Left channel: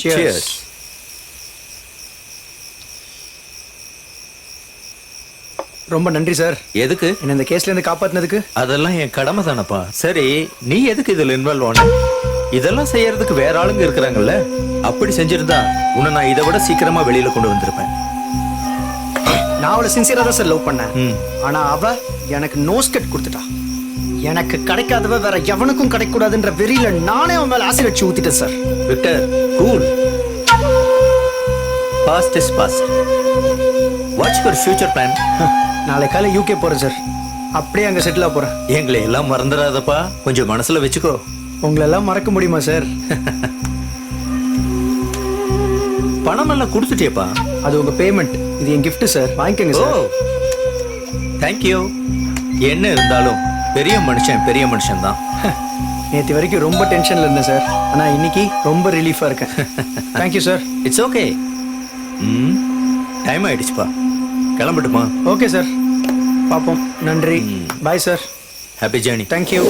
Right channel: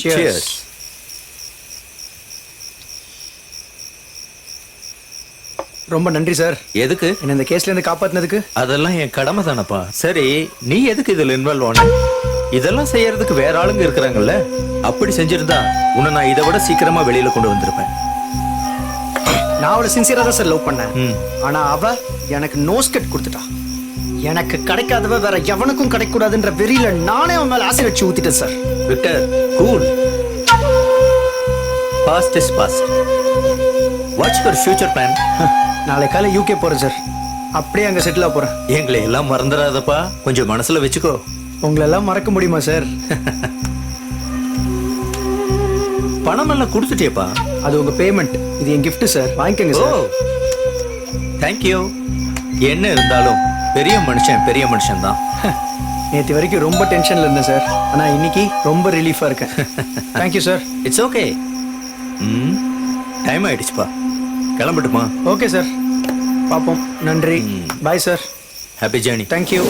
Cheers. ரொம்ப நன்றி sir. எதுக்கு? என்ன இந்த கேஸ்ல இருந்து காப்பாத்தினதுக்கு. அதெல்லாம் என் கடமை தானப்பா. சரி, நீ எதுக்கு இதுல இன்வால்வ் ஆன? இதெல்லாம் செய்யறதுக்கு வேற ஆளுங்க இருக்கிறாங்கல்ல. அப்படி செஞ்சிருந்தா உன்னை நான் இதை விட சீக்கிரமா வெளியில கொண்டு வந்திருப்பேன். நான் அவளை சின்சியரா தான் சார் லவ் பண்ணேன். ஆனா அவ எனக்கு நோஸ்கட் கொடுத்துட்டா. எனக்கு கிடைக்காதவ வேற எவனுக்கும் கிடைக்கூடாதுன்ற வெறியில நானே அவன் மேல ஆசிட் வச்சு ஊத்திட்டேன் sir. Victor, cool. Past is past. What's your future plan? நாளை காலை யூகே போறேன் சார். அப்படியே அங்க செட்டில் ஆக போறேன். எங்களை எல்லாம் மறந்துடாதப்பா, கொஞ்சம் மனசுல வச்சுக்கோ. உங்களை எல்லாம் மறக்க முடியுமா சார்? பணம் எல்லாம் கொடுத்துட்டேப்பா. அது உங்க பேமெண்ட், இது என் gift சார். வாங்கிக்கங்க சார். தேங்க்யூ. என்ன இருந்தாலும் பெரிய மனுஷன் தான். நேற்று வரைக்கும் ரொம்ப டென்ஷன்ல இருந்தேன் சார். ஆனா இன்னைக்கு ரொம்ப ரிலீஃபா இருக்கேன். Thank you sir. It's okay. Time ஆயிடுச்சுப்பா, கிளம்பட்டுமா? ஓகே சார், பாப்போம். நன்றி. Bye sir. Happy journey. Thank you.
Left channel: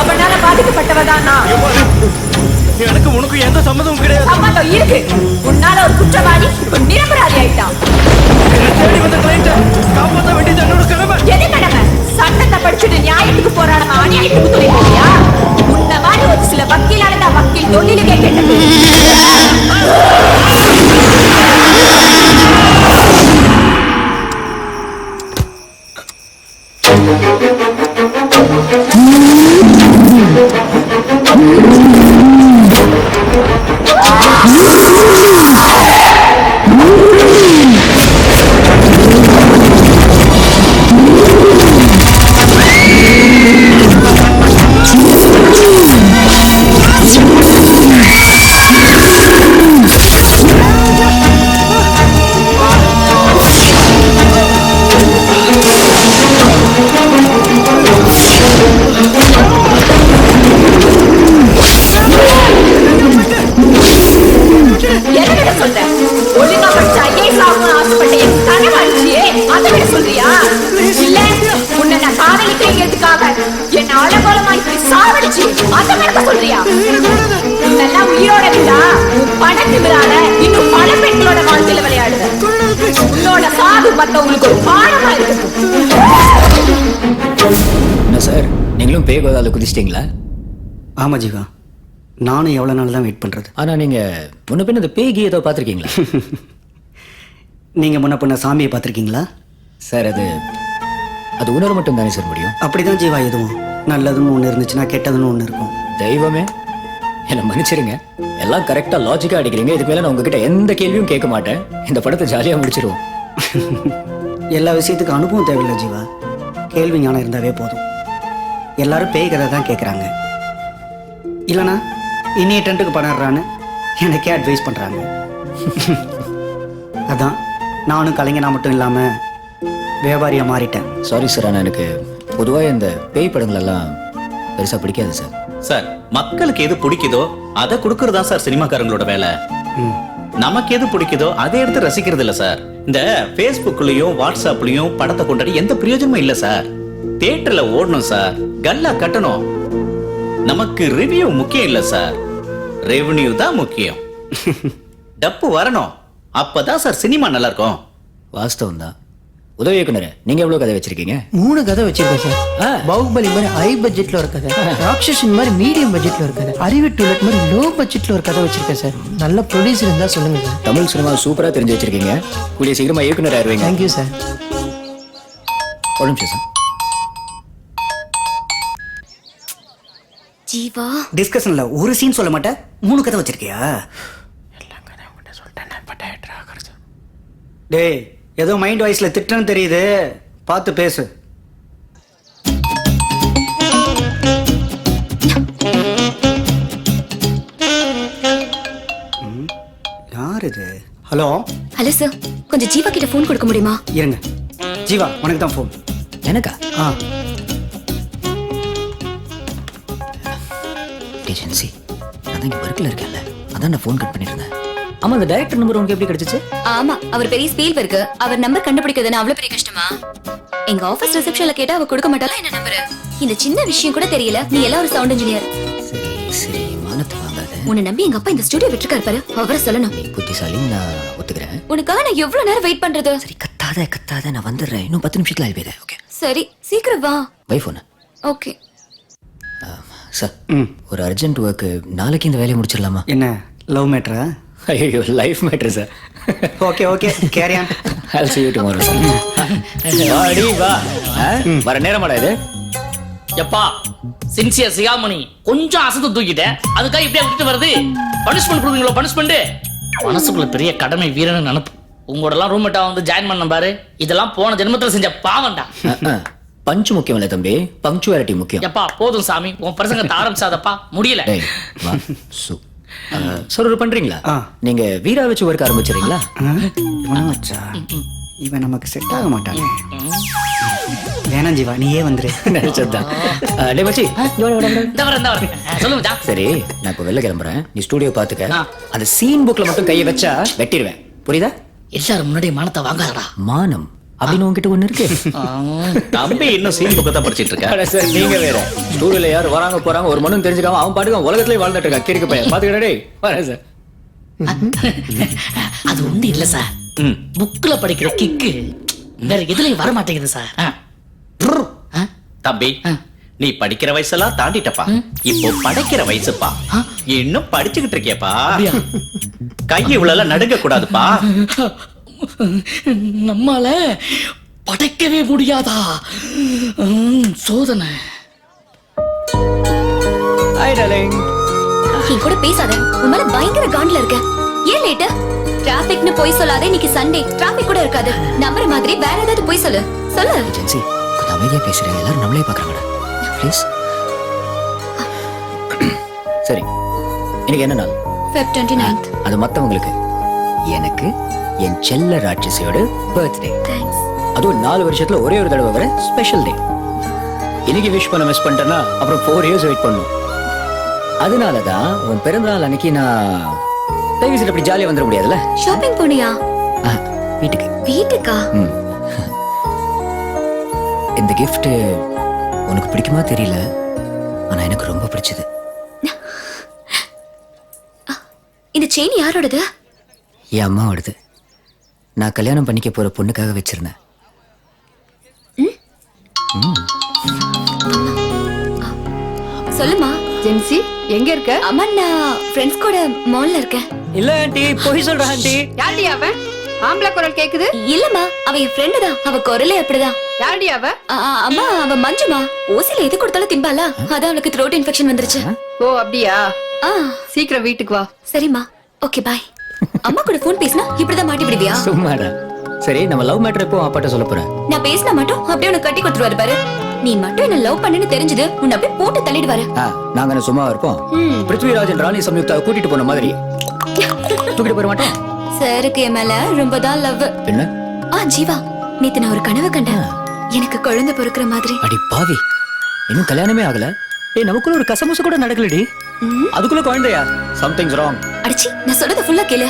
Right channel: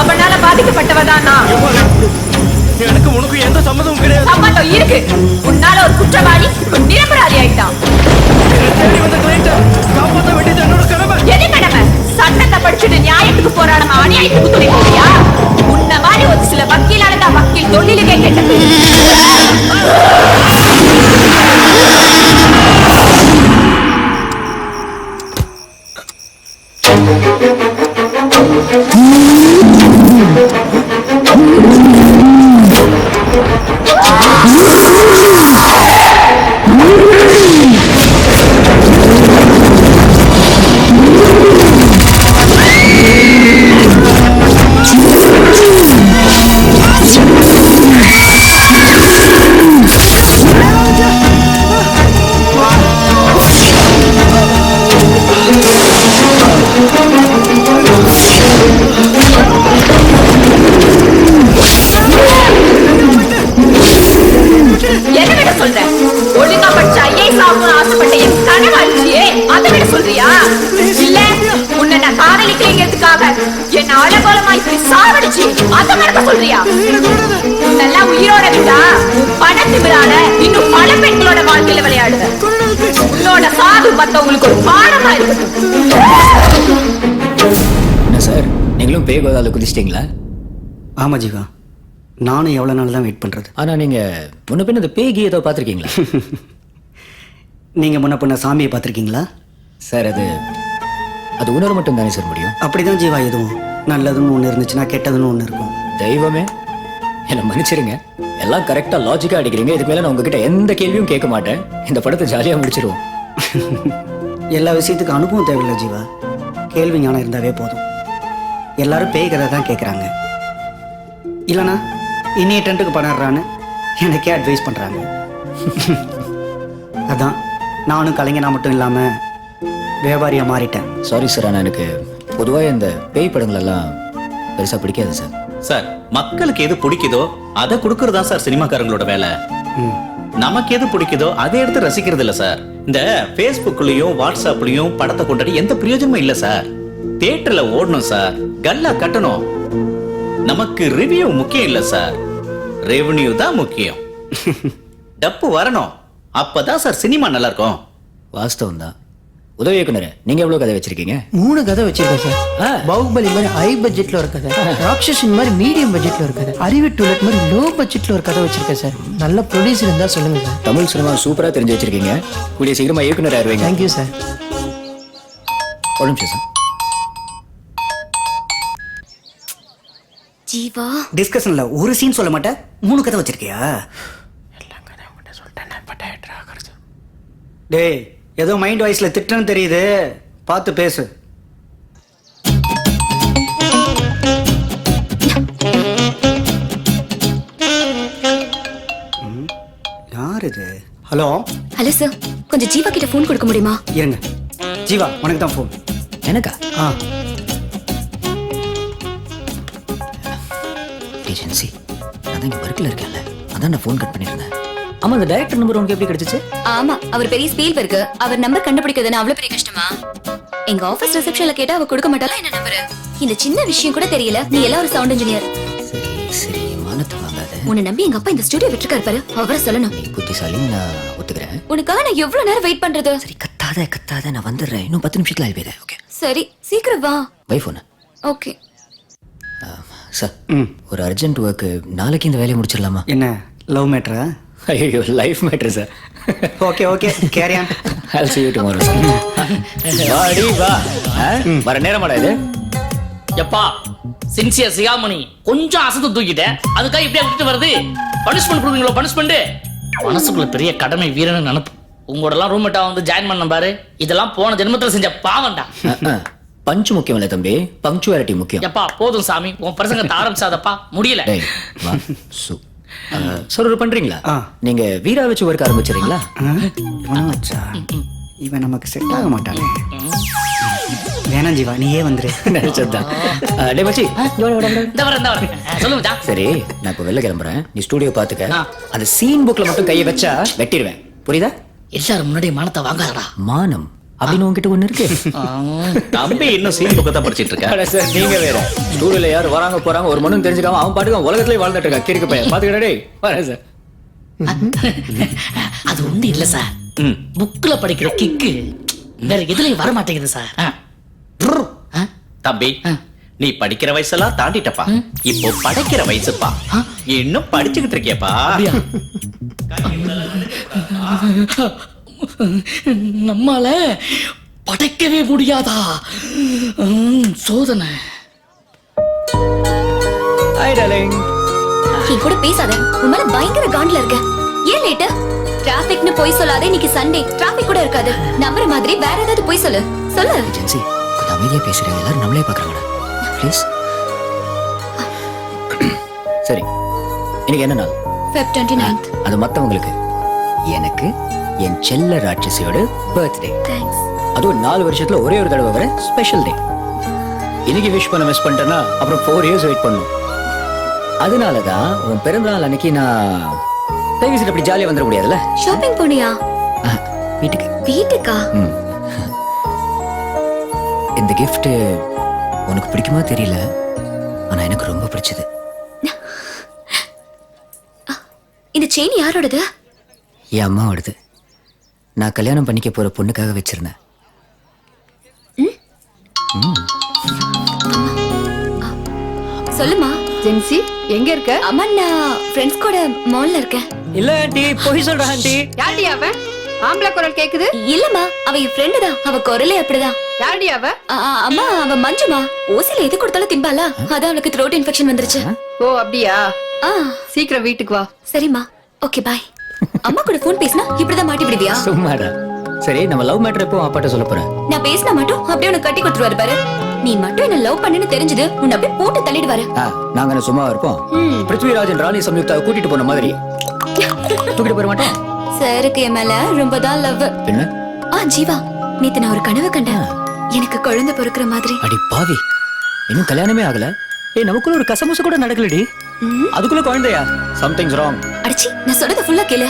அவனால பாதிக்கப்பட்டவதான் நான். எனக்கு உனக்கு எந்த சம்மதமும் கிடையாது. சம்மதம் இருக்கு. உன்னால ஒரு குற்றவாளி இப்ப நிரபராதி ஆயிட்டான். என்ன தேடி வந்த கிளையண்ட காப்பாற்ற வேண்டியது என்னோட கடமை. எது கடமை? சட்டத்தை படிச்சுட்டு நியாயத்துக்கு போராடாம அநியாயத்துக்கு துணை போவியா? உன்ன மாதிரி ஒரு சில வக்கீலால தான் வக்கீல் தொழிலுக்கே கெட்ட பேரு. ஒழுங்கா படிச்ச ஐஏஎஸ் ஆகணும்னு ஆசைப்பட்ட என் கனவாளிச்சியே, அதை விட சொல்றியா? இல்ல உன்னை நான் காதலிக்கலைங்கிறதுக்காக என்ன அலங்கோலமா இப்படி சாவடிச்சு அதை மறக்க சொல்றியா? உன்னெல்லாம் உயிரோட விட்டா உன் பண திமிரால இன்னும் பல பெண்களோட வாழ்க்கையில விளையாடுவ. உன்னோட சாவு மத்தவங்களுக்கு ஒரு பாடமா இருக்கட்டும். என்ன சார், நீங்களும் பேய் கோதால குதிச்சிட்டீங்களா? ஆமா ஜீவா, நானும் எவ்வளவு நாள் தான் வெயிட் பண்றது. ஆனா நீங்க முன்ன பின்ன இந்த பேய் கீ ஏதோ பாத்திருக்கீங்களா? நீங்க முன்ன பின்ன சாமியை பாத்திருக்கீங்களா? சார் அது உணர மட்டும் தானே சார் முடியும். அப்படிதான் ஜீவா, எதுவும் நல்லதுன்னு ஒண்ணு இருந்துச்சுன்னா கெட்டதுன்னு ஒண்ணு இருக்கும். தெய்வமே என்ன மன்னிச்சிருங்க, எல்லாம் கரெக்டா லாஜிக்கா அடிக்கிறீங்க. இதுக்கு மேல நான் உங்ககிட்ட எந்த கேள்வியும் கேட்க மாட்டேன். இந்த படத்தை ஜாலியா முடிச்சிருவோம். எல்லா விஷயத்துக்கும் அனுபவம் தேவையில்லை ஜீவா, கேள்வி ஞானம் இருந்தாவே போதும். எல்லாரும் பேய் கதை தான் கேட்கறாங்க. இல்லனா இன்னைய டென்ட்டுக்கு பண்ணறான்னு எனக்கே அட்வைஸ் பண்றாங்க. அதான் நானும் கலைஞனா மட்டும் இல்லாம வியாபாரியா மாறிட்டேன். சாரி சார், ஆனா எனக்கு பொதுவாக இந்த பேய் படங்கள் எல்லாம் பெருசா பிடிக்காது சார். சார், மக்களுக்கு எது பிடிக்குதோ அதை கொடுக்கறதா சார் சினிமாக்காரங்களோட வேலை. நமக்கு எது பிடிக்குதோ அதை எடுத்து ரசிக்கிறது இல்ல சார். இந்த Facebookலயும் வாட்ஸ்அப்லயும் படத்தை கொண்டாடி எந்த பிரயோஜனமும் இல்ல சார். தியேட்டர்ல ஓடணும் சார், கல்லா கட்டணும். நமக்கு ரிவ்யூ முக்கியம் இல்ல சார், ரெவென்யூ தான் முக்கியம். டப்பு வரணும், அப்பதான் சார் சினிமா நல்லா இருக்கும். வாஸ்தவம் தான். உதவி இயக்குனரே, நீங்க எவ்வளவு கதை வச்சிருக்கீங்க? 3 கதை வச்சிருக்கேன் சார். பாகுபலி மாதிரி ஹை பட்ஜெட்ல ஒரு கதை, ராட்சசன் மாதிரி மீடியம் பட்ஜெட்ல ஒரு கதை, அறிவு டூலெட் மாதிரி லோ பட்ஜெட்ல ஒரு கதை வச்சிருக்கேன் சார். நல்ல ப்ரொடியூசர் இருந்தா சொல்லுங்க சார். தமிழ் சினிமா சூப்பரா தெரிஞ்சு வச்சிருக்கீங்க. கூடிய சீக்கிரமா இயக்குனர் ஆயிருவீங்க. Thank you sir. ஒரு நிமிஷம் சார். ஜீவா டிஸ்கஷன்ல ஒரு சீன் சொல்ல மாட்டேன் 3 கதை வச்சிருக்கியா டேய் ஏதோ மைண்ட் வாய்ஸ்ல திட்டுன்னு தெரியுது பார்த்து பேசு யார் இது ஹலோ ஹலோ சார் கொஞ்சம் ஜீவா கிட்ட ஃபோன் கொடுக்க முடியுமா? இருங்க ஜீவா உனக்கு தான் ஃபோன் எனக்கா? ஆ ஏஜென்சி நான் தான் இங்கே ஒர்க்கில் இருக்கேன்ல, அதான் நான் ஃபோன் கட் பண்ணியிருந்தேன். ஆமா, அந்த டைரக்டர் நம்பர் உனக்கு எப்படி கிடைச்சிச்சு? ஆமா, அவர் பெரிய ஸ்பீல்பர்க். அவர் நம்பர் கண்டுபிடிக்கிறதுன்னு அவ்வளவு பெரிய கஷ்டமா? எங்க ஆபீஸ் ரிசப்ஷன்ல கேட்டா அவ கொடுக்க மாட்டாளா என்ன நம்பர்? இந்த சின்ன விஷயம் கூட தெரியல, நீ எல்லாம் ஒரு சவுண்ட் இன்ஜினியர். சரி சரி, மானத்தை வாங்காத. உன்னை நம்பி எங்க அப்பா இந்த ஸ்டுடியோ விட்டுருக்காரு பாரு, அவரை சொல்லணும். நீ புத்திசாலின்னு நான் ஒத்துக்கிறேன். உனக்காக நான் எவ்வளவு நேரம் வெயிட் பண்றது? சரி, கத்தாத கத்தாத, நான் வந்துடுறேன். இன்னும் 10 நிமிஷத்துல ஆயிடுவேன். ஓகே சரி சீக்கிரம் வா. Bye phone. ஓகே சார், ஒரு அர்ஜென்ட் ஒர்க்கு, நாளைக்கு இந்த வேலையை முடிச்சிடலாமா? என்ன லவ் மேட்டரா? ஐயோ, life matter sir. Okay okay carry on. I'll see you tomorrow sir. வாடி வா. வர நேரமாடா இது? எப்பா சின்சியர் சிகாமணி கொஞ்சம் அசத்து தூக்கிட்ட, அதுக்காக இப்படியே விட்டுட்டு வருது? பனிஷ்மெண்ட் கொடுப்பீங்களோ? பனிஷ்மெண்ட் மனசுக்குள்ள பெரிய கடமை வீரன்னு நினைப்பு. உங்களோட எல்லாம் ரூம்மேட்டா வந்து ஜாயின் பண்ண பாரு, இதெல்லாம் போன ஜென்மத்துல செஞ்ச பாவம்டா. பஞ்சு முக்கியம் இல்ல தம்பி, பங்க்சுவாலிட்டி முக்கியம். எப்பா போதும் சாமி, உன் பிரசங்கத்தை ஆரம்பிச்சாதப்பா, முடியல. டேய் வா சு. சார் ஒரு பண்றீங்களா? ஆ. நீங்க வீரா வச்சு ஒர்க் ஆரம்பிச்சிடுறீங்களா? இவனா வச்சா இவன் நமக்கு செட் ஆக மாட்டானே. வேணாம் ஜீவா நீயே வந்துரு. நினைச்சதுதான். டேய் மச்சி, இங்க வாடா, வாடா, வாடா. இந்த வரேன் சொல்லு மச்சான். சரி, நான் இப்ப வெளில கிளம்புறேன், நீ ஸ்டுடியோ பாத்துக்க. ஆ. அந்த சீன் புக்ல மட்டும் கையை வச்சா வெட்டிடுவேன், புரியுதா? எல்லாரும் முன்னாடி மானத்தை வாங்காதடா. மானம் அப்படின்னு உங்ககிட்ட ஒண்ணு இருக்கு. தம்பி இன்னும் சீன் புக்கை தான் படிச்சிட்டு இருக்க. அட சார், நீங்க வேற. ஸ்டூடியோல யார் வராங்க போறாங்க ஒரு மண்ணும் தெரிஞ்சுக்காம அவன் பாட்டுக்கு உலகத்திலே வாழ்ந்துட்டு இருக்கா. கிறுக்கு பையன் பாத்துக்கிட்டே வரேன் சார். அது ஒண்ணு இல்ல சார், புக்ல படிக்கிற கிக்கு வேற எதுலயும் வர மாட்டேங்குது சார். தம்பி நீ படிக்கிற வயசெல்லாம் தாண்டிட்டப்பா, இப்போ படைக்கிற வயசுப்பா. இன்னும் படிச்சுக்கிட்டு இருக்கியப்பா. கை இவ்வளவு நடுங்க கூடாதுப்பா. நம்மால படைக்கவே முடியாதா? சோதனை. Hi darling. என் கூட பேசாத, உன் மேல பயங்கர காண்ட்ல இருக்க. ஏன் லேட்டு? டிராபிக்னு போய் சொல்லாதே, இன்னைக்கு சண்டே, டிராபிக் கூட இருக்காது. நம்புற மாதிரி வேற ஏதாவது போய் சொல்லு. சொல்லு. ஏஜென்சி கொஞ்சம் அமைதியா பேசுறேன், எல்லாரும் நம்மளே பாக்குறாங்கடா. ப்ளீஸ். சரி, இன்னைக்கு என்ன நாள்? Feb 29th. அது மத்தவங்களுக்கு, எனக்கு என் செல்ல ராட்சசியோட பர்த்டே. Thanks. அதுவும் 4 வருஷத்துல ஒரே ஒரு தடவை வர ஸ்பெஷல் டே. இன்னைக்கு விஷ் பண்ண மிஸ் பண்ணிட்டேன்னா அப்புறம் 4 இயர்ஸ் வெயிட் பண்ணும். அதனாலதான் உன் பிறந்தநாள் அன்னைக்கு நான் தயவு அப்படி ஜாலியா வந்துட முடியாதுல்ல. ஷாப்பிங் போனியா? வீட்டுக்கு. வீட்டுக்கா? இந்த gift உனக்கு பிடிக்குமா தெரியல, ஆனா எனக்கு ரொம்ப பிடிச்சது. இந்த செயின் யாரோடது? என் அம்மாவோடது. நான் கல்யாணம் பண்ணிக்க போற பொண்ணுக்காக வச்சிருந்தேன். சொல்லுமா. ஜென்சி எங்க இருக்க? அம்மா, நான் ஃப்ரெண்ட்ஸ் கூட மால்ல இருக்கேன். இல்ல ஆண்டி, போய் சொல்ற ஆண்டி. யாருடி அவ? ஆம்பளை குரல் கேக்குது. இல்லம்மா, அவ என் ஃப்ரெண்டு தான். அவ குரலே அப்படிதான். யாருடி அவ? அம்மா, அவ மஞ்சுமா. ஓசில எது கொடுத்தாலும் திம்பாலா, அதான் அவளுக்கு த்ரோட் இன்ஃபெக்ஷன் வந்துருச்சு. ஓ அப்படியா? ஆ, சீக்கிரம் வீட்டுக்கு வா. சரிம்மா. Okay bye. அம்மா கூட போன் பேசினா இப்படிதான் மாட்டி விடுவியா? சும்மாடா. சரி, நம்ம லவ் மேட்டர் எப்போ அப்பாட்ட சொல்ல போறேன்? நான் பேசினா மட்டும் அப்படியே உனக்கு கட்டி கொடுத்துருவாரு பாரு. நீ மட்டும் என்ன லவ் பண்ணுன்னு தெரிஞ்சது உன்னை அப்படியே போட்டு தள்ளிடுவாரு. நாங்க என்ன சும்மா இருப்போம்? பிருத்விராஜன் ராணி சம்யுக்தாவை கூட்டிட்டு போன மாதிரி தூக்கிட்டு போற மாட்டோம். சாருக்கு என் மேல ரொம்ப தான் லவ். என்ன? ஜீவா, நேத்து நான் ஒரு கனவு கண்டேன். எனக்கு குழந்தை பிறக்கிற மாதிரி. அடி பாவி, இன்னும் கல்யாணமே ஆகல. நமக்குள்ள ஒரு கசமுசு கூட நடக்கலடி, அதுக்குள்ள குழந்தையா? Somethings wrong. அடிச்சி, நான் சொல்றத ஃபுல்லா கேளு.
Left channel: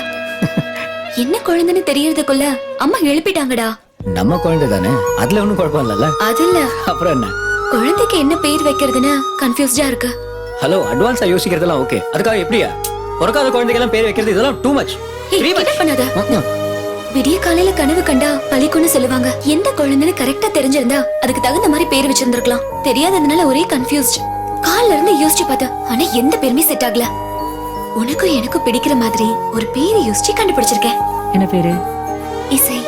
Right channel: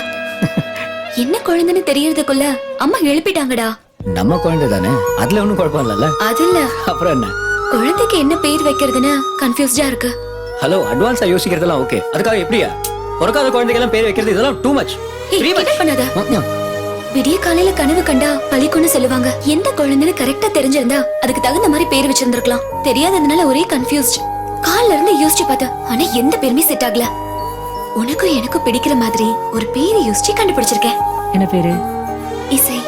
என்ன குழந்தைன்னு தெரியறதுக்குள்ள அம்மா எழுப்பிட்டாங்கடா. நம்ம குழந்தை தானே, அதுல ஒண்ணும் குழப்பம் இல்லல்ல. அது இல்ல, அப்புறம் என்ன? குழந்தைக்கு என்ன பேர் வைக்கிறதுன்னு கன்ஃபியூஸ்டா இருக்கு. ஹலோ, அட்வான்ஸா யோசிக்கிறதெல்லாம் ஓகே, அதுக்காக எப்படியா பிறக்காத குழந்தைக்கு எல்லாம் பேர் வைக்கிறது இதெல்லாம் டூ மச். பண்ணாத. விடிய காலையில கனவு கண்டா பழிக்குன்னு சொல்லுவாங்க. எந்த குழந்தைன்னு கரெக்டா தெரிஞ்சிருந்தா அதுக்கு தகுந்த மாதிரி பேர் வச்சிருந்திருக்கலாம். தெரியாததுனால ஒரே கன்ஃபியூஸ்ட். கால்ல இருந்து யோசிச்சு பார்த்தேன், ஆனா எந்த பேருமே செட் ஆகல. உனக்கும் எனக்கும் பிடிக்கிற மாதிரி ஒரு பேரை யோசிச்சு கண்டுபிடிச்சிருக்கேன். என்ன பேரு? இசை.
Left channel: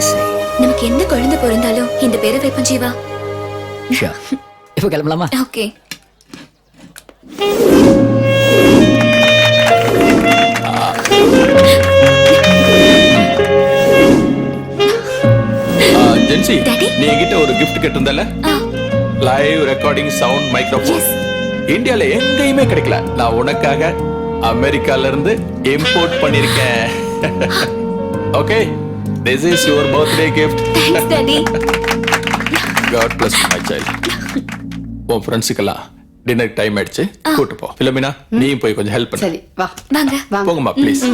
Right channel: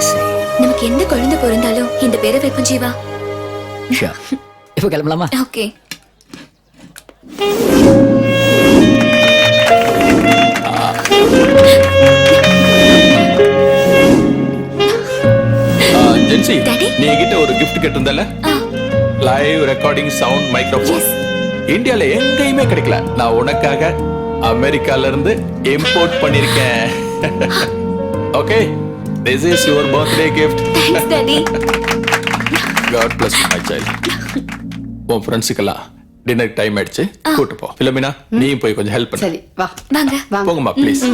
இசை. நமக்கு எந்த குழந்தை பிறந்தாலும் இந்த பேரை வைப்போம் ஜீவா. இப்ப கிளம்பலாமா? ஓகே. ஜென்சி Daddy? நீ என்கிட்ட ஒரு gift கேட்டிருந்தல ஆ, live recording sound microphone Yes. இந்தியால எங்கேயுமே கிடைக்கல. நான் உனக்காக அமெரிக்கால இருந்து இம்போர்ட் பண்ணிருக்கேன். Okay, this is your birthday gift. thanks daddy. God bless you, my child. உன் ஃப்ரெண்ட்ஸுக்கெல்லாம் டின்னர் டைம் ஆயிடுச்சு, கூட்டு போ. பிலோமினா நீயும் போய் கொஞ்சம் ஹெல்ப் பண்ணு. சரி வா வாங்க. போங்கம்மா ப்ளீஸ்.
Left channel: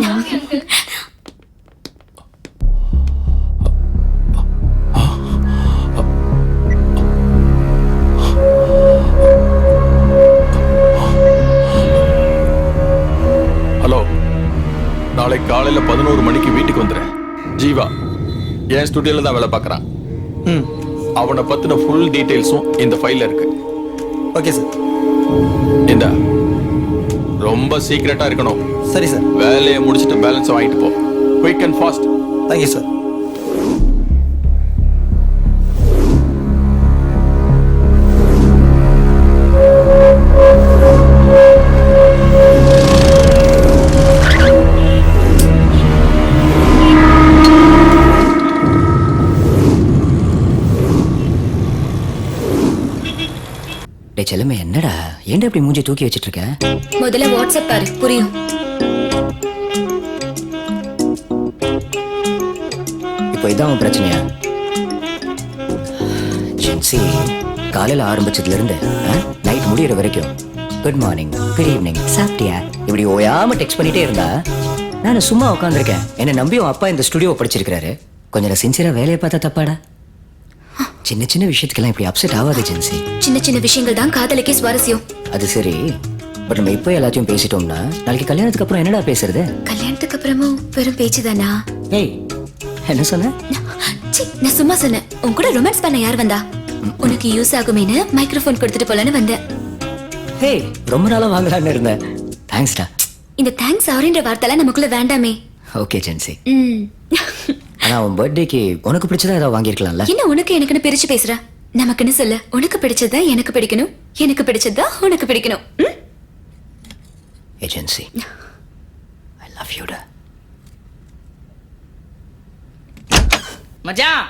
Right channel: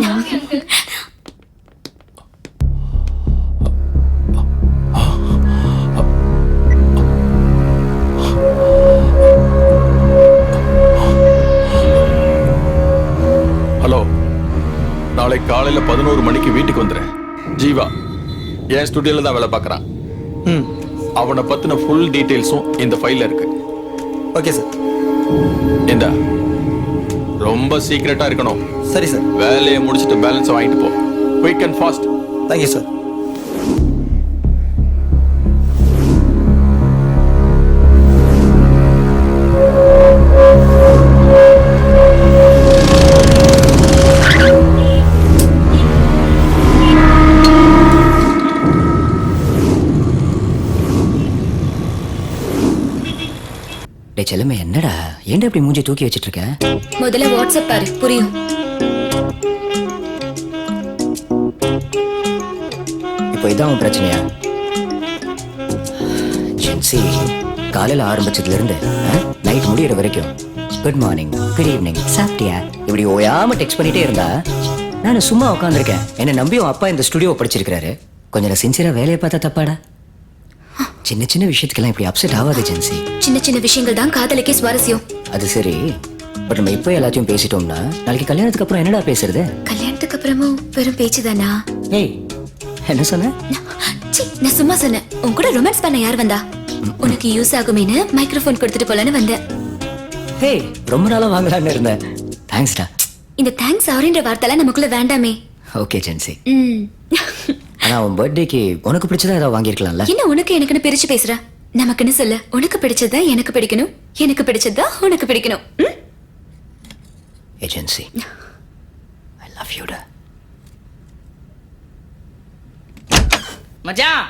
ஹலோ, நாளை காலையில 11 மணிக்கு வீட்டுக்கு வந்துரு. ஜீவா என் ஸ்டுடியோல தான் வேலை பார்க்கறான். அவனை பத்தின ஃபுல் டீடைல்ஸும் இந்த ஃபைல்ல இருக்கு. Okay sir. இந்த ரொம்ப சீக்கிரட்டா இருக்கணும். சரி சார். வேலையை முடிச்சிட்டு பேலன்ஸ் வாங்கிட்டு போ. Quick and fast. Thank you sir. டே செல்லமே, என்னடா ஏன்டா இப்படி மூஞ்சி தூக்கி வச்சிட்டு இருக்க? முதல்ல வாட்ஸ்அப் பாரு, புரியும். இப்போ இதான் உன் பிரச்சனையா? ஜென்சி, காலையில ஆரம்பிச்சதுல இருந்து நைட் முடியற வரைக்கும் குட் மார்னிங், குட் ஈவினிங், சாப்பிட்டியா இப்படி ஓயாம டெக்ஸ்ட் பண்ணிட்டே இருந்தா நான் சும்மா உட்காந்துருக்கேன். என்ன நம்பி உன் அப்பா இந்த ஸ்டுடியோ படிச்சிருக்காரு. கொஞ்சம் சின்சியரா வேலையை பார்த்தா தப்பாடா? சின்ன சின்ன விஷயத்துக்கெல்லாம் இப்படி அப்செட் ஆகாது ஜென்சி. சின்ன சின்ன விஷயங்கள் தான் காதலுக்கே சுவாரஸ்யம். அது சரி, பட் நம்ம இப்போ எல்லாத்தையும் பேசிட்டோம்னா நாளைக்கு கல்யாணத்துக்கு அப்புறம் என்னடா பேசுறது? கல்யாணத்துக்கு அப்புறமும் வெறும் பேச்சுதானா? ஏய், என்ன சொன்ன? சி, நான் சும்மா சொன்னேன். உன் கூட ரொமான்ஸ் பண்ண யார் வந்தா? உனக்கு யூஸ் ஆகுமேனு மைக்ரோஃபோன் கொடுத்துட்டு போலான்னு வந்தேன். ஹே, ரொம்ப நாளா வாங்கலாம்னு இருந்தேன். தேங்க்ஸ்டா. இந்த தேங்க்ஸ் ஆரின்ற வார்த்தைலாம் நமக்குள்ள வேண்டாமே. ஓகே ஜென்சி. ம். ஆனா உன் பர்த்டேக்கு உனக்கு பிடிச்சதா ஏதாவது வாங்கியிருக்கலாம்ல? என்ன உனக்கு எனக்குன்னு பிரிச்சு பேசுற? நமக்குன்னு சொல்ல. உனக்கு பிடிச்சதா எனக்கு பிடிக்கணும், எனக்கு பிடிச்சதா உனக்கு பிடிக்கணும். ம்? ஏஜென்சி, ஐ லவ் யூ டா. மச்சான்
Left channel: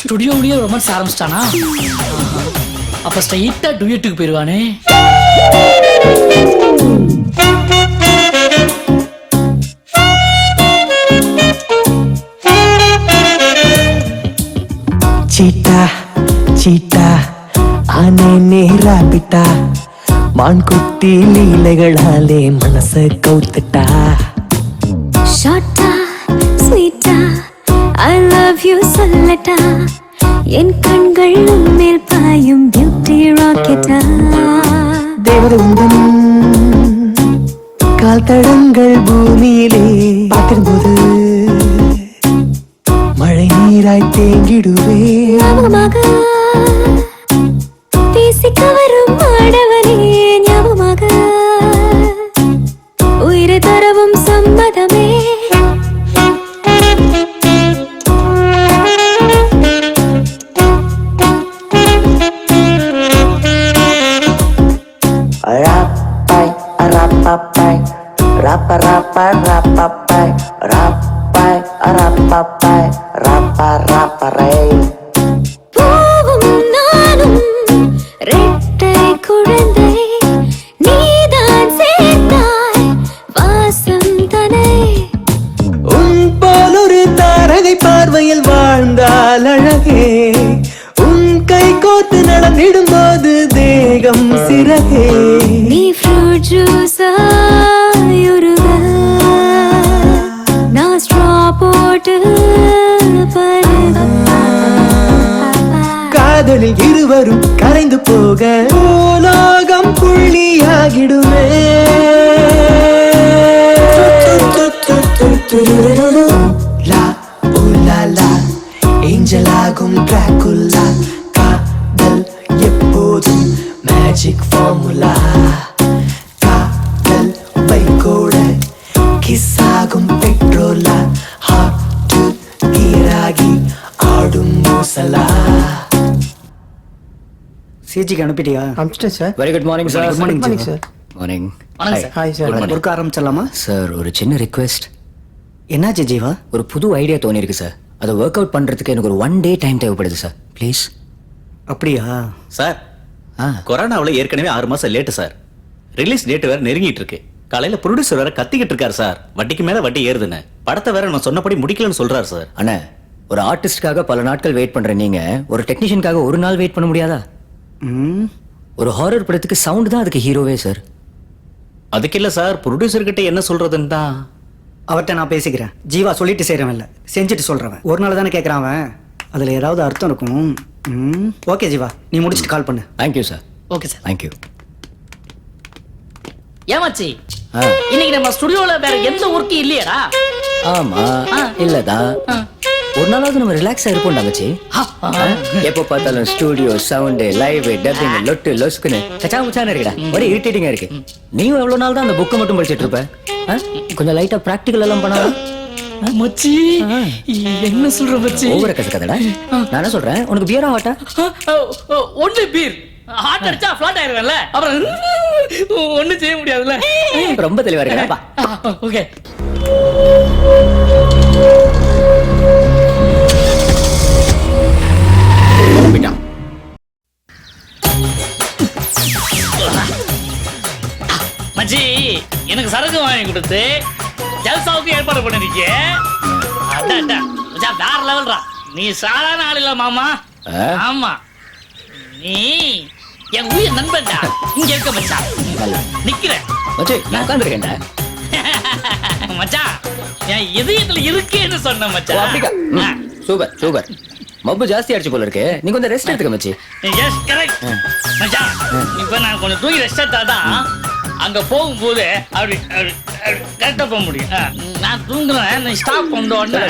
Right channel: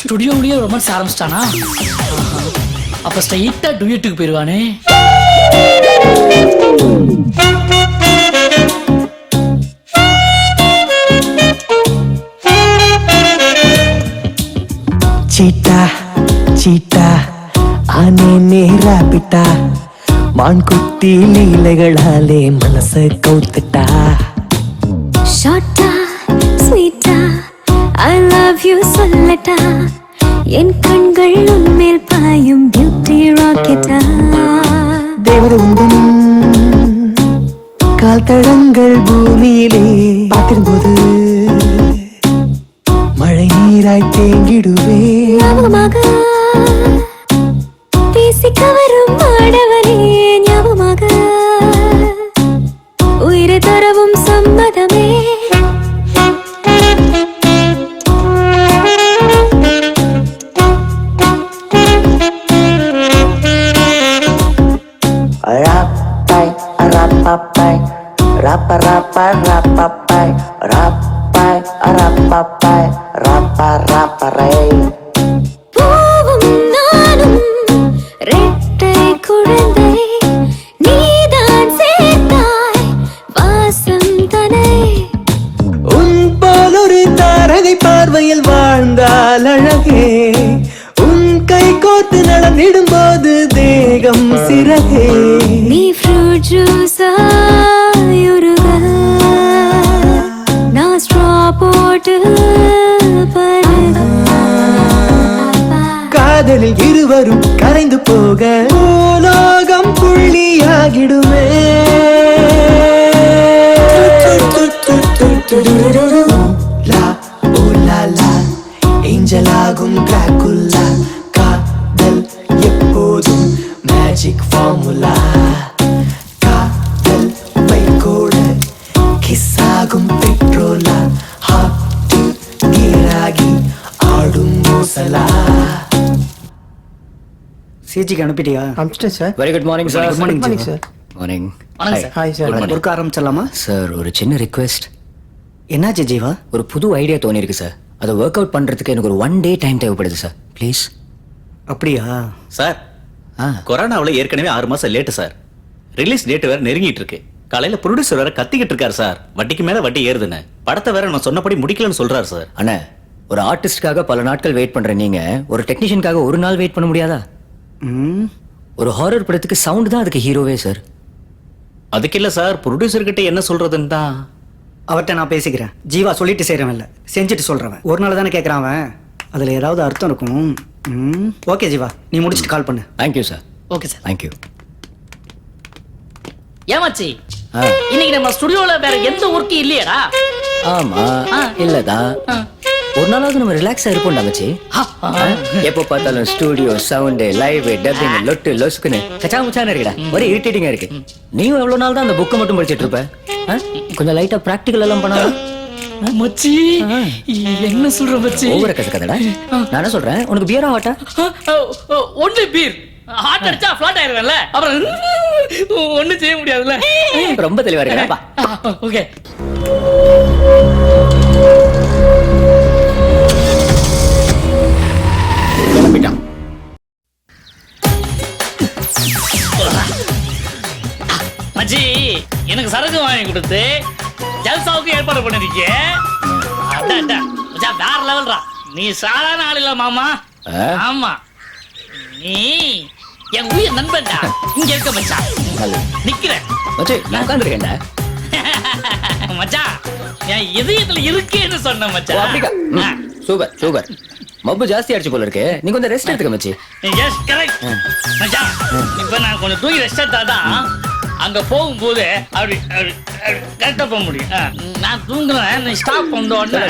ஸ்டுடியோலயே ரொமான்ஸ் ஆரம்பிச்சிட்டானா? அப்ப ஸ்ட்ரைட்டா டுயட்டுக்கு போயிருவானே. சீட்டா சீட்டா ஆனே நேரா பிட்டா மான்குட்டி லீலைகளாலே மனச கவுத்துட்டா. ஷார்ட்டா ஸ்வீட்டா ஐ லவ் யூ சொல்லட்டா. என் கண்கள் உன்மேல் பாயும் பியூட்டி ராக்கெட்டா. தேவதை உந்தன் கால் தடங்கள் பூமியிலே பார்த்திருந்தோது மழை நீராய் தேங்கிடுவே. ஞாபகமாக பேசிக்க வரும் ஆடவரே, ஞாபகமாக உயிரை தரவும் சம்மதமே. Rapai, rapapai, rapa rapa rapapai, rapai, rapapai, rapa rapa ray. பூவும் நானும் ரெட்டை குழந்தை, நீதான் சேர்த்தாய் வாசம் தனை. உன் போல் ஒரு தாரகை பார்வையில் வாழ்ந்தால் அழகே. உன் கை கோர்த்து நடந்திடும் போது தேகம் சிறகே. நீ ஃப்ரூட் ஜூஸா உருக, நான் ஸ்ட்ரா போட்டு பருக. காதலில் இருவரும் கரைந்து போக உலோகம் புள்ளியாகிடுமே. லா ஓ லா லா ஏஞ்சலாகும் டிராகுலா. காதல் எப்போதும் மேஜிக் ஃபார்முலா. காதல் வைகோட கிஸ் ஆகும் பெட்ரோலா. ஹாட் கீராகி ஆடும் மோசலா. சிஜிக்கு அனுப்பிட்டியா? அனுப்பிச்சிட்டேன் sir. Very good morning sir. Good morning, morning Jiva. Sir. Morning. வணக்கம் சார். Hi sir. கொடுக்க ஆரம்பிச்சிடலாமா? சார், ஒரு சின்ன ரிக்வெஸ்ட். என்னாச்சு ஜீவா? ஒரு புது ஐடியா தோணிருக்கு சார். அதை ஒர்க் அவுட் பண்றதுக்கு எனக்கு ஒரு 1 day டைம் தேவைப்படுது சார். ப்ளீஸ். அப்படியா? சார் கொரோனாவில் ஏற்கனவே 6 மாசம் லேட்டு சார். ரிலீஸ் டேட் வேற நெருங்கிட்டு இருக்கு. காலையில ப்ரொடியூசர் வேற கத்திக்கிட்டு இருக்காரு சார், வட்டிக்கு மேல வட்டி ஏறுதுன்னு. படத்தை வேற நான் சொன்னபடி முடிக்கலன்னு சொல்றாரு சார். அண்ணா, ஒரு ஆர்டிஸ்டுக்காக பல நாட்கள் வெயிட் பண்ற நீங்க ஒரு டெக்னீஷியனுக்காக ஒரு நாள் வெயிட் பண்ண முடியாதா? ஒரு ஹாரர் படத்துக்கு சவுண்ட் தான் அதுக்கு ஹீரோவே சார். அதுக்கு இல்ல சார், ப்ரொடியூசர் கிட்ட என்ன சொல்றதுன்னு தான். அவர்கிட்ட நான் பேசிக்கிறேன். ஜீவா சொல்லிட்டு செய்கிறவன் இல்லை, செஞ்சுட்டு சொல்கிறவன். ஒரு நாள் தானே கேட்குறான் அவன், அதில் ஏதாவது அர்த்தம் இருக்கும். ஓகே ஜீவா, நீ முடிச்சுட்டு கால் பண்ணு. Thank you sir. Okay sir. Thank you. ஏமாச்சி, இன்னைக்கு நம்ம ஸ்டுடியோல வேற எந்த ஒர்க்கும் இல்லையடா? ஆமா, இல்லதான். ஒரு நாளாவது நம்ம ரிலாக்ஸா இருப்போம் மச்சி. எப்போ பார்த்தாலும் ஸ்டுடியோ சவுண்ட், லைவ், டப்பிங், லொட்டு லொசுக்குன்னு கச்சா முச்சான்னு இருக்குடா. ஒரே இரிட்டேட்டிங்கா இருக்கு. நீயும் எவ்வளவு நாள் தான் அந்த புக்கை மட்டும் படிச்சிட்டு இருப்ப? கொஞ்சம் லைட்டா பிராக்டிகல் எல்லாம் பண்ணா மச்சி. என்ன சொல்ற மச்சி? ஓவர கசக்கதடா. நான் என்ன சொல்றேன், உனக்கு பியரா ஹாட்டா? Only beer. ஹார்ட் அடிச்சா ஃபிளாட் ஆயிருவேன்ல, அப்புறம் ஒண்ணும் செய்ய முடியாதுல்ல. ரொம்ப தெளிவா இருக்கா? ஓகே. கிளம்பிட்டான். மச்சி, எனக்கு சரக்கு வாங்கி கொடுத்து ஜல்சாவுக்கு ஏற்பாடு பண்ணிருக்கே. அதான் மச்சான், வேற லெவல்ரா. நீ சாதாரண ஆள் இல்ல மாமா. ஆமா, நீ என் உயிர் நண்பன்டா. இங்க இருக்க மச்சான், நிக்கிறேன் மச்சி. நான் உட்கார்ந்திருக்கேன்டா மச்சான். என் இதயத்துல இருக்கேன்னு சொன்ன மச்சான். அப்படிக்கா? Super super. மப்பு ஜாஸ்தி ஆயிடுச்சு போல இருக்கு. நீ கொஞ்சம் ரெஸ்ட் எடுத்துக்க மச்சி. எஸ் கரெக்ட் மச்சான். இப்ப நான் கொஞ்சம் தூங்கி ரெஸ்ட் எடுத்தாதான் அங்க போகும்போது அப்படி கரெக்டா போக முடியும். நான் தூங்குறேன், நீ ஸ்டாப் பண்ண உடனே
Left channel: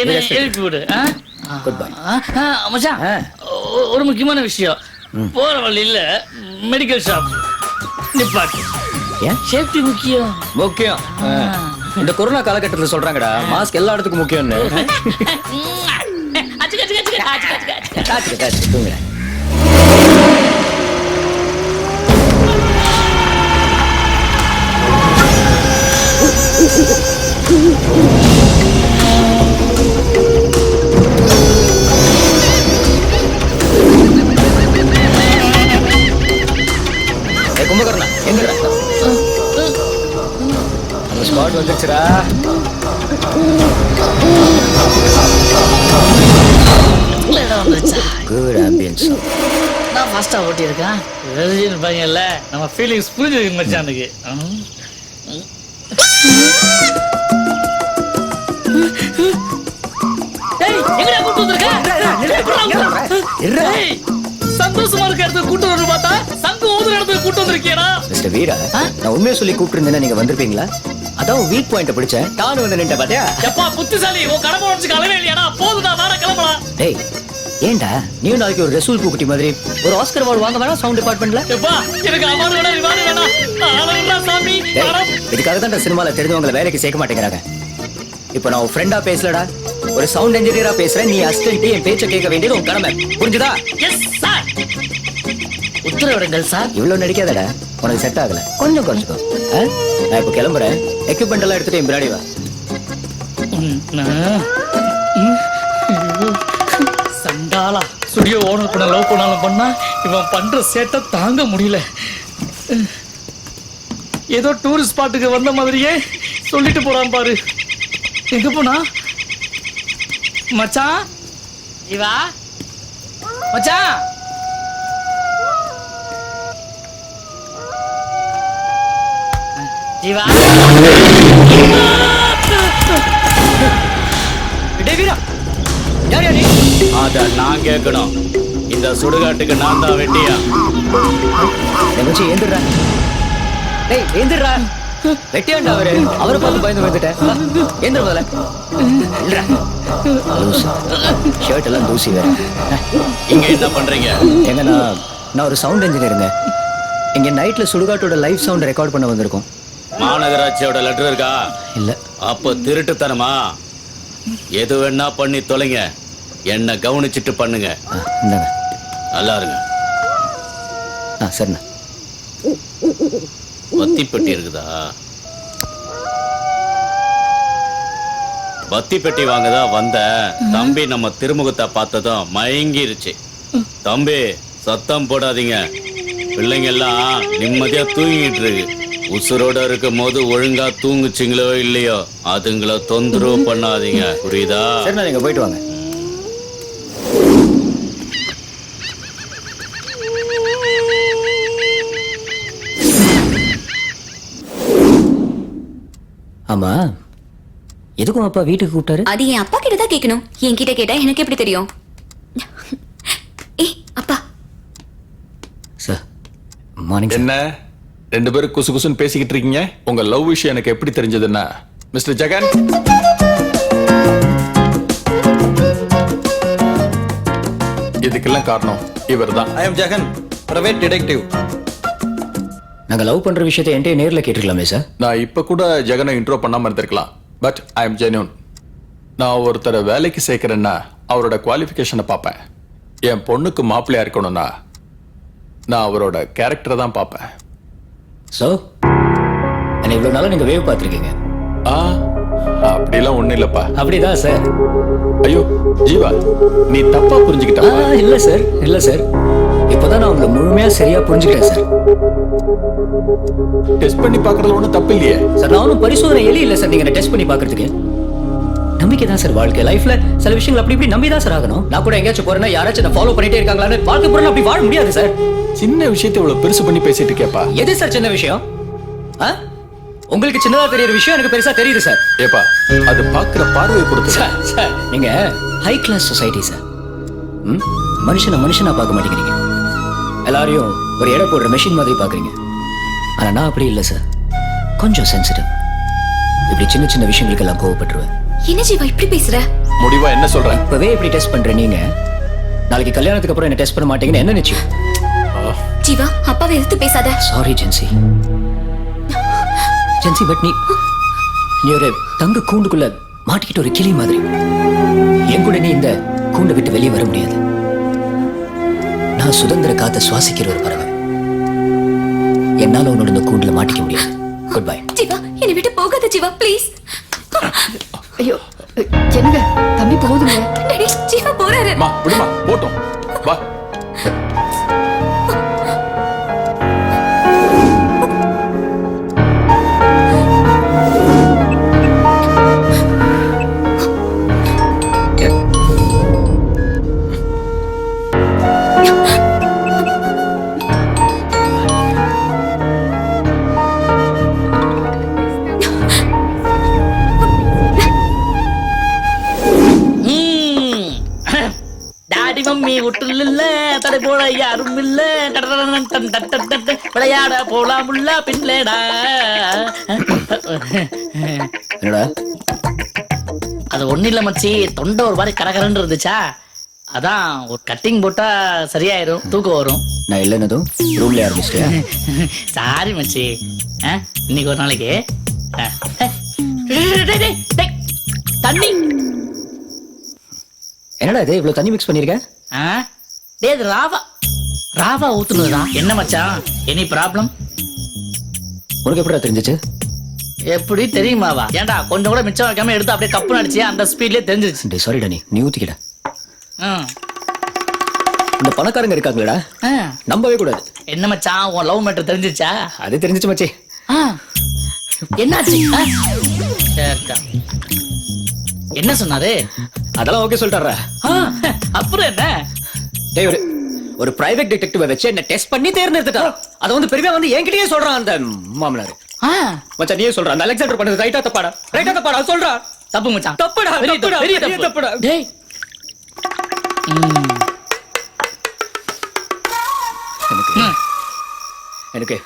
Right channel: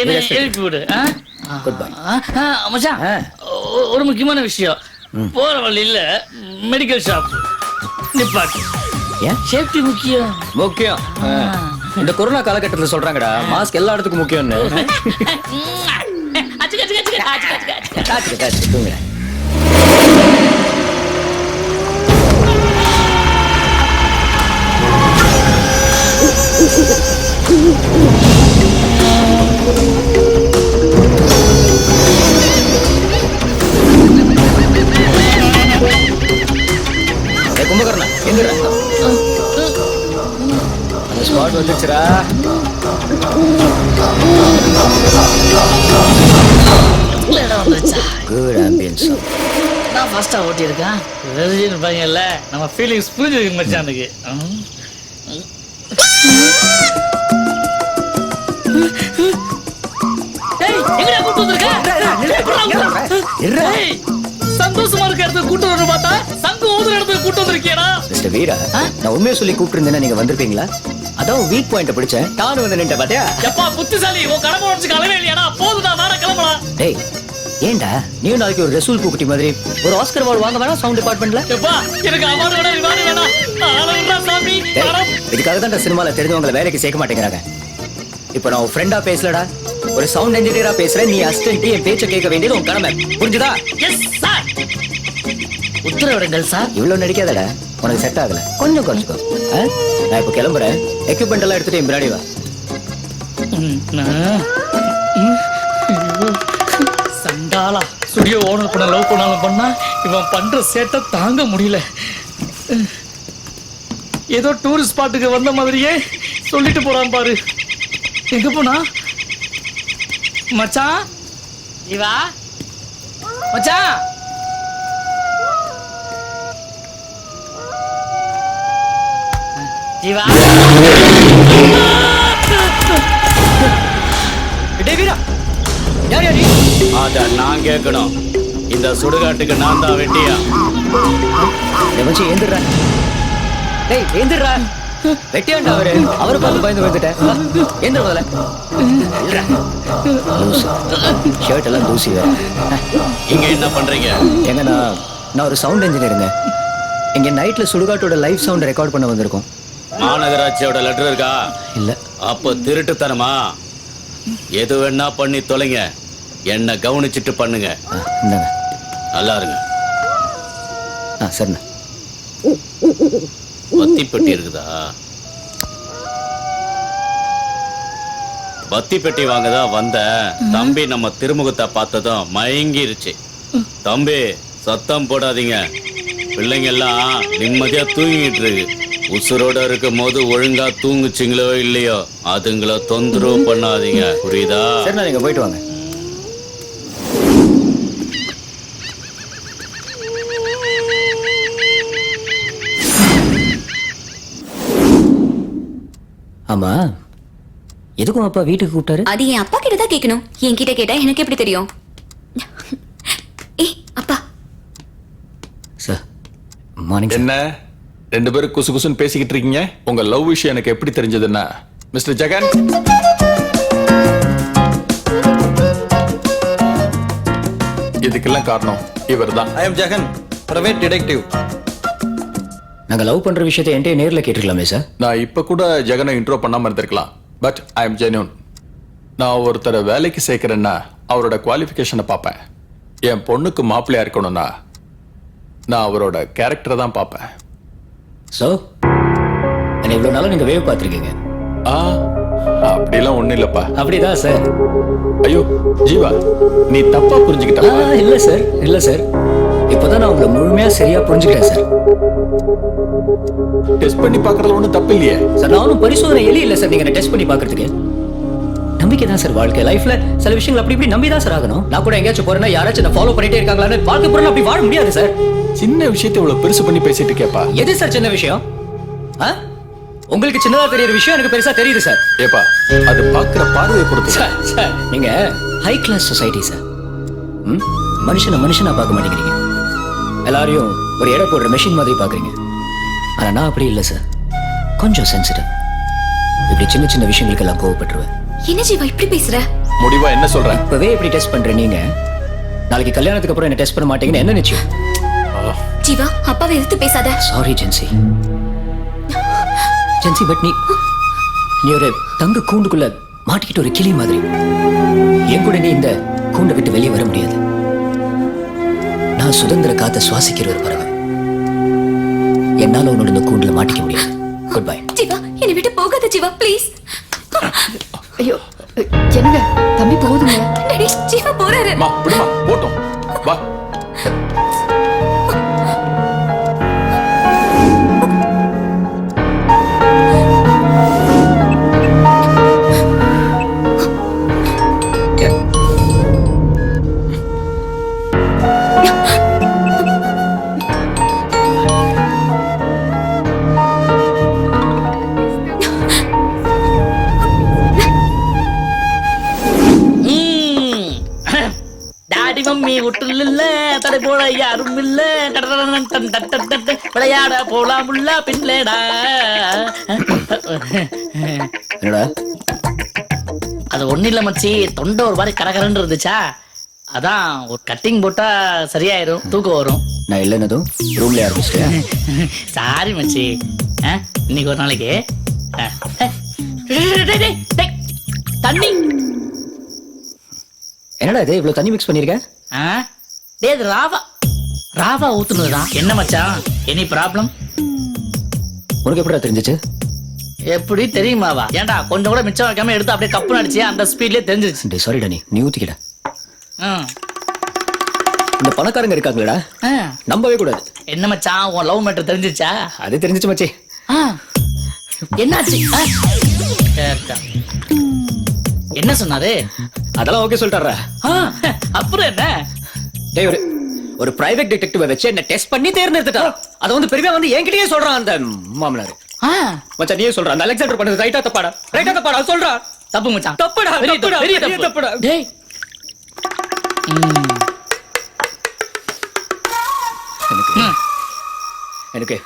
என்ன எழுப்பி விடு. குட் பை மச்சான், ஒரு முக்கியமான விஷயம். போற வழியில மெடிக்கல் ஷாப் நிப்பாட்டு. ஏன்? சேஃப்டி முக்கியம். முக்கியம். இந்த கொரோனா காலகட்டத்தில் சொல்றாங்கடா, மாஸ்க் எல்லா இடத்துக்கும் முக்கியம்னு. தூங்குற. கும்பகர்ணா எந்திர. அந்த ஸ்பாட் வந்துருச்சுரா. இடம் வந்துருச்சா? Good ambience. நான் ஃபாஸ்டா ஓட்டி இருக்கேன். ரஜினி பையன்ல நம்ம ஃபீலிங்ஸ் புரிஞ்சிருக்கு மச்சானுக்கு. டேய், எங்கடா கூட்டு வந்திருக்க? சந்தோஷமா இருக்க இடத்துக்கு கூட்டு வந்து பார்த்தா சங்கு ஊதுற இடத்துக்கு கூட்டு வந்திருக்கியடா. மிஸ்டர் வீரா, நான் உண்மையை சொல்லி கூப்பிட்டு இருந்தேன்னா நீங்க வந்திருப்பீங்களா? அதான் வீக் பாயிண்ட் பிடிச்சேன். டானு வந்து நின்ற பாத்தியா? எப்பா புத்திசாலி, உன் கடமை உடச்சு கலவே இல்லையாடா? போதுடா, வேற கிளம்பலாம். டேய், ஏன்டா நீ நாளைக்கு ஒரு ரசூல் பூக்குட்டி மாதிரி ஒரு ஆஸ்கர் அவார்டு வாங்க வேணாம் சவுண்ட் டிபார்ட்மெண்ட்ல? எப்பா, எனக்கு அவார்டு வேணா, ரிவார்டு வேணா. ஆளவுடா சாமி. இதுக்காக தான் சினிமால தெரிஞ்சவங்களை வேலைக்கு சேர்க்க மாட்டேங்கிறாங்க. இப்போ நான் ஒரு ஃப்ரெண்டா பேசலடா, ஒரு சவுண்ட் இன்ஜினியரா பேசுறேன். நீ அசிஸ்டன்ட், என் பேச்ச கேட்க வேண்டியது உன் கடமை. புரிஞ்சுதா? Yes sir. உத்தரவிடுங்கள் சார். இவ்வளவு நடிக்காதடா, உனக்கு செட் ஆகல. கொஞ்சம் குறைச்சுக்கோ. நான் இப்போ கிளம்புறேன். எக்யூப்மெண்ட் எல்லாம் எடுத்துட்டு என் பின்னாடி வா. சண்டாளா, ஸ்டுடியோ ஓனர் பண்ண லவ் பண்ணாலும் பண்ணா இவன் பண்ற சேட்டை தாங்க முடியல. ஏதோ டூரிஸ்ட் ஸ்பாட்டுக்கு வந்த மாதிரியே சொல்லிட்டு போறான் பாரு. எங்க போனா? மச்சான், ஜீவா மச்சான். ஜீவா. டேய் வீரா, யார் யார் நீ? அத நான் கேட்கணும். இந்த சுடுகாட்டுக்கு நான் தான் வெட்டியா? டேய் மச்சி, ஏந்திரா. டேய் ஏந்திரா. வெட்டியாண்டா அவரு. அவரை பார்த்து பயந்து வந்துட்டேன். ஏந்திர முதல்ல. இல்லடா. லூசு. ஷர்ட் எல்லாம் தூசி வேற. இங்க என்ன பண்றீங்க? எங்க நான் ஒரு சவுண்ட் இன்ஜினியருங்க. இங்க நைட்ல சுடுகாட்டோட லைவ் சவுண்ட் ரெக்கார்ட் பண்ண வந்திருக்கோம். மாநகராட்சியோட லெட்டர் இருக்கா? இல்ல. அப்ப திருட்டுத்தனமா? எது வேணா பண்ணி தொலைங்க, என்ன கவனிச்சிட்டு பண்ணுங்க. இந்தாங்க. நல்லா இருங்க. சரிண்ணா. வத்தி பெட்டி இருக்குதா? பத்தி பெட்டி வாங்கதான் வந்த தம்பி நம்ம திருமுகத்தை பார்த்ததும் மயங்கிருச்சு. தம்பி சத்தம் போடாதீங்க, பிள்ளைங்க எல்லாம் நிம்மதியா தூங்கிட்டு இருக்கு. உசுரோட இருக்கும் போது ஒழுங்கா தூங்குச்சிங்களோ இல்லையோ அதுங்கள தொந்தரவு பண்ணாதீங்க, புரியுதா? சரி, நீங்க போயிட்டு வாங்க. ஆமா, எதுக்கும் அப்பா வீட்டுக்கு கூப்பிட்டாரு? அது என் அப்பா கிட்ட தான் கேட்கணும். என்கிட்ட கேட்டா எனக்கு எப்படி தெரியும்? ஏய் அப்பா. Sir morning. என்ன ரெண்டு பேரும் குசு குசுன்னு பேசிக்கிட்டு இருக்கீங்க? உங்க லவ் விஷயம் எனக்கு எப்படி தெரிஞ்சதுன்னா, மிஸ்டர் ஜெகன், இதுக்கெல்லாம் காரணம் இவர்தான். I am Jagan, private detective. நாங்க லவ் பண்ற விஷயத்தை என்கிட்ட நேர்ல கேட்டுக்கலாமே சார்? நான் இப்ப கூட ஜெகனை இன்ட்ரோ பண்ணாம இருந்திருக்கலாம். But I am genuine. நான் ஒருத்தரை வேலைக்கு சேர்க்கிறேன்னா அவரோட குவாலிஃபிகேஷனை பார்ப்பேன். என் பொண்ணுக்கு மாப்பிள்ளையா இருக்கணும்னா நான் அவரோட கேரக்டரை தான் பார்ப்பேன். சோ என்ன இவ்வளவு நாளா நீங்க வேவ் பார்த்திருக்கீங்க? அப்படிலாம் ஒண்ணும் இல்லப்பா. அப்படிதான் சார். ஐயோ ஜீவா, நீ தப்பா புரிஞ்சுக்கிட்ட. இல்ல சார், இல்ல சார், இப்பதான் நான் உங்களை முழுமையா சரியா புரிஞ்சுக்கிட்டேன் சார். டெஸ்ட் பண்ணி பார்க்கறதுல ஒண்ணும் தப்பு இல்லையே சார். நான் ஒன்றும் பரிசோதனை எலி இல்ல சார். நீங்க டெஸ்ட் பண்ணி பார்க்கிறதுக்கு நம்பிக்கை தான் சார் வாழ்க்கை. லைஃப்ல சில விஷயங்கள் அப்படி இப்படி நம்பி தான் சார் ஆகணும். நான் கூட எங்கேயாச்சும் போறேன்னா யாராச்சும் என்ன ஃபாலோ பண்ணிட்டே இருக்காங்களான்னு வாழ்க்கை பூரா அப்படி வாழ முடியாது சார். சின்ன விஷயத்தை இவ்வளவு பெருசு பண்ணி பேசிட்டு கேப்பா. எது சார் சின்ன விஷயம்? உங்களுக்கு சின்னதா தெரியற விஷயம் எனக்கு பெருசா தெரியுது சார். ஏப்பா, அது பாக்குற பார்வையை பொறுத்து. சார் நீங்க ஹை கிளாஸ் சொசைட்டி சார். மனுஷனை மனுஷனா பார்க்க மாட்டேங்கிறீங்க. எல்லாரையும் ஒரு எடை போடுற மெஷின் மாதிரி பாக்குறீங்க. ஆனா நான் அப்படி இல்லை சார். கொஞ்சம் சென்சிட்டிவ். இப்படி சின்ன சின்ன விஷயங்களுக்கு எல்லாம் கோவப்பட்டுருவேன். என்ன ஜீவா இப்படி பேசுற? முடிவா என்ன சொல்ற? இப்பவே இப்படி டெஸ்ட் பண்ற நீங்க நாளைக்கு கல்யாணத்துக்கு அப்புறம் என்ன டெஸ்ட் பண்ண மாட்டீங்கன்னு என்ன நிச்சயம்? ஜீவா அப்பாவை எதிர்த்து பேசாத. Sorry gen Z. ஜென்சி, பட் நீ ஒரு தங்க கூண்டுக்குள்ள மாட்டிக்கிட்டு ஒரு கிளி மாதிரி. என் கூட நீ இந்த கூண்டை விட்டு வெளியே வர முடியாது. நான் சுதந்திர காத்த சுவாசிக்கிற ஒரு பறவை. என்னால உன்னோட இந்த கூண்டுல மாட்டிக்க முடியாது. Good bye. ஜீவா என்னை விட்டு போகாத ஜீவா, ப்ளீஸ். ஐயோ என்னங்க தம்பி போகுதுங்க. டேடி ஜீவா போறாரு. மா விடுமா, போட்டும் வா. டாடி மம்மி விட்டுல இல்ல, தடை போல யாரும் இல்ல, விளையாட போலாமுல்ல பின்லேடா. என்னடா அது ஒண்ணு இல்ல மச்சி, தொண்டை ஒரு மாதிரி கரகரன்னு இருந்துச்சா, அதான் ஒரு கட்டிங் போட்டா சரியாயிரும், தூக்கம் வரும். நான் இல்லைன்னதும் ரூம்ல ஆரம்பிச்சிட்டேன். சாரி மச்சி. இன்னைக்கு ஒரு நாளைக்கு தண்ணி. என்னடா இது இவ்வளவு தண்ணி மிக்ஸ் பண்ணிருக்க? டேய் இது ராவா, ராவா ஊத்துனதுடா. என்ன மச்சான் எனி ப்ராப்ளம்? உனக்கு எப்படிடா தெரிஞ்சிச்சு? எப்படி தெரியுமாவா? ஏன்டா கொஞ்சம் கூட மிச்சம் வைக்காம எடுத்து அப்படியே கப்பு அடிச்சு அந்த ஸ்பீட்லயே தெரிஞ்சிருச்சு. சாரிடா, நீ ஊத்திக்கிட. இந்த பணக்காரங்க இருக்காங்களா, நம்பவே கூடாது. என்ன மச்சான் உன் லவ் மேட்டர் தெரிஞ்சிச்சா? அது தெரிஞ்சிச்சு மச்சி. என்னாச்சு? என்ன சொன்னாரு? அதெல்லாம் ஓகே சொல்லிட்டாரா? அப்புறம் என்ன? டேய் ஒரு பிரைவேட் டிடெக்டிவ் வச்சு என்ன டெஸ்ட் பண்ணி தேர்ந்தெடுத்துட்டா. அத வந்து பெரியவா வந்து என்கிட்டயே சொல்றான் அந்த மாமனார். மச்சான் நீயே சொல்ற, அந்த அலெக்சாண்டர் பண்ணது ரைட்டா தப்பாடா? ரைட்டா தப்பாடா சொல்றா? தப்பு மச்சான், தப்புடா, தப்புடா, பெரிய தப்புடா. டேய் எனக்கு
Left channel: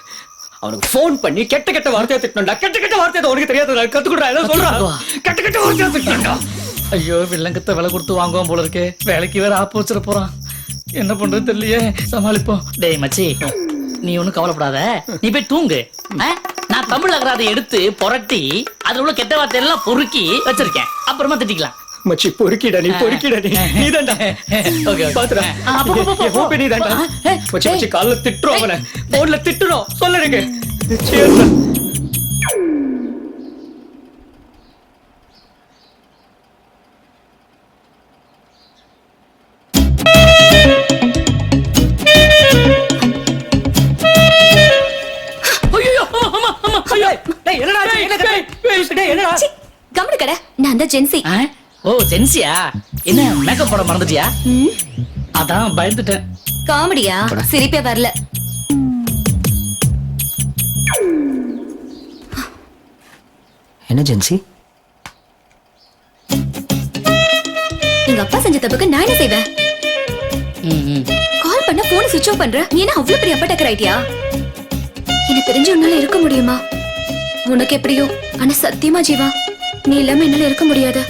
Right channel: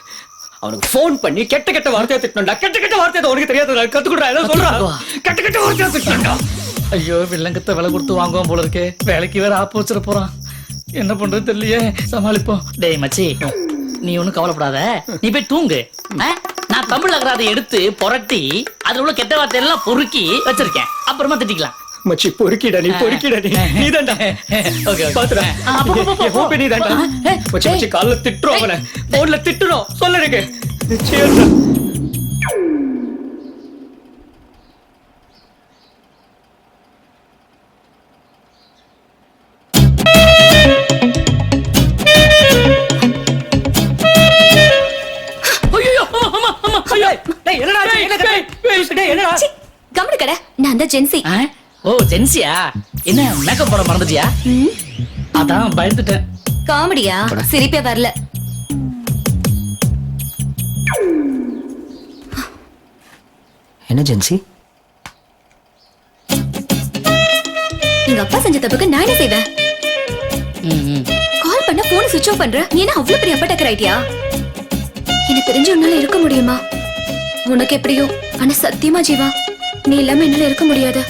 அவனுக்கு போன் பண்ணி கெட்ட கெட்ட வார்த்தையை திட்டணும்டா. கெட்ட கெட்ட வார்த்தை உனக்கு தெரியாது, கத்துக்குடா. ஏதோ சொல்றான், கெட்ட கெட்ட வார்த்தையை திட்டணும்டா. ஐயோ வில்லங்கத்தை விலை கொடுத்து வாங்குவான் போல இருக்கே. வேலைக்கு வேற ஆப்பு வச்சிட போறான். என்ன பண்றது தெரியலையே, சமாளிப்போம். டேய் மச்சி, நீ ஒண்ணும் கவலைப்படாத, நீ போய் தூங்கு. நான் தமிழ் அகராதை எடுத்து புரட்டி அதுல உள்ள கெட்ட வார்த்தை எல்லாம் பொறுக்கி வச்சிருக்கேன், அப்புறமா திட்டிக்கலாம். மச்சி பொறுக்கிடா, நீ பொறுக்கிடா, நீ தான்டா. ஓகே பாத்துடா, நீ தான்டா. மச்சி மச்சி கால்ல திட்டுறோம், அவனை போன்ல திட்டுறோம், சொல்லுங்க. சேர்டா. நான் தான் ஜென்சி. ஆ? ஓ ஜென்சியா? என்ன மேக்கப் போட மறந்துட்டியா? அதான் பயந்துட்டேன். காமெடியா? சிரிப்பே வரல. என்ன ஜென்சி? எங்க அப்பா செஞ்ச தப்புக்கு நான் என்ன செய்வேன்? கால் பண்ண போன் சுவிட்ச் ஆஃப் பண்ற. நீ என்ன அவ்வளவு பெரிய அப்பா டக்கர் ஆயிட்டியா? என்ன பிரிஞ்சு உன்னால இருக்க முடியுமா? உனக்கு எப்படியோ, ஆனா சத்தியமா ஜீவா, நீ இல்லாம என்னால இருக்க முடியாது.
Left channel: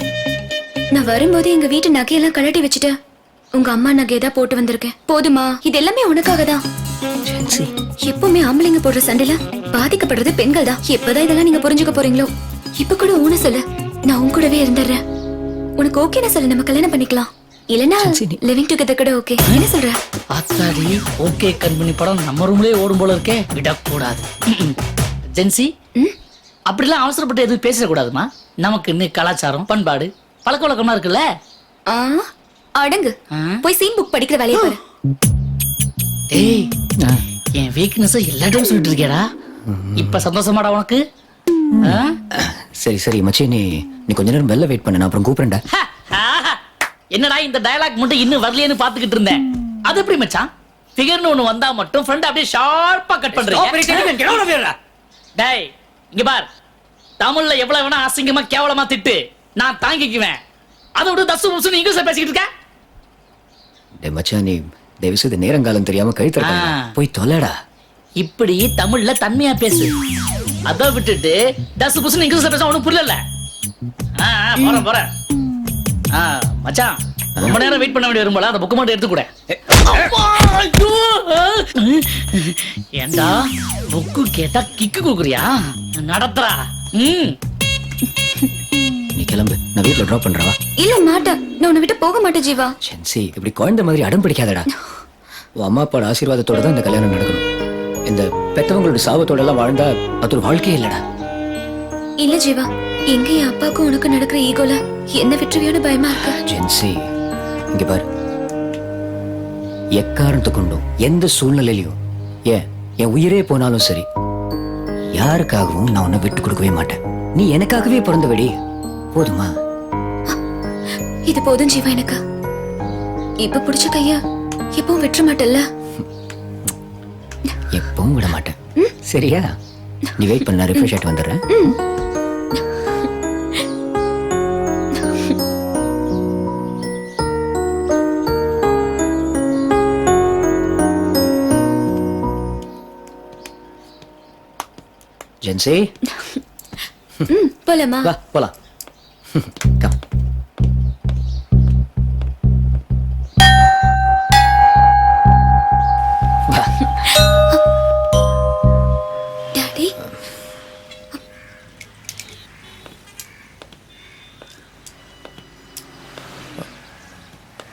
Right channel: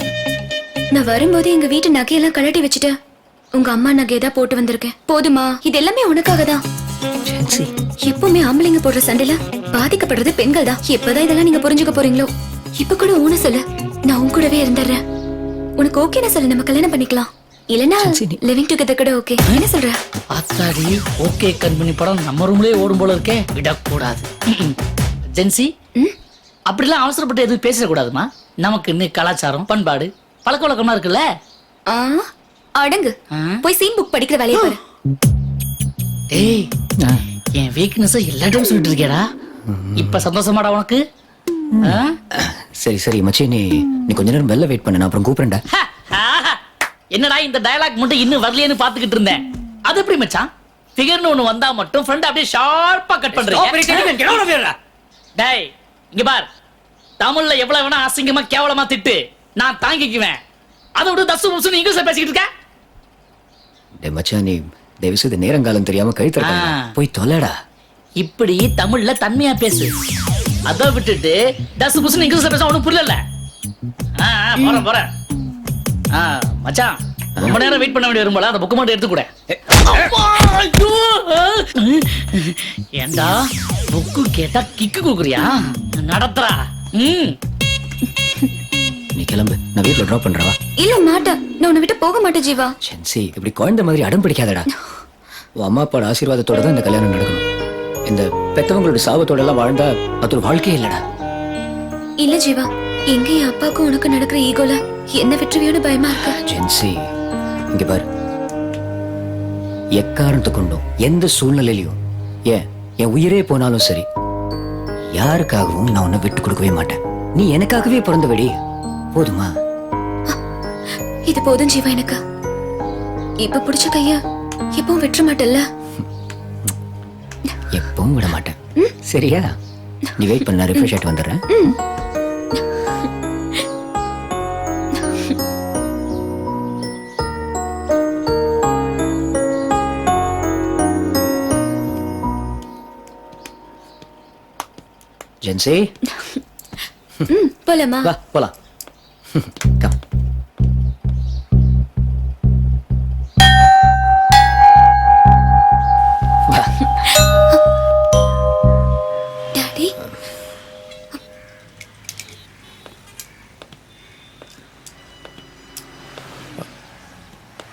நான் வரும்போது எங்க வீட்டு நகையெல்லாம் கழட்டி வச்சுட்டு உங்க அம்மா நகையதான் போட்டு வந்திருக்கேன். போதுமா? இது எல்லாமே உனக்காக தான். ஜென்சி, எப்பவுமே ஆம்பளைங்க போடுற சண்டையில பாதிக்கப்படுறது பெண்கள் தான். எப்பதான் இதெல்லாம் நீங்க புரிஞ்சுக்க போறீங்களோ? இப்ப கூட ஊன சொல்லு, நான் உன் கூடவே இருந்துடுறேன். உனக்கு ஓகேனா சொல்லு, நம்ம கல்யாணம் பண்ணிக்கலாம். இல்லனா லிவிங் டுகெதர் கூட ஓகே. என்ன சொல்ற? ஆத்தாடி, ஓகே கண்மணி படம் நம்ம ரூம்லயே ஓடும் போல இருக்கே. விடக்கூடாது. ஜென்சி, அப்படிலாம் அவசரப்பட்டு எதுவும் பேசக்கூடாதுமா. நமக்கு இன்னும் கலாச்சாரம், பண்பாடு, பழக்க வழக்கமா இருக்குல்ல. ஆ, அடங்கு. போய் சீன் புக் படிக்கிற வேலையை பாரு. டேய், என் வீக்னஸ் எல்லா டைம் சொல்லிட்டு இருக்கேடா. இப்ப சந்தோஷமாடா உனக்கு? ஆ? சரி சரி மச்சி, நீ கொஞ்ச நேரம் வெளில வெயிட் பண்ணு, நான் அப்புறம் கூப்பிடுறேன்டா. என்னடா இந்த டயலாக் மட்டும் இன்னும் வரலையேன்னு பாத்துக்கிட்டு இருந்தேன். அது எப்படி மச்சான்? ஃபிகர்னு ஒண்ணு வந்தா மட்டும் ஃப்ரெண்ட் அப்படியே ஷார்ப்பா கட் பண்றீங்க. டேய், இங்க பார். தமிழ்ல எவ்வளவு வேணா அசிங்கமா கேவலமா திட்டு, நான் தாங்கிக்குவேன். அதை விட தசு புசுன்னு இங்கிலீஷ்ல பேசிக்கிட்டு இருக்க. டேய் மச்சான், நீ தயவு செய்து நேரங்காலம் தெரியாம கழுத்தற போய் தொலைடா. இப்படி தமிழ்ல தன்மையா பேசு. அத விட்டுட்டு தசு புசுன்னு இங்கிலீஷ்ல பேச உனக்கு புரியல. போறேன். மச்சான், ரொம்ப நேரம் வெயிட் பண்ண வேண்டிய வரும்போல அந்த புக்கு மட்டும் எடுத்து கூட. ஏண்டா புக்கு கேட்டா கிக்கு குக்குறியா? நடத்துறா. நீ கிளம்பு, நான் வீட்ல டிராப் பண்றவா. இல்ல மாட்டேன், நான் உன்னை விட்டு போக மாட்டேன் ஜீவா. ஜென்சி, இப்படி குழந்தை மாதிரி அடம் பிடிக்காதடா. உன் அம்மா அப்பாவோட ஆசீர்வாதத்தோட தான் இந்த கல்யாணம் நடக்கணும். இந்த பெத்தவங்களோட சாபத்தோட எல்லாம் வாழ்ந்தா அது ஒரு வாழ்க்கையே இல்லடா. இல்ல ஜீவா, எங்க என் அப்பாவுக்கும் உனக்கு நடக்கிற ஈகோல என்ன விட்டுருவியோன்னு பயமா இருக்கு. ஜென்சி, இங்க பாரு, எக்காரணத்தை கொண்டும் எந்த சூழ்நிலையிலையும் ஏன் என் உயிரே போனாலும் சரி, யாருக்காகவும் நான் உன்னை விட்டு கொடுக்கவே மாட்டேன். நீ எனக்காகவே பிறந்தவடி, போதுமா? இது போதும் ஜீவா எனக்கு. இப்ப பிடிச்ச கைய எப்பவும் விட்டுற மாட்டல்ல? எப்பவும் விட மாட்டேன். சரியா? நீ வெயிட் பண்ண, ரிஃப்ரெஷ் ஆயிட்டு வந்துடுறேன். ஜென்சி, போலாமா? வா போலாம். கம். வா. டாடி,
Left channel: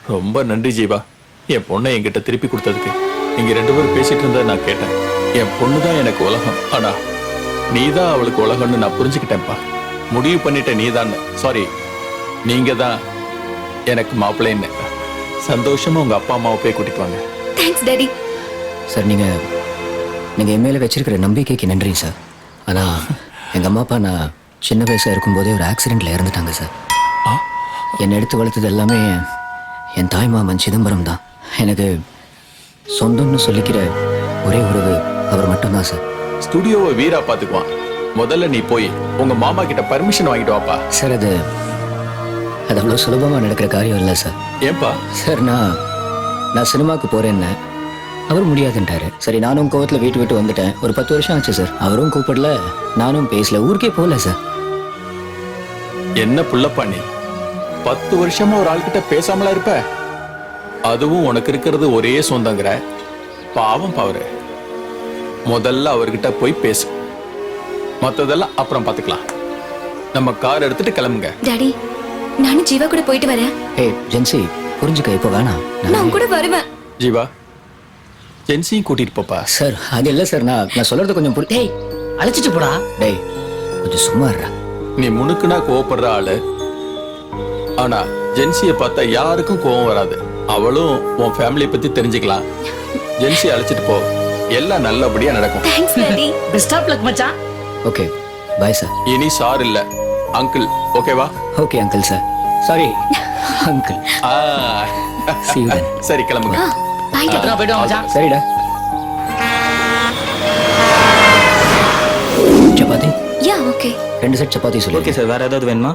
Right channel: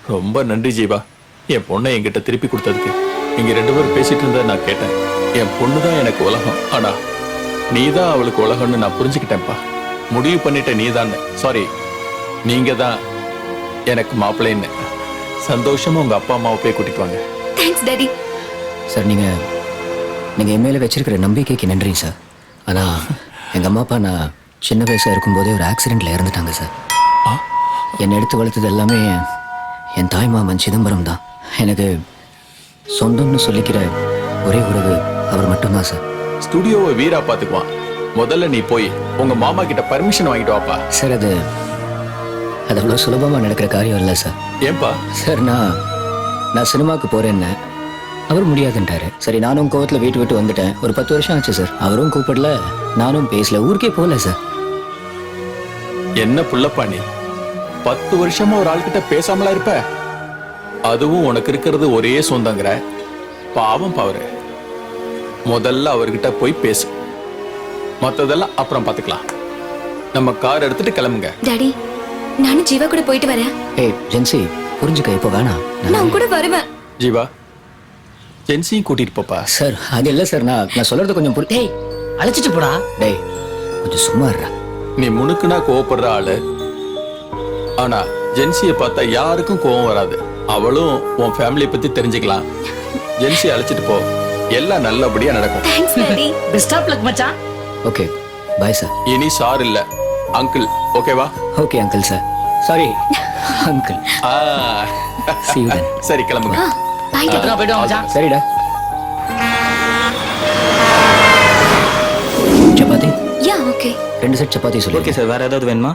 ரொம்ப நன்றி ஜீவா, என் பொண்ணை என்கிட்ட திருப்பி கொடுத்ததுக்கு. நீங்க 2 பேரும் பேசிட்டு இருந்ததை நான் கேட்டேன். என் பொண்ணு தான் எனக்கு உலகம், ஆனா நீதான் அவளுக்கு உலகம்னு நான் புரிஞ்சுக்கிட்டேன்ப்பா. முடிவு பண்ணிட்ட நீதான். சாரி, நீங்க தான் எனக்கு மாப்பிள்ளைன்னு. சந்தோஷமா உங்க அப்பா அம்மாவை போய் கூட்டிட்டு வாங்க. Thanks daddy. சார், நீங்க என் மேல வச்சிருக்கிற நம்பிக்கைக்கு நன்றி சார். ஆனா எங்க அம்மா அப்பா நான் சின்ன வயசா இருக்கும்போதே ஒரு ஆக்சிடென்ட்ல இறந்துட்டாங்க சார். என்னை எடுத்து வளர்த்தது எல்லாமே என் தாய் மாமன் சிதம்பரம் தான். எனக்கு சொந்தம்னு சொல்லிக்கிற ஒரே உறவு அவர் மட்டும்தான் சார். ஸ்டுடியோவை வீரா பாத்துக்குவான். முதல்ல நீ போய் உங்க மாமா கிட்ட பர்மிஷன் வாங்கிட்டு வாப்பா. சார், அது அவ்வளவு சுலபமா நடக்கிற காரியம் இல்லை சார். ஏன்பா? சார், நான் சினிமாவுக்கு போறேன்னு அவர் முடியாதுன்ட்டாரு. சரி, நானும் கோவத்துல வீட்டு விட்டு வந்துட்டேன். ஒரு 10 வருஷம் ஆச்சு சார். அவரும் கூப்பிடல, நானும் பேசல, ஊருக்கே போகல சார். என்ன புள்ளப்பா நீ 10 வருஷமா ஒரு ஆள்கிட்ட பேசாமலா இருப்ப? அதுவும் உனக்கு இருக்கிறது ஒரே சொந்தங்கிற. பாவம் பாவரு, முதல்ல அவர்கிட்ட போய் பேசு. மத்ததெல்லாம் அப்புறம் பாத்துக்கலாம். நம்ம கார் எடுத்துட்டு கிளம்புங்க. டாடி, நானும் ஜீவா கூட போயிட்டு வரேன். ஏய் ஜென்சி, புரிஞ்சுக்க, இப்போ வேணாம். நான் கூட வருவேன். ஜீவா, ஜென்சியும் கூட்டிட்டு போப்பா. சார், அது இல்ல சார், நான் சொல்றது கொஞ்சம் டேய், அழைச்சிட்டு போடா. டேய், கொஞ்சம் சும்மா இருடா. நீ முணுக்குனா கோவப்படுற ஆளு, ஆனா ஜென்சியை பார்த்தா யாருக்கும் கோவம் வராது. அவளும் உன் ஃபேமிலி பத்தி தெரிஞ்சுக்கலாம். ஜென்சி அழைச்சிட்டு போ, எல்லாம் நல்லபடியா நடக்கும். Thanks daddy. Best of luck மச்சான். Okay, bye sir. இனி சார் இல்ல, அங்கிள் ஓகேவா? Okay uncle sir. Sorry uncle. See you then. சரி கிளம்புங்க. பாய். பத்திரமா போயிட்டு வாங்க மச்சான். சரிடா. சப்பாத்தி யா ஓகே. 2 செட் சப்பாத்தி சொல்லு. ஓகே சார், வேற ஏதாவது வேணுமா?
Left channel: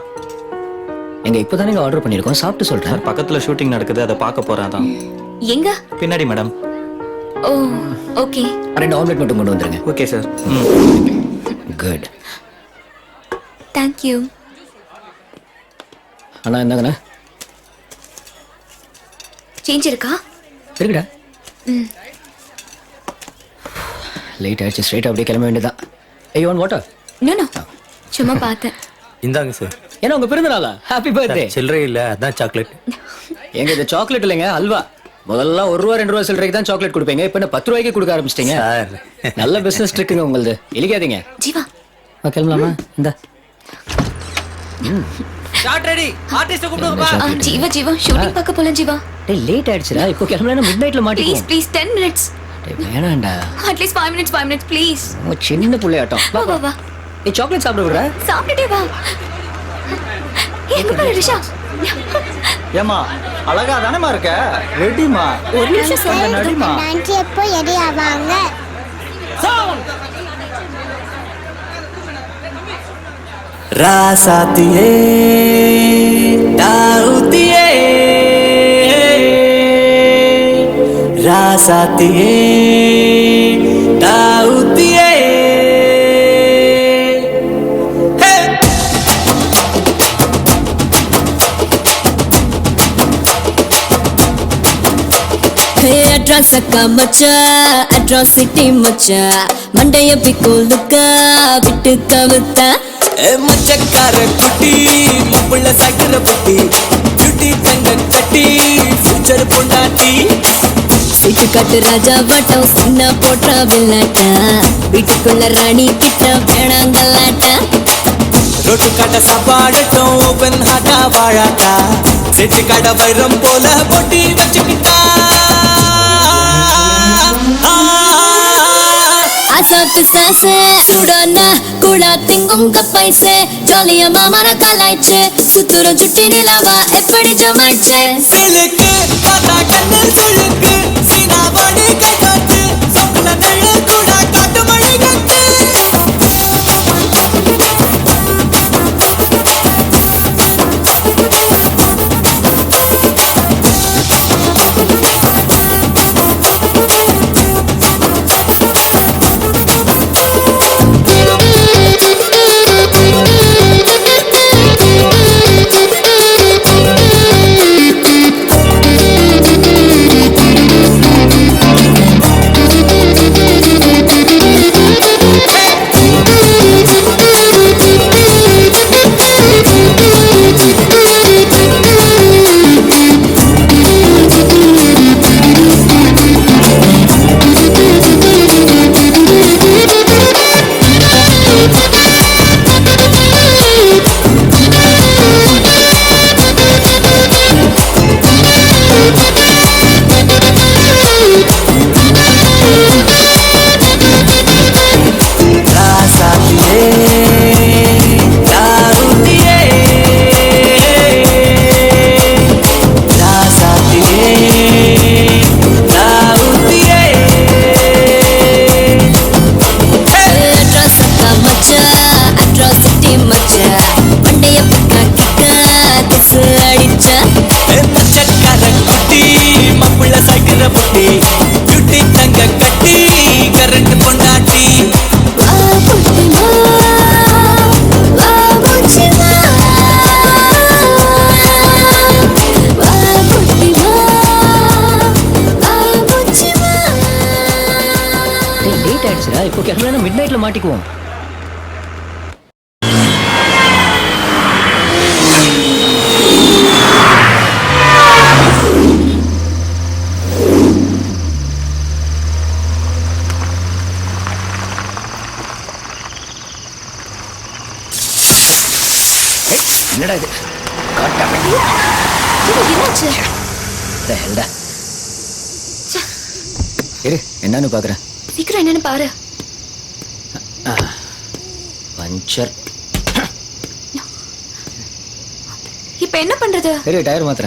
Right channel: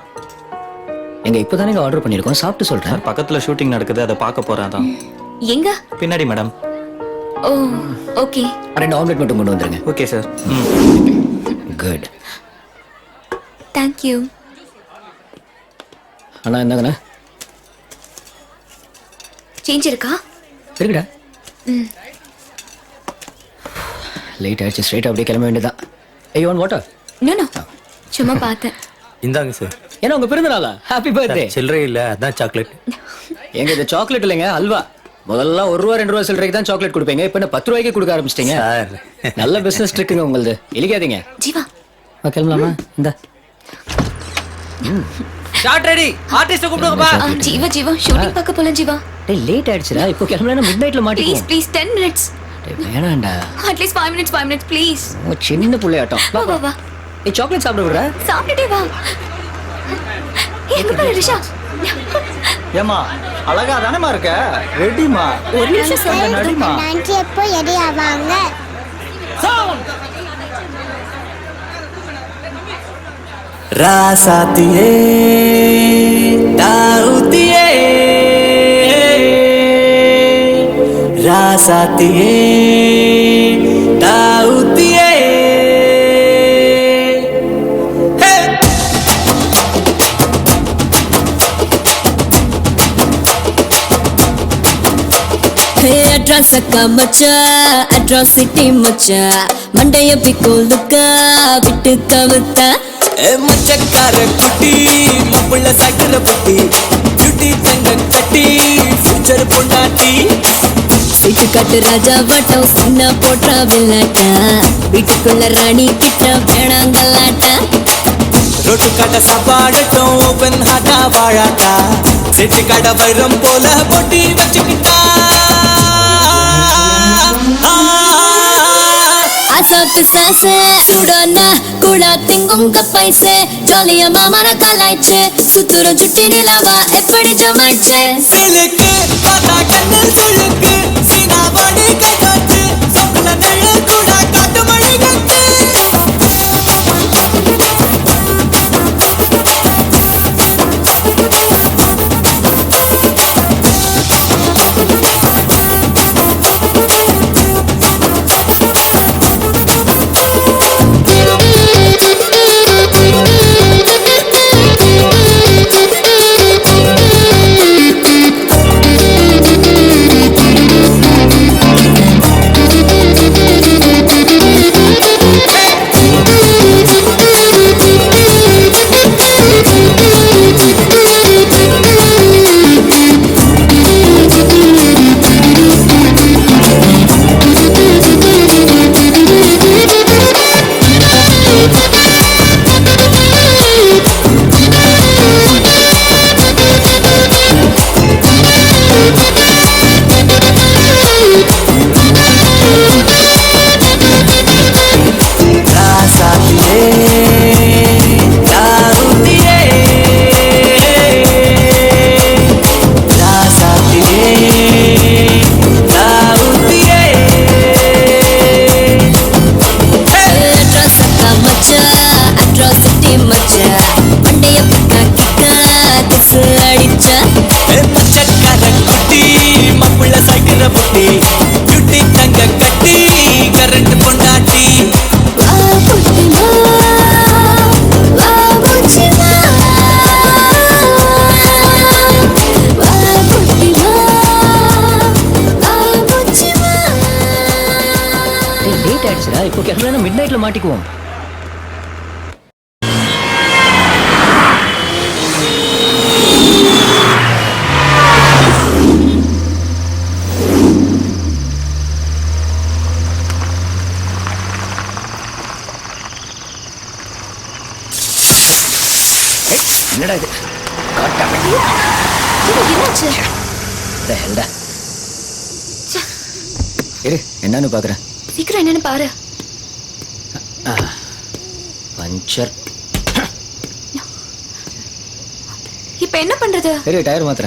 எங்க இப்பதானே ஆர்டர் பண்ணிருக்கோம், சாப்பிட்டு சொல்றேன். சார் பக்கத்துல ஷூட்டிங் நடக்குது, அதை பார்க்க போறேன் அதான். எங்க? பின்னாடி மேடம். ஓ ஓகே. 2 ஆம்லெட் மட்டும் கொண்டு வந்துருங்க. Okay sir. Good. Thank you. அண்ணா என்னங்கண்ணா? சேஞ்ச் இருக்கா? இருக்குடா. லேட் ஆயிடுச்சு, ஸ்ட்ரைட் அப்படியே கிளம்ப வேண்டியதான். ஐயோ ஒன் வாட்டர். நோ நோ, சும்மா பார்த்தேன். இந்தாங்க சார். ஏன்னா உங்க பிறந்த நாளா? Happy birthday. சில்லறை இல்ல, அதான் சாக்லேட். எங்க இது சாக்லேட் இல்லைங்க, அல்வா. முதல்ல 1 ரூபா 2 ரூபா சில்லறைக்கு தான் சாக்லேட் கொடுப்பீங்க, இப்ப என்ன 10 ரூபாய்க்கு கொடுக்க ஆரம்பிச்சிட்டீங்க. சார். நல்ல பிசினஸ் ட்ரிக்குங்க உங்களுது, இழிக்காதீங்க. ஜீவா கிளம்பலாமா? இந்த ஜீவா ஜீவா ஷூட்டிங் பார்க்க போலாம் ஜீவா. டேய் லேட் ஆயிடுச்சுடா, இப்போ கிளம்பலனா மிட் நைட்ல ப்ளீஸ் மாட்டிக்குவோம். Please 10 minutes. டேய் வேணாம்டா, அட்லீஸ்ட் 5 minutes ப்ளீஸ். உன் சின்ன புள்ளையாட்டம். வா வா வா. நீ சாக்லேட் சாப்பிட விடுற? சாப்பிட்டுட்டே வா. எங்க போற ரிஷா? ஏமா அழகா தானேமா இருக்க? ரெடிமா? ஒரு நிமிஷம் சார். நடிமா. ஆண்டி எப்போ ரெடி ஆவாங்க? ராசாத்தியே தாவுத்தியே ராசாத்தியே தாவுத்தியே அட்ராஸ் அக்கா மச்சா, அட்ராசிட்டி மச்சா, மண்டைய பிக்கோலுக்க விட்டு கவுத்தா. மச்சக்கார குட்டி முப்புள்ள சாக்கிற புட்டி குட்டி தங்க கட்டி ஃபியூச்சர் பொண்டாட்டி. சீட்டு காட்டு ராஜா வட்டம் சின்ன போட்டா வில்லாட்டா, வீட்டுக்குள்ள ராணி கிட்ட வேணாங்கல்லாட்டா. ரொட்டு கடை சாப்பாடட்டும் ஓபன் ஹாட்டா வாழாட்டா, செட்டு கடை வைரம் போல பொட்டி வச்சுக்கிட்டா. அசாத்து சாசே சுடனா கூட திங்குங்க பைசே, ஜாலியா மாமன கலாய்ச்சே, சுத்துற ஜுட்டி நிலவா எப்படி ஜமாச்சே. சிலுக்கு பார்த்தா கண்ணு சுழுக்கு, சீனா பாடி கை காட்டு, சொக்குல நெழு கூட காட்டு மழை கட்டு. இப்போ கிளம்பலனா மிட் நைட்ல மாட்டிக்குவோம். என்னடா இது? என்னாச்சு? இரு என்னன்னு பாக்குறேன். சீக்கிரம் என்னன்னு பாரு. பஞ்சர். இப்ப என்ன பண்றது? சரி டயர் மாத்திர.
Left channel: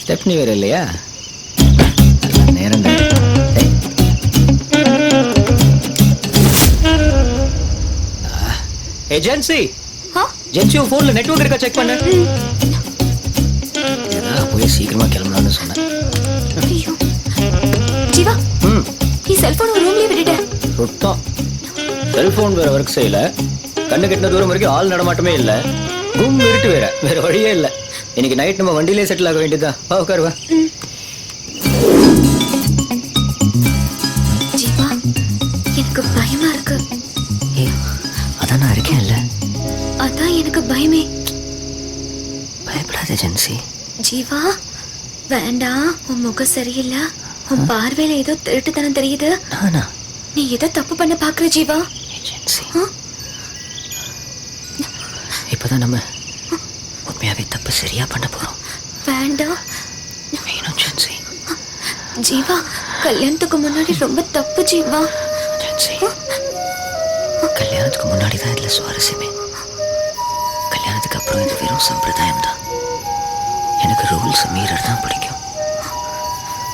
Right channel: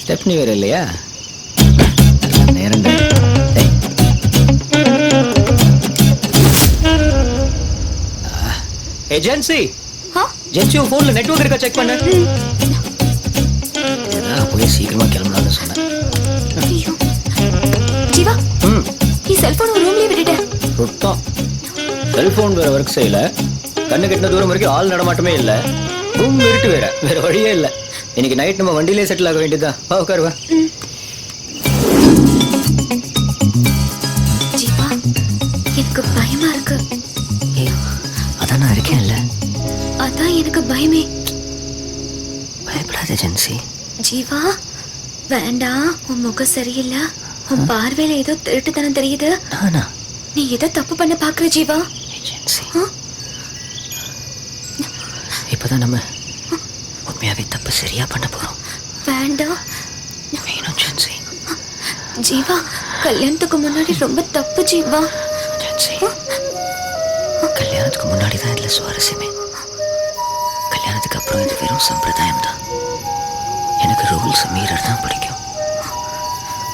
ஸ்டெப்னி வேற இல்லையா? நேரம் ஏஜென்சி ஜென்சி போன்ல நெட்வொர்க் இருக்கா செக் பண்ண. இதுதான் போய் சீக்கிரமா கிளம்பலாம்னு சொன்னேன். ஐயோ ஜீவா, நீ செல்போன் ரூம்லயே விட்டுட்ட. சுத்தம் செல்போன் வேற ஒர்க் செய்யல. கண்ணு கெட்டின தூரம் வரைக்கும் ஆள் நடமாட்டமே இல்ல. ரூம் இருட்டு வேற வழியே இல்ல. இன்னைக்கு நைட் நம்ம வண்டியிலே செட்டில் ஆக வேண்டியதுதான். வா உட்காருவா. ஜீவா, எனக்கு பயமா இருக்கு. அதான் நான் இருக்கேன்ல. அதான் எனக்கு பயமே. பயப்படாத ஜென்சி. ஜீவா வேண்டாம், உன் முகம் சரியில்லை. உன் பார்வையில ஏதோ திருட்டுத்தனம் தெரியுது. நீ ஏதோ தப்பு பண்ண பாக்குற ஜீவா. இப்பதான் நம்ம உண்மையாவே தப்பு சரியா பண்ண போறோம். வேண்டாம் வேணும் ஜென்சி. ஜீவா, கல்யாணத்துக்கு முன்னாடி ரொம்ப தப்பு ஜீவா. ஜென்சி, கல்யாணத்துக்கு முன்னாடி தான் இதுல சுவாரஸ்யமே. கல்யாணத்துக்கு அப்புறம் இது வெறும் சம்பிரதாயம் தான். எனக்கு ரூல்ஸ் மீறர் தான் பிடிக்கும்.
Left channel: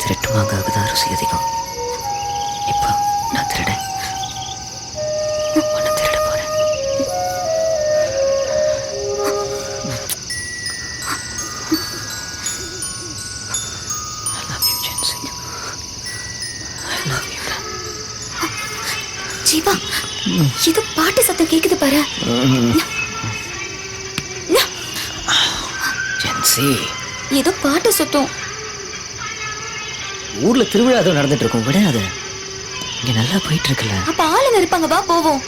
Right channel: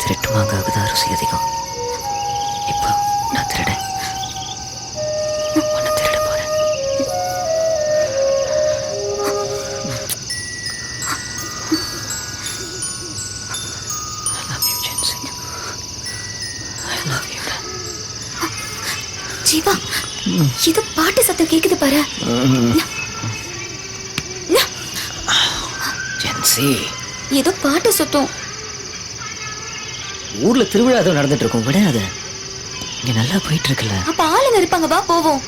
திருட்டு மாங்காவுக்கு தான் ருசி அதிகம். இப்போ நான் திருடேன். உன்னை திருட போறேன். I love you, Jensi. I love you. Jeeva, இது பாட்டு சத்தம் கேக்குது பாரு. ஜென்சி, ஏதோ பாட்டு சத்தம். ஊர்ல திருவிழா ஏதோ நடந்துட்டு இருக்கும். விடாத, இங்க நல்லா போயிட்டு இருக்குல்ல. அப்ப ஆளுங்க இருப்பாங்க, வா போவோம்.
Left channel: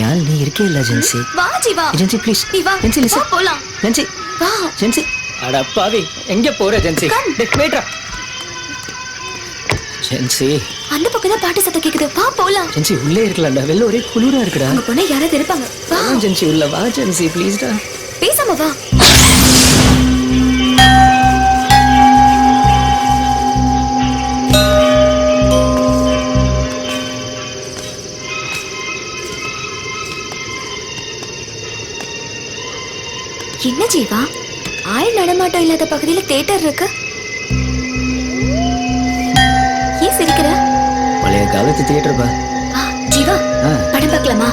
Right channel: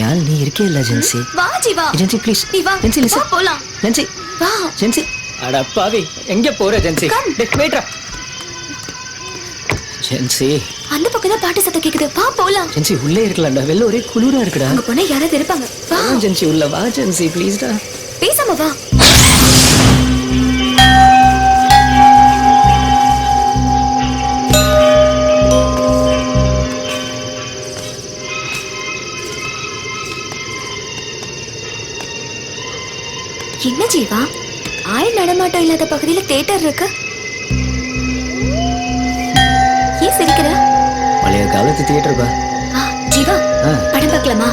யாழ் நீ இருக்கே இல்ல ஜென்சி. வா ஜீவா. Gen Z please. நீ வா. ஜென்சி வா லிசன். போலாம். ஜென்சி வா. ஜென்சி, அட பாவி, எங்க போற ஜென்சி? டேய் வெயிட்ரா. ஜென்சி, அந்த பக்கம் தான் பாட்டு சத்தம் கேக்குது, வா போலாம். ஜென்சி உள்ளே இருக்கலாம்டா. வெளில ஒரே குளிரா இருக்குடா. அங்க போனா யாராவது இருப்பாங்க, வா. ஜென்சி உள்ள வா ஜென்சி ப்ளீஸ்டா. பேசாம வா. என்ன ஜீவா, ஆள் நடமாட்டம் இல்லாத பகுதியில தியேட்டர் இருக்கு. ஏன் சிரிக்கிற? பழைய காலத்து தியேட்டர் பா. ஜீவா, படம் பார்க்கலாமா?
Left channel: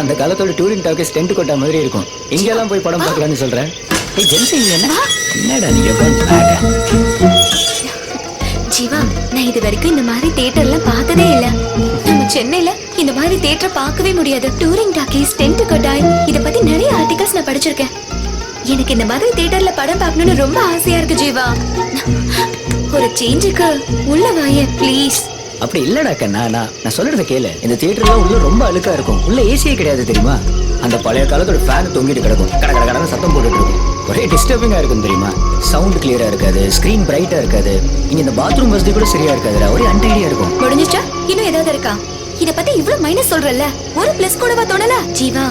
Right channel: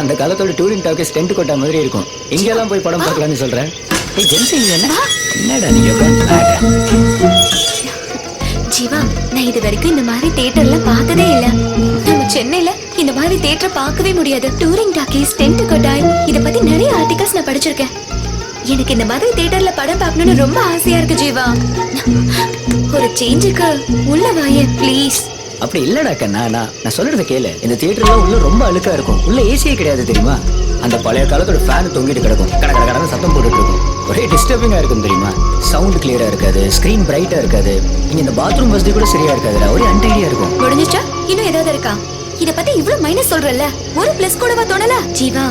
அந்த காலத்தோட டூரிங் டாக்கீஸ் டென்ட் கொட்டா மாதிரி இருக்கும். இங்க எல்லாம் போய் படம் பார்க்கலாம்னு சொல்றேன். ஏய் ஜென்சி, என்னடா நீ யோகான்? ஜீவா, நான் இது வரைக்கும் இந்த மாதிரி தியேட்டர்லாம் பார்த்ததே இல்ல. நம்ம சென்னையில இந்த மாதிரி தியேட்டர் பார்க்கவே முடியாது. டூரிங் டாக்கீஸ், டென்ட் கொட்டாய், இத பத்தி நிறைய ஆர்டிகல்ஸ் நான் படிச்சிருக்கேன். எனக்கு இந்த மாதிரி தியேட்டர்ல படம் பார்க்கணும்னு ரொம்ப ஆசையா இருக்கு ஜீவா. ஒரு சேஞ்சுக்கு உள்ள வாயே ப்ளீஸ். அப்படி இல்லடா கண்ணா, நான் சொல்றத கேளு. இந்த தியேட்டர்லாம் உள்ள ரொம்ப அழுக்கா இருக்கும். உள்ள ஏசியே கிடையாது தெரியுமா? அந்த பழைய காலத்தோட ஃபேன் தொங்கிட்டு கிடக்கும். கடகடன்னு சத்தம் போட்டுட்டு இருக்கும். ஒரே டிஸ்டர்பிங்கா இருக்கும் தெரியுமா? சவுண்ட் கிளியரா இருக்காது, ஸ்கிரீன் பிரைட்டா இருக்காது. இங்க இந்த பாத்ரூம் வசதி கூட சரியா இருக்காதுடா. ஒரே அன்டைடியா இருக்கும். முடிஞ்சிச்சா? இன்னும் ஏதாவது இருக்கா? இத பத்தி இவ்ளோ மைனஸ் சொல்றல்ல, ஒரு பிளஸ் கூடவா தோணல? ஜீவா,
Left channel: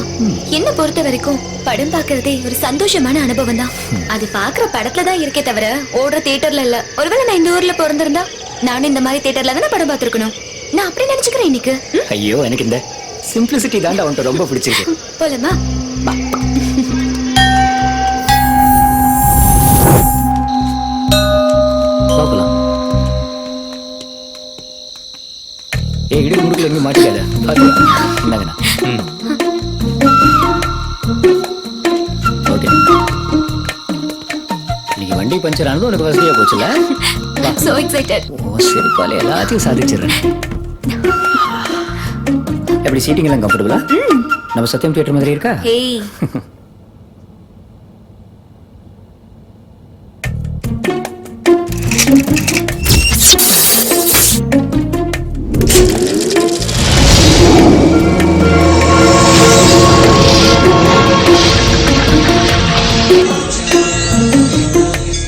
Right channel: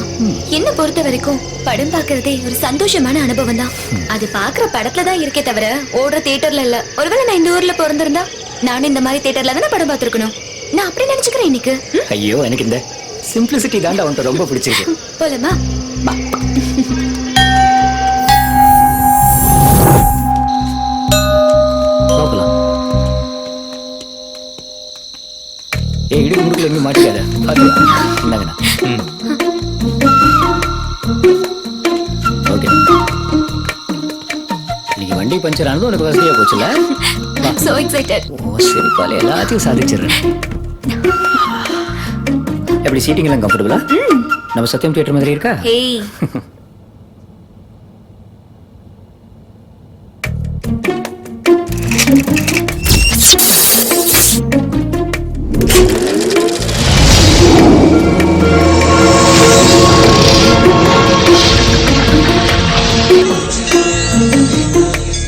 என்ன பொறுத்த வரைக்கும் படம் பாக்குறதே ஒரு சந்தோஷமான அனுபவம் தான். அது பாக்குற படத்துல தான் இருக்கே தவிர ஓடுற தியேட்டர்ல இல்ல. ஒருவேளை நான் இந்த ஊர்ல பிறந்திருந்தா நானும் இந்த மாதிரி தியேட்டர்ல தானே படம் பார்த்திருக்கணும். நான் அப்படி நினைச்சுக்கிறேன் இன்னைக்கு. ஐயோ, எனக்கு இந்த சிம்பிளிசிட்டி தான்டா உன்கிட்ட ரொம்ப பிடிச்சிருக்கு. போலாமா? பாக்கலாம். இடி முடுக்கல எங்க மாட்டிக்காத. பாத்து என்னங்கண்ணா. ஓகே, இன்னைக்கு வண்டி பஞ்சர் ஆனது உனக்கு வசதியா போச்சுல. So excited. ஓ சரி, பாலே எல்லாத்தையும் சாதிச்சிடுறேன். எப்படி சீட்டிங் எல்லாம் கம்ஃபர்டபுளா? நம்ம சத்தியம் தியேட்டர் மாதிரி இருக்கா? ஏய்,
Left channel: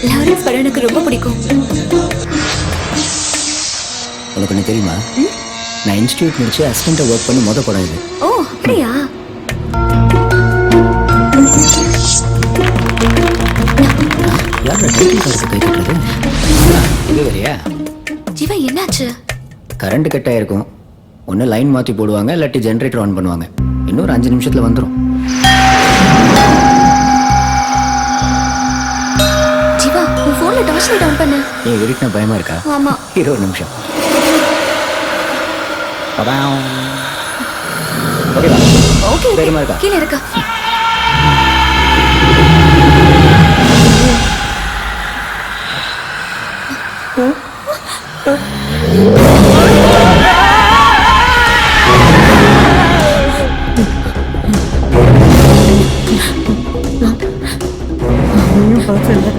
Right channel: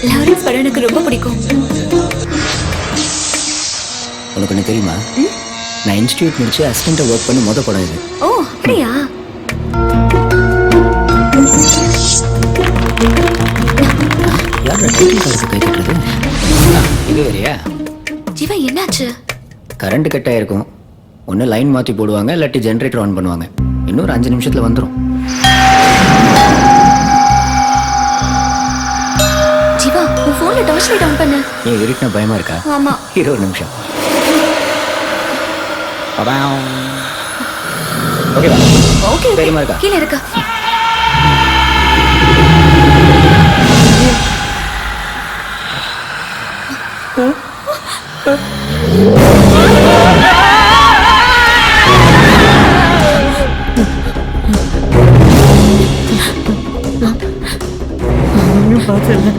லாரன்ஸ் படம் எனக்கு ரொம்ப பிடிக்கும். உனக்கு ஒண்ணு தெரியுமா? நான் இன்ஸ்டிடியூட் முடிச்சு அசிஸ்டண்டா ஒர்க் பண்ணி மொத படம் இது. ஓ அப்படியா? யாரோட டைட்டில் கார்டுக்கு கை கட்டுறது? இது வேறையா? ஜீவா, என்னாச்சு? கரண்ட் கட் ஆயிருக்கும். ஒன்னு லைன் மாத்தி போடுவாங்க, இல்லாட்டி ஜெனரேட்டர் ஆன் பண்ணுவாங்க. இன்னொரு 5 நிமிஷத்துல வந்துரும். ஜீவா உன் போன்ல டார்ச் லைட் ஆன் பண்ணு. ஏன் இருட்டுனா பயமா இருக்கா? ஆமா. இரு ஒரு நிமிஷம். ஓகேவா? ஓகே தைரியமா இருக்கா? கீழே இருக்கா? ஒன்றும் பார்த்தல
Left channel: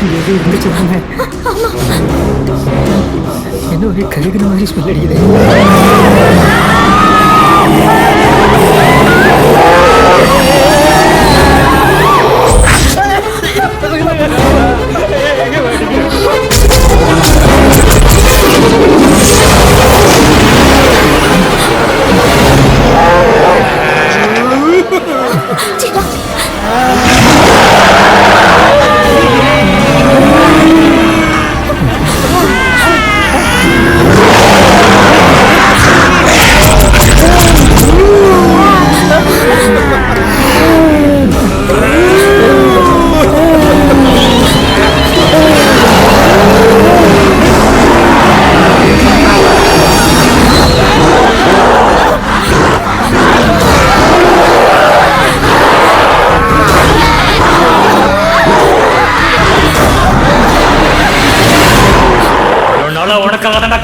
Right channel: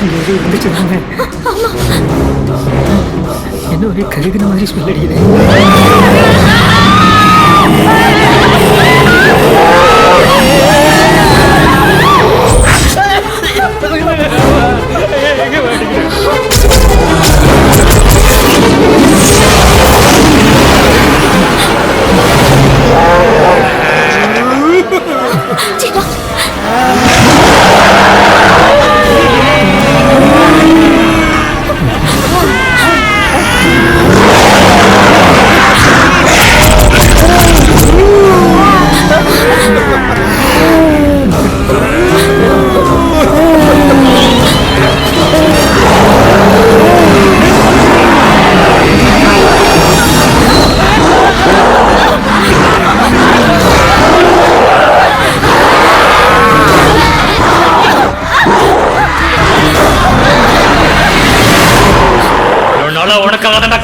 இங்கே எதுவும் இருந்துச்சு தானே? என்ன ஒரே கருகுன மாதிரி ஸ்மெல் அடிக்குது.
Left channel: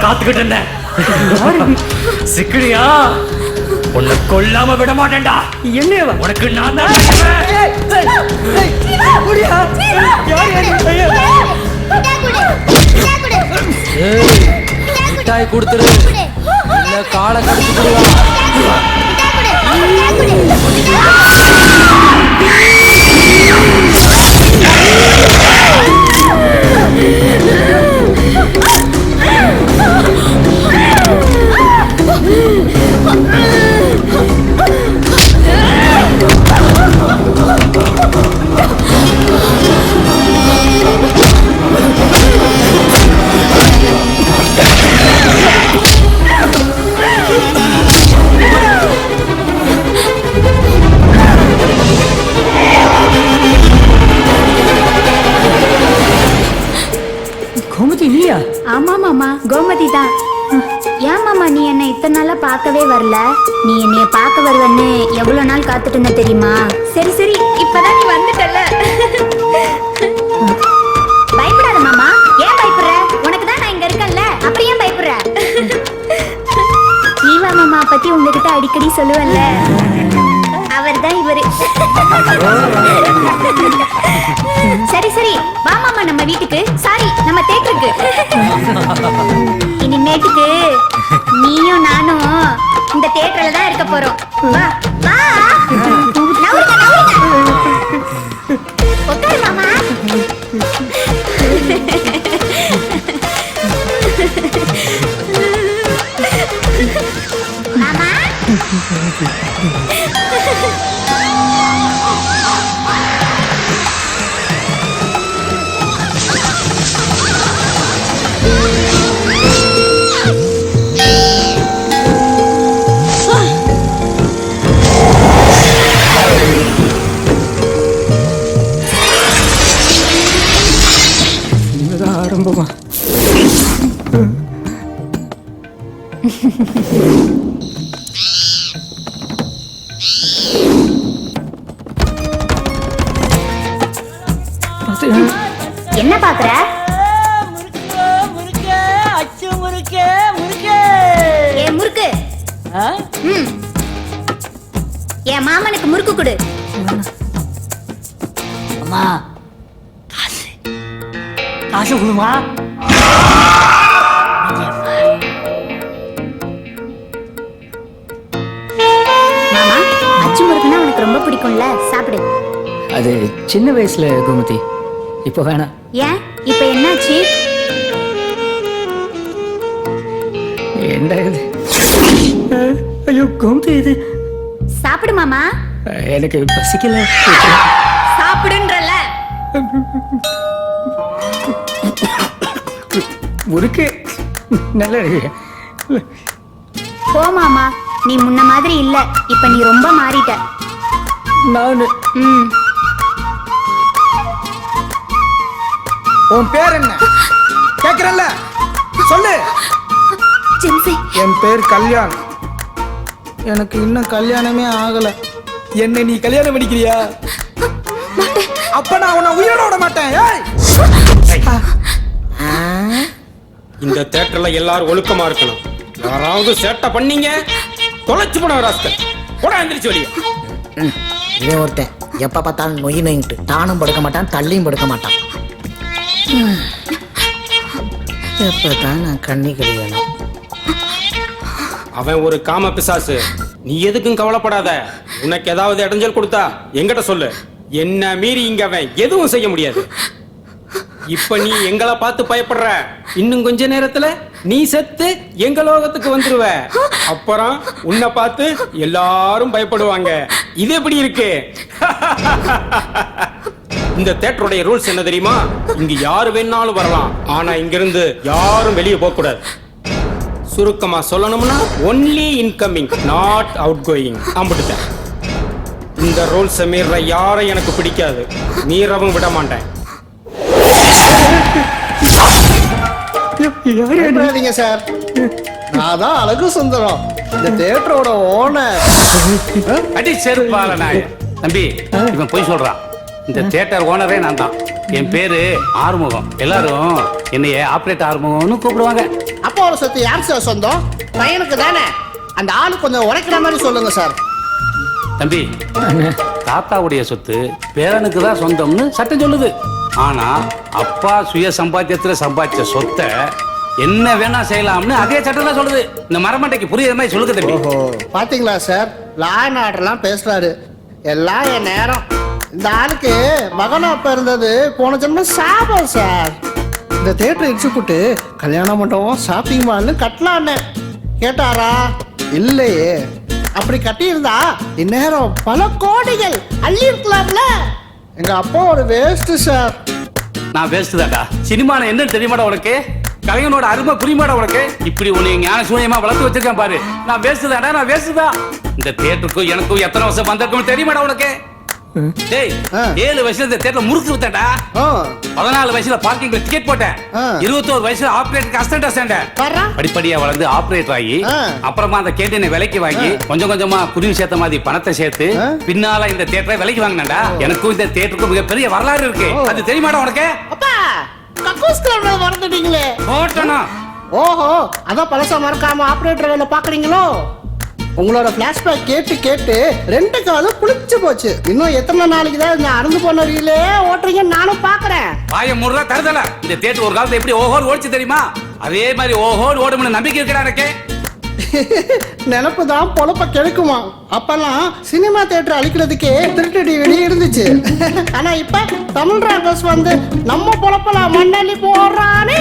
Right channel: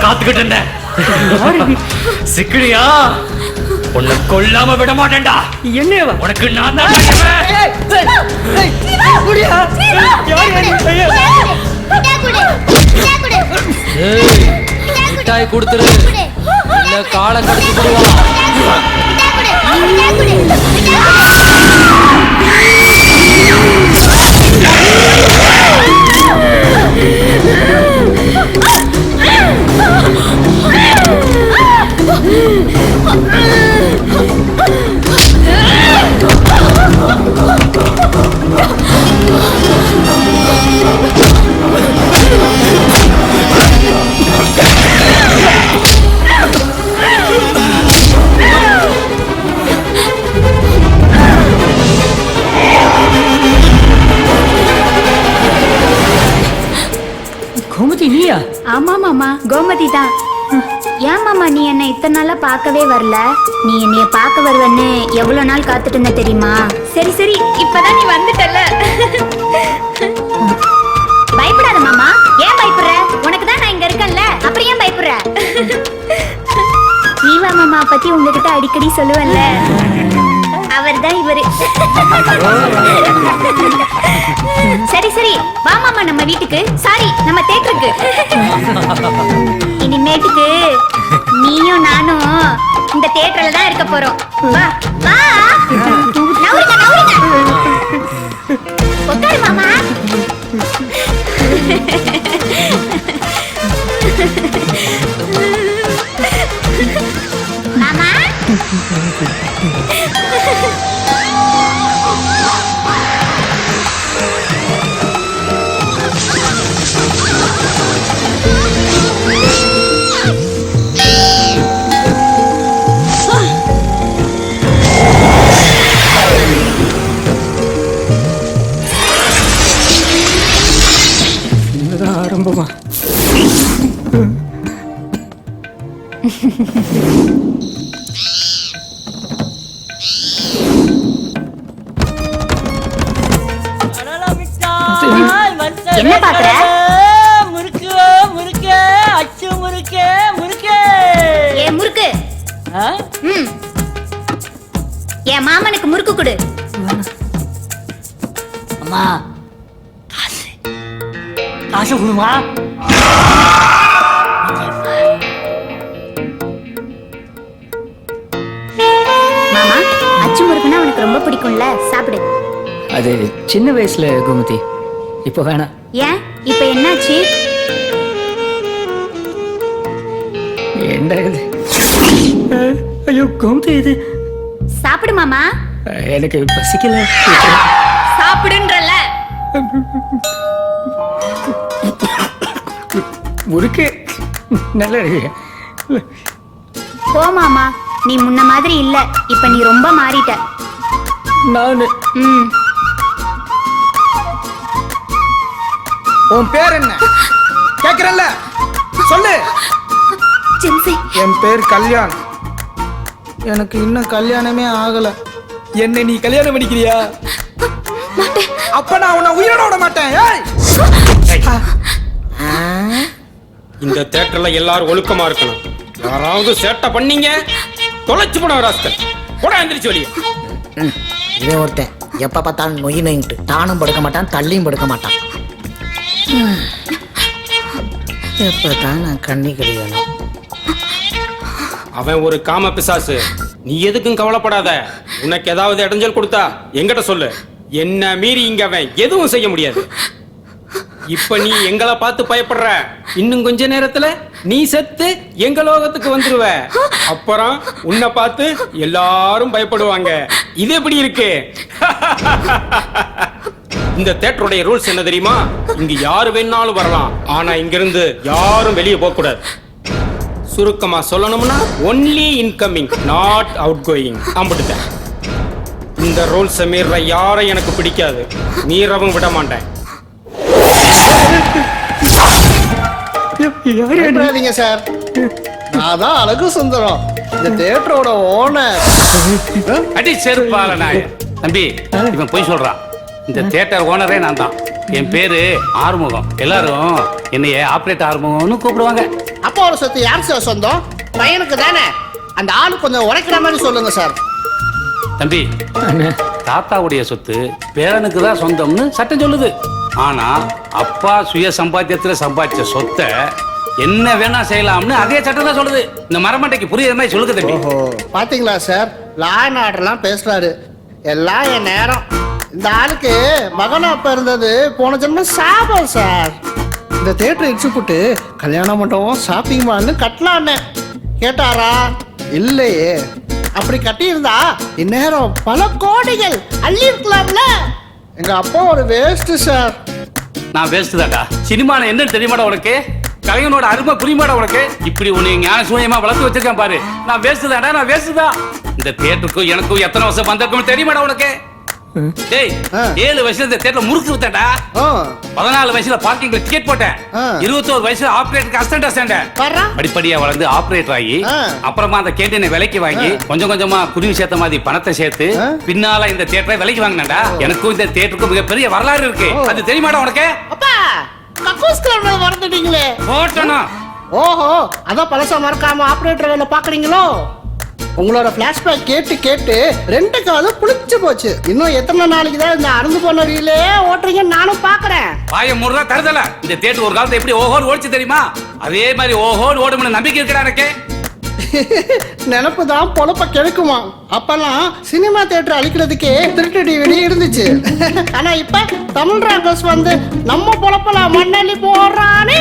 காத்துக்கிட்டு இருந்தேன். சிக்கிரியா உன்னை கொல்லாம விட மாட்டேன்டா. என்னவா உனக்கு நான் தான் மிட்டாய் கொடுத்துரு இல்ல காலை கடிச்சு போடுவான். கோமதி நீயா? ஆமா மாமா, கோமதி தான். ஏன் மாமா நீ என்ன இத்தனை நாளா பார்க்கவே வரல? நீ என்னைய பார்க்க வருவன்னு எவ்வளவு நாள் காத்துட்டு இருந்த தெரியுமா? சரி சரி, இப்பதான் நீ வந்துட்டல. பயப்படாத மாமா. ஏன் பயப்படுற? உனக்கு தான் நான் இங்க இருக்கேன்ல, அப்புறம் ஏன் பயப்படுற? ஜீவா மாமா பத்தி உங்ககிட்ட அடிக்கடி சொல்லுவல்ல, அவர் தான் இவரு. சரி சரி, வா மாமா நம்ம வீட்டுக்கு, சாரி நம்ம தேட்டருக்கு. இனிமேட்டுக்கு நீயும் நானும் இந்த தியேட்டர்ல தான் இருக்க போறோம். வா வா, நவுருங்க நவுருங்க, உட்காரு மாமா. மாமா இதுதான் ஆரம்பமா? என்ன பாக்குற? முறுக்கு முறுக்கு அச்சு முறுக்கு முறுக்கு. ஏ முறுக்கு, என் மாமனுக்கு முறுக்கு கொடு. அம்மா காசு கொடுமா. மாமா, அச்சு முறுக்குன்னா உனக்கு ரொம்ப பிடிக்கும்ல, சாப்பிடு. அது சின்ன வயசுல கோமதி, இப்போ வேணாம். ஏன் இப்ப என்னாச்சு? ஏண்டா இது? ஐயோ கோமதி, இது சாப்பிடு மாமா. எனக்கு பசிக்கல. சாப்பிடுன்றல. முறுக்கு நல்லா இருக்கு. போமாமா, நீ முன்ன மாதிரி இல்ல. இப்ப நீ ரொம்ப மாறிட்ட. நானு உன் பேர் என்ன கேக்குறல்ல, சொல்லு. ஜென்சி, என் பேர் கல்யாண். எனக்கு இன்னும் கல்யாணமே ஆகல. என்ன நீ கல்யாணம் பண்ணிக்கிறியா? அப்ப நான் உன்னை உயிரோட விட மாட்டேன். ஏய்! இந்த தேட்டர்ல எல்லாரும் ஒழுக்கமா இருக்கணும். யாராவது சேட்டை பண்ணீங்க தொலைச்சு போன ராஸ்கல் கூட எந்திரிச்சு வெளியே. இவன் ஒருத்தன் எப்ப பார்த்தாலும் நொய் நொயிட்டு தானும் படுக்க மாட்டான், தள்ளியும் படுக்க மாட்டான். எப்பதான் நான் கண்ணி கிடையாது. அவன் ஒரு காம பிசாசு. நீ எதுக்கும் கவலைப்படாத. உனக்கு ஏதாவது இடைஞ்சல் கொடுத்தா என்கிட்ட சொல்லு. என்ன மீறி இங்க அவன் எதுவும் செய்ய முடியாது. இப்ப நீ எங்களை பார்த்து பயப்படுற. இன்னும் கொஞ்ச நேரத்துல நீ செத்து எங்க லோகத்துக்கு வந்துருவ. அப்புறம் உன்னை பார்த்து எல்லாரும் பயப்படுவாங்க. இது எப்படி இருக்கு? இந்த தியேட்டருடைய ரூல்ஸ் என்ன தெரியுமா? இங்க யாரு வேணாலும் வரலாம், ஆனா இங்க இருந்து யாரும் வெளியே போக கூடாது. சுருக்கமா சொல்லணும்னா only incoming, not outgoing. அம்பிட்டுட்டேன். இந்த ரூல்ஸ் மீற யாரும் எனக்கு பிடிக்காது, மீறவும் விட மாட்டேன். சார், நான் தான் அழகு சுந்தரம், இந்த தியேட்டரோட ஓனர். அடி செருப்பால நாய. தம்பி, இவன் போய் சொல்றான். இந்த தியேட்டர் ஓனரே நான் தான். என் பேரு ஆறுமுகம். எல்லாரும் என்னைய ஆபரேட் ஆறுமுகம்னு கூப்பிடுவாங்க. அப்பா ஒரு சொத்து யார் சார் சொந்தம்? பையனுக்கு தானே. அந்த ஆளு கொஞ்சம் உரைக்கிற மாதிரி சொல்லுங்க சார். தம்பி, தாத்தாவுடைய சொத்து பேரனுக்கு தான் சொந்தம்னு சட்டம் சொல்லுது. ஆனா அப்பா சுய சம்பாத்தியத்துல சம்பாதிச்ச சொத்தை என்ன வேணா செய்யலாம்னு அதே சட்டம் தான் சொல்லுது. இந்த மரமண்டைக்கு புரியுற மாதிரி சொல்லுங்க தம்பி. ஓஹோ, பாத்தீங்களா சார், லா அண்ட் ஆர்டர்லாம் பேசுறாரு. எல்லாம் என் நேரம். இந்த ஆளுக்கு மகனா அப்ப இருந்தது போன ஜென்மம் சாபம் சார். இந்த தியேட்டர் இடிச்சு போட்டு கல்யாண மண்டபம் ஷாப்பிங் மால்னு கட்டலான்னு கேட்டாரா? இல்லையே. அப்படி கட்டியிருந்தா இந்நேரம் பல கோடிகள் அள்ளி இருக்கலாம்ல. எங்க அப்பா ஒரு வேஸ்ட் சார். நான் வேஸ்ட் தான்டா. சினிமான என்னன்னு தெரியுமாடா உனக்கு? கலைஞனோட அருமை புரியுமாடா உனக்கு? இப்படி உன்னை ஞான சூன்யமா வளர்த்து வச்சிருக்கேன் பாரு. நான் வேஸ்ட் தான்டா, நான் வேஸ்ட் தான். இந்த தியேட்டருக்கும் எனக்கும் எத்தனை வருஷம் வந்திருக்கும் தெரியுமாடா உனக்கு? டேய், 7 வயசுல இந்த தியேட்டர் முறுக்கு விட்டேன்டா. 14 வயசுல பார்க்கிங்ல டிக்கெட் போட்டேன். 21 வயசுல ஆபரேட்டருக்கு அசிஸ்டன்ட் சேர்ந்தேன். படிப்படியா வளர்ந்து ஆபரேட்டர் ஆகி அப்புறமா அந்த கேண்டீனை விலைக்கு வாங்கி கொஞ்சம் கொஞ்சமா குருவி சேர்த்த மாதிரி பணத்தை சேர்த்து பின்னால இந்த தியேட்டரை விலைக்கு வாங்கினேன்டா. எனக்கும் இந்த தியேட்டருக்கும் மிகப்பெரிய வரலாறு இருக்கு. அது தெரியுமாடா உனக்கு? அப்பா, கக்கூஸ் கிளப்ல மறந்துட்டீங்களே. போட்டனா? ஓஹோ, அதான் பழசா மறக்காம ஆபரேட்டர் வேலை பாக்குறீங்களோ? உங்களோட பிளாஷ்பேக் கேட்டு கேட்டு 2 காலும் புளிச்சு போச்சு. இன்னும் எத்தனை நாளைக்கு தான் இந்த அறுந்து போன ரீலே ஓட்டுறீங்கன்னு நானும் பாக்குறேன். பாய முருகா தருதல. இந்த தியேட்டர் ஒரு காலத்துல எப்படி ஓஹோன்னு ஓடிச்சு தெரியுமா? அதே மாதிரி ஓஹோன்னு ஓடும்னு நம்பிக்கை இருக்கா எனக்கு? நினப்பு தான் பொழப்ப கெடுக்குமா? அப்பெல்லாம் சினிமா தியேட்டர் அழிக்கிறதுக்கே திருட்டு டிவிடி இருந்துச்சு. ஆனா இப்ப தமிழ் ராக்கர்ஸ் வந்து நம்ம பொழப்பலாம் மண்ணள்ளி போடுறானே.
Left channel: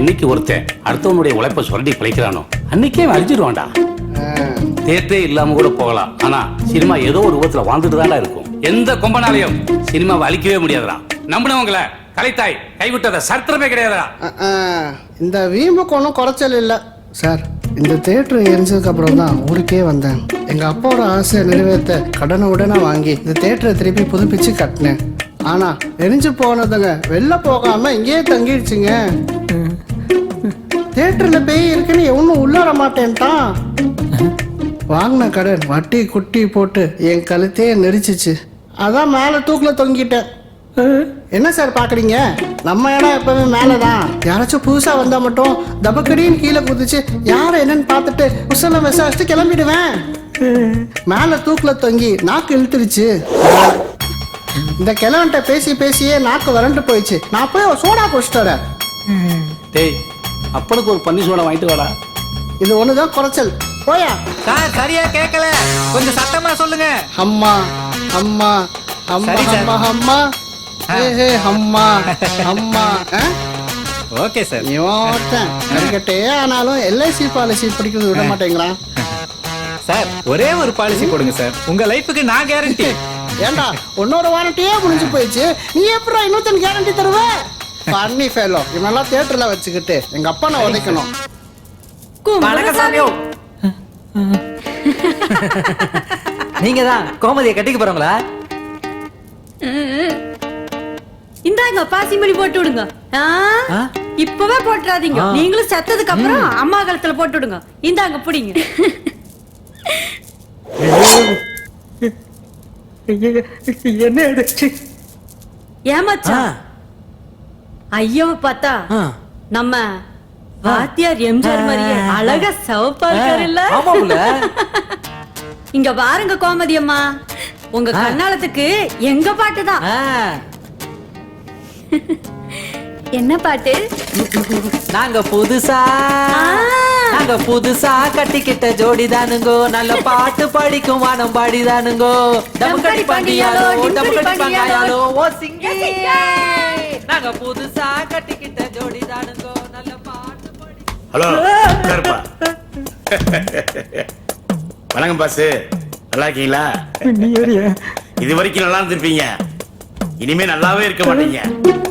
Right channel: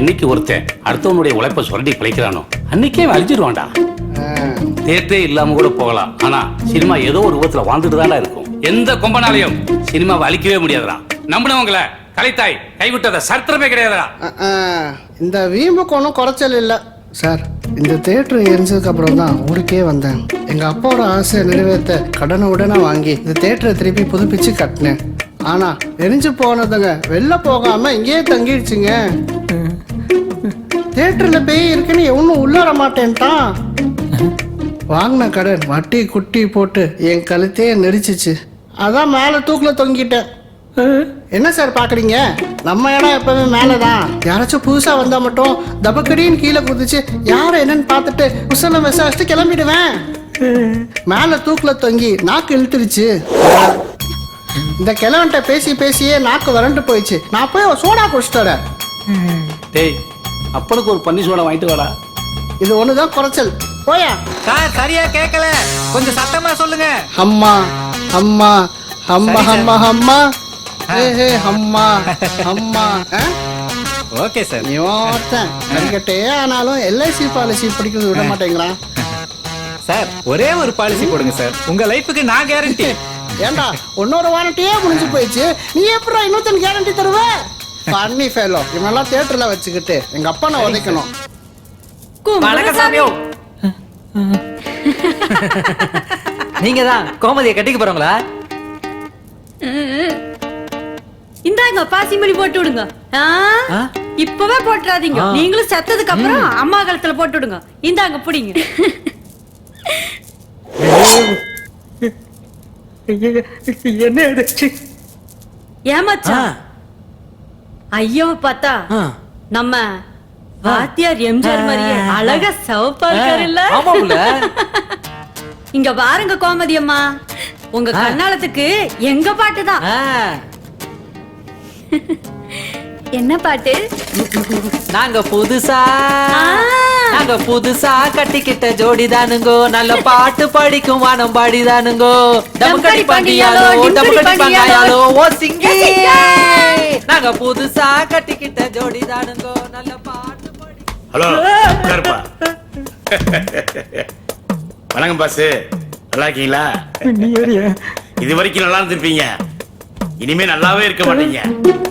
என்னைக்கு ஒருத்தன் அடுத்தவனுடைய உழைப்ப சுரண்டி பிழைக்கிறானோ அன்னைக்கே அழிஞ்சிருவான்டா. தியேட்டரே இல்லாம கூட போகலாம், ஆனா சினிமா ஏதோ ஒரு ரூபத்துல வாழ்ந்துட்டு தான்டா இருக்கும். எந்த கொம்பனாலையும் சினிமாவை அழிக்கவே முடியாதுடா. நம்பினவங்களை கலைத்தாய் கைவிட்டத சரித்திரமே கிடையாதுடா. இந்த வீம்புக்கு ஒன்றும் குறைச்சல் இல்லை சார். இந்த தியேட்டர் எரிஞ்சதுக்கு அப்புறம் தான் ஊருக்கே வந்தேன். எங்க அப்பாவோட ஆசையை நிறைவேற்ற கடனை உடனே வாங்கி இந்த தியேட்டரை திருப்பி புதுப்பிச்சு கட்டினேன். ஆனா எரிஞ்சு போனதுங்க வெளில போகாம இங்கேயே தங்கிடுச்சுங்க. தியேட்டர்ல பேய் இருக்குன்னு எவனும் உள்ளார மாட்டேன்ட்டான். வாங்கின கடன் வட்டி குட்டி போட்டு என் கழுத்தையே நெரிச்சிச்சு. அதான் மேலே தூக்கில் தொங்கிட்டேன். என்ன சார் பாக்குறீங்க? நம்ம இடம் எப்பவுமே மேலதான். யாராச்சும் புதுசா வந்தா மட்டும் தபக்கடின்னு கீழே குதிச்சு யார என்னன்னு பார்த்துட்டு உசல விசாரிச்சுட்டு கிளம்பிடுவேன். மேல தூக்குல தொங்கி நாக்கு இழுத்துருச்சு. இந்த கிழவன்ட்ட பேசி பேசியே நாக்கு வறண்டு போயிடுச்சு. நான் போய் ஒரு சோடா குடிச்சிட்டேன். டேய், அப்பனுக்கு ஒரு பன்னி சோடா வாங்கிட்டு வாடா. இது ஒண்ணுதான் குறைச்சல். போயா சார், சரியா கேட்கல, கொஞ்சம் சத்தமா சொல்லுங்க. அம்மா அம்மா அம்மா அம்மா அம்மா அம்மா அம்மா. Okay sir. இவன் ஒருத்தன் கறிக்கட்டே ஆனாலும் எல்ஐசி பாலிசி பிடிக்கிறது விட மாட்டேங்கிறான். சார், ஒரே ஒரு பாலிசி போடுங்க சார், உங்க லைஃபுக்கு நான் கேரண்டி. ஏண்டா, இன்னொரு வாரண்டியே முடிஞ்சு போயிடுச்சு, நீ எப்படி இன்னொருத்தன் கேரண்டி தருவ? பண்ணி ஃபெலோ இவனெல்லாம் தியேட்டர்ல வச்சுக்கிட்டு எங்க அப்பா நான் உதைக்கணும். வணக்கம் சாமியோ. நீங்க தான் கோமதியை கட்டிக்க போறவங்களா? இந்தாங்க பாசிமணி போட்டு விடுங்க. இப்பவே போட்டுறாதீங்க. நீங்களும் செத்ததுக்கு அப்புறம் அம்மா காலத்துல போட்டு விடுங்க. இந்தாங்க புடிங்க. என்ன ஏமாச்சா ஐயோ பார்த்தா நம்ம வாத்தியார் எம்ஜிஆர் மாதிரியே அழகா சிவப்பா இருக்காரு இல்ல? இங்க பாருங்க கோமதி அம்மா, உங்க கண்ணாலத்துக்கு எங்க பாட்டுதான். என்ன பாட்டு? நாங்க புதுசா கட்டிக்கிட்ட ஜோடிதானுங்கோ, நல்ல பாட்டு படிக்கும் வானம் பாடிதானுங்கோ. டமுக்கடி பாண்டியாலோ டமுக்கடி பாண்டியாலோ ஓ சிங்கி. நாங்க புதுசா கட்டிக்கிட்ட ஜோடிதானுங்கோ, நல்ல பாட்டு படி. ஹலோ உட்காருப்பா. வணக்கம் பாஸ், நல்லா இருக்கீங்களா? இது வரைக்கும் நல்லா இருந்திருப்பீங்க, இனிமே நல்லாவே இருக்க மாட்டீங்க.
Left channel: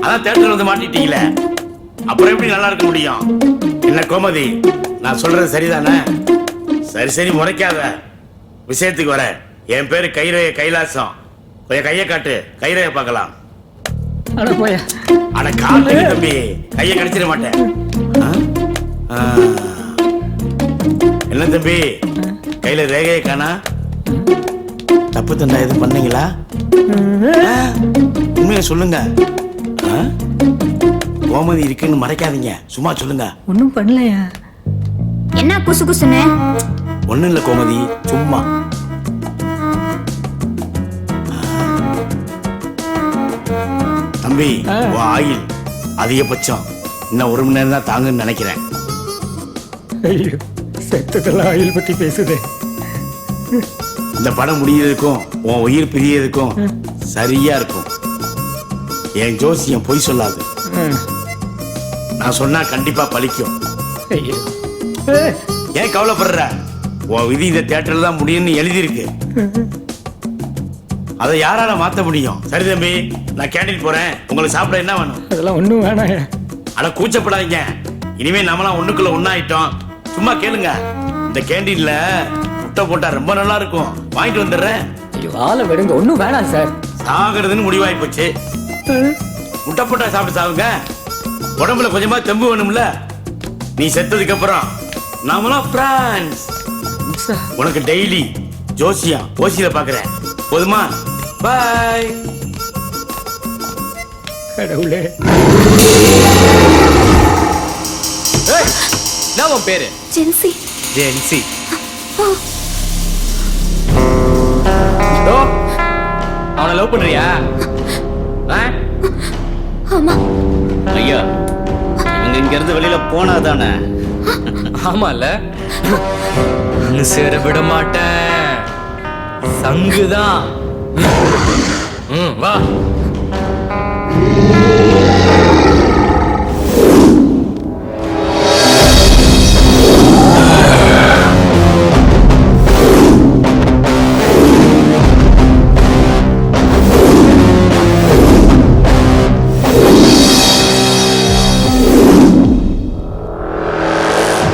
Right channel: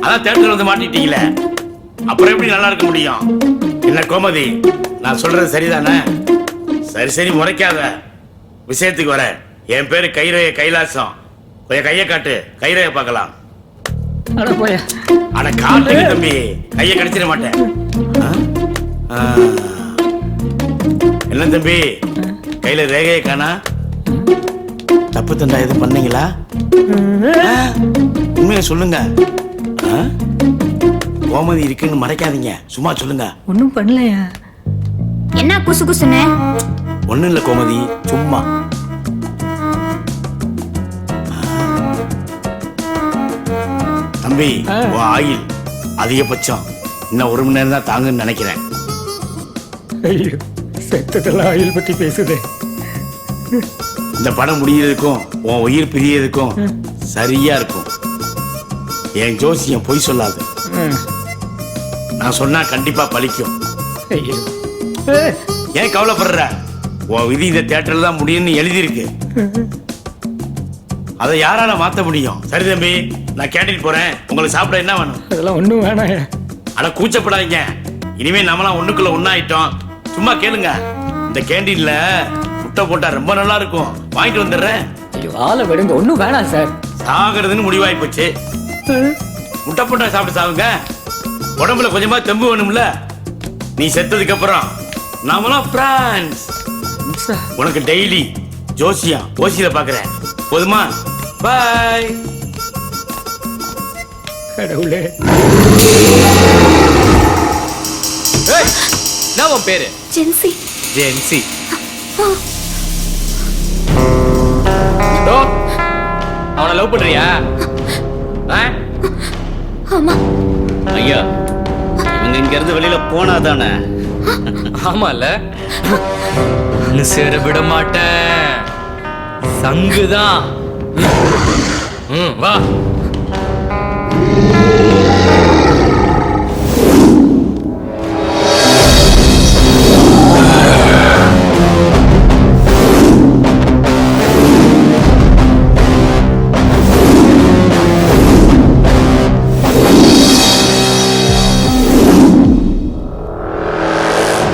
அதான் தேட்டர்ல வந்து மாட்டிட்டீங்களே, அப்புறம் எப்படி நல்லா இருக்க முடியும்? என்ன கோமதி, நான் சொல்றது சரிதானே? சரி முறைக்காத, விஷயத்துக்கு வர. என் பேரு கைரேய கைலாசம். கொஞ்சம் கையை காட்டு, கைரேய பார்க்கலாம். அட காட்டுங்க தம்பி, கையை கடிச்சிட மாட்டேன். என்ன தம்பி, கையில ரேகையை காணா? தப்பு தண்டா எதுவும் பண்ணீங்களா? உண்மையை சொல்லுங்க. கோமதி இருக்குன்னு மறைக்காதீங்க, சும்மா சொல்லுங்க. ஒண்ணும் பண்ணலையா? என்ன குசு குசுன்னு? ஒண்ணும் இல்ல கோமதி, சும்மா. தம்பி, உன் ஆயில் அதிகபட்சம் இன்னும் 1 மணி நேரம் தான் தாங்குன்னு நினைக்கிறேன். ஐயோ, செத்ததெல்லாம் ஆயில் பத்தி பேசுதே. இந்த படம் முடியறதுக்கும் உன் உயிர் பிரியறதுக்கும் சரியா இருக்கும். என் ஜோசியம் பொய் சொல்லாது. நான் சொன்னா கண்டிப்பா பலிக்கும். ஏன் கவலைப்படுற? உன் விதி இந்த தியேட்டர்ல தான் முடியும்னு எழுதியிருக்கு. அதை யாரால மாத்த முடியும்? சரி தம்பி, நான் கேண்டீன் போறேன். உங்களுக்கு சாப்பிட என்ன வேணும்? அதெல்லாம் ஒண்ணும் வேணாம். அட கூச்சப்படாதீங்க, இனிமே நம்மளாம் ஒண்ணுக்குள்ள ஒண்ணாயிட்டோம். சும்மா கேளுங்க. இந்த கேண்டீன்ல முட்டை போட்டா ரொம்ப நல்லா இருக்கும், வாங்கிட்டு வந்துடுறேன். ஐயோ ஆளை விடுங்க, ஒண்ணும் வேணாம் சார். சாகிறதுன்னு முடிவாய் போச்சு. முட்டை போட்டா சாப்பிட்டு சாவுங்க. உடம்புல கொஞ்சமா தெம்பு வேணும்ல. நீ செத்ததுக்கு அப்புறம் நாமலாம் பிரான்ஸ். உனக்கு டெய்லி ஜோசியம் ஓசியில பாக்குறேன். போதுமா? பாய். கடவுளே. என்ன உன் பேரு? ஜென்சி. ஜென்சி. டோ, அவனை லவ் பண்றியா? ஆமா. ஐயா, இவங்க இங்க இருந்து வெளியில போனாதானே? ஆமால, ஒண்ணு சேர விட மாட்டேன். சங்குதான். வா.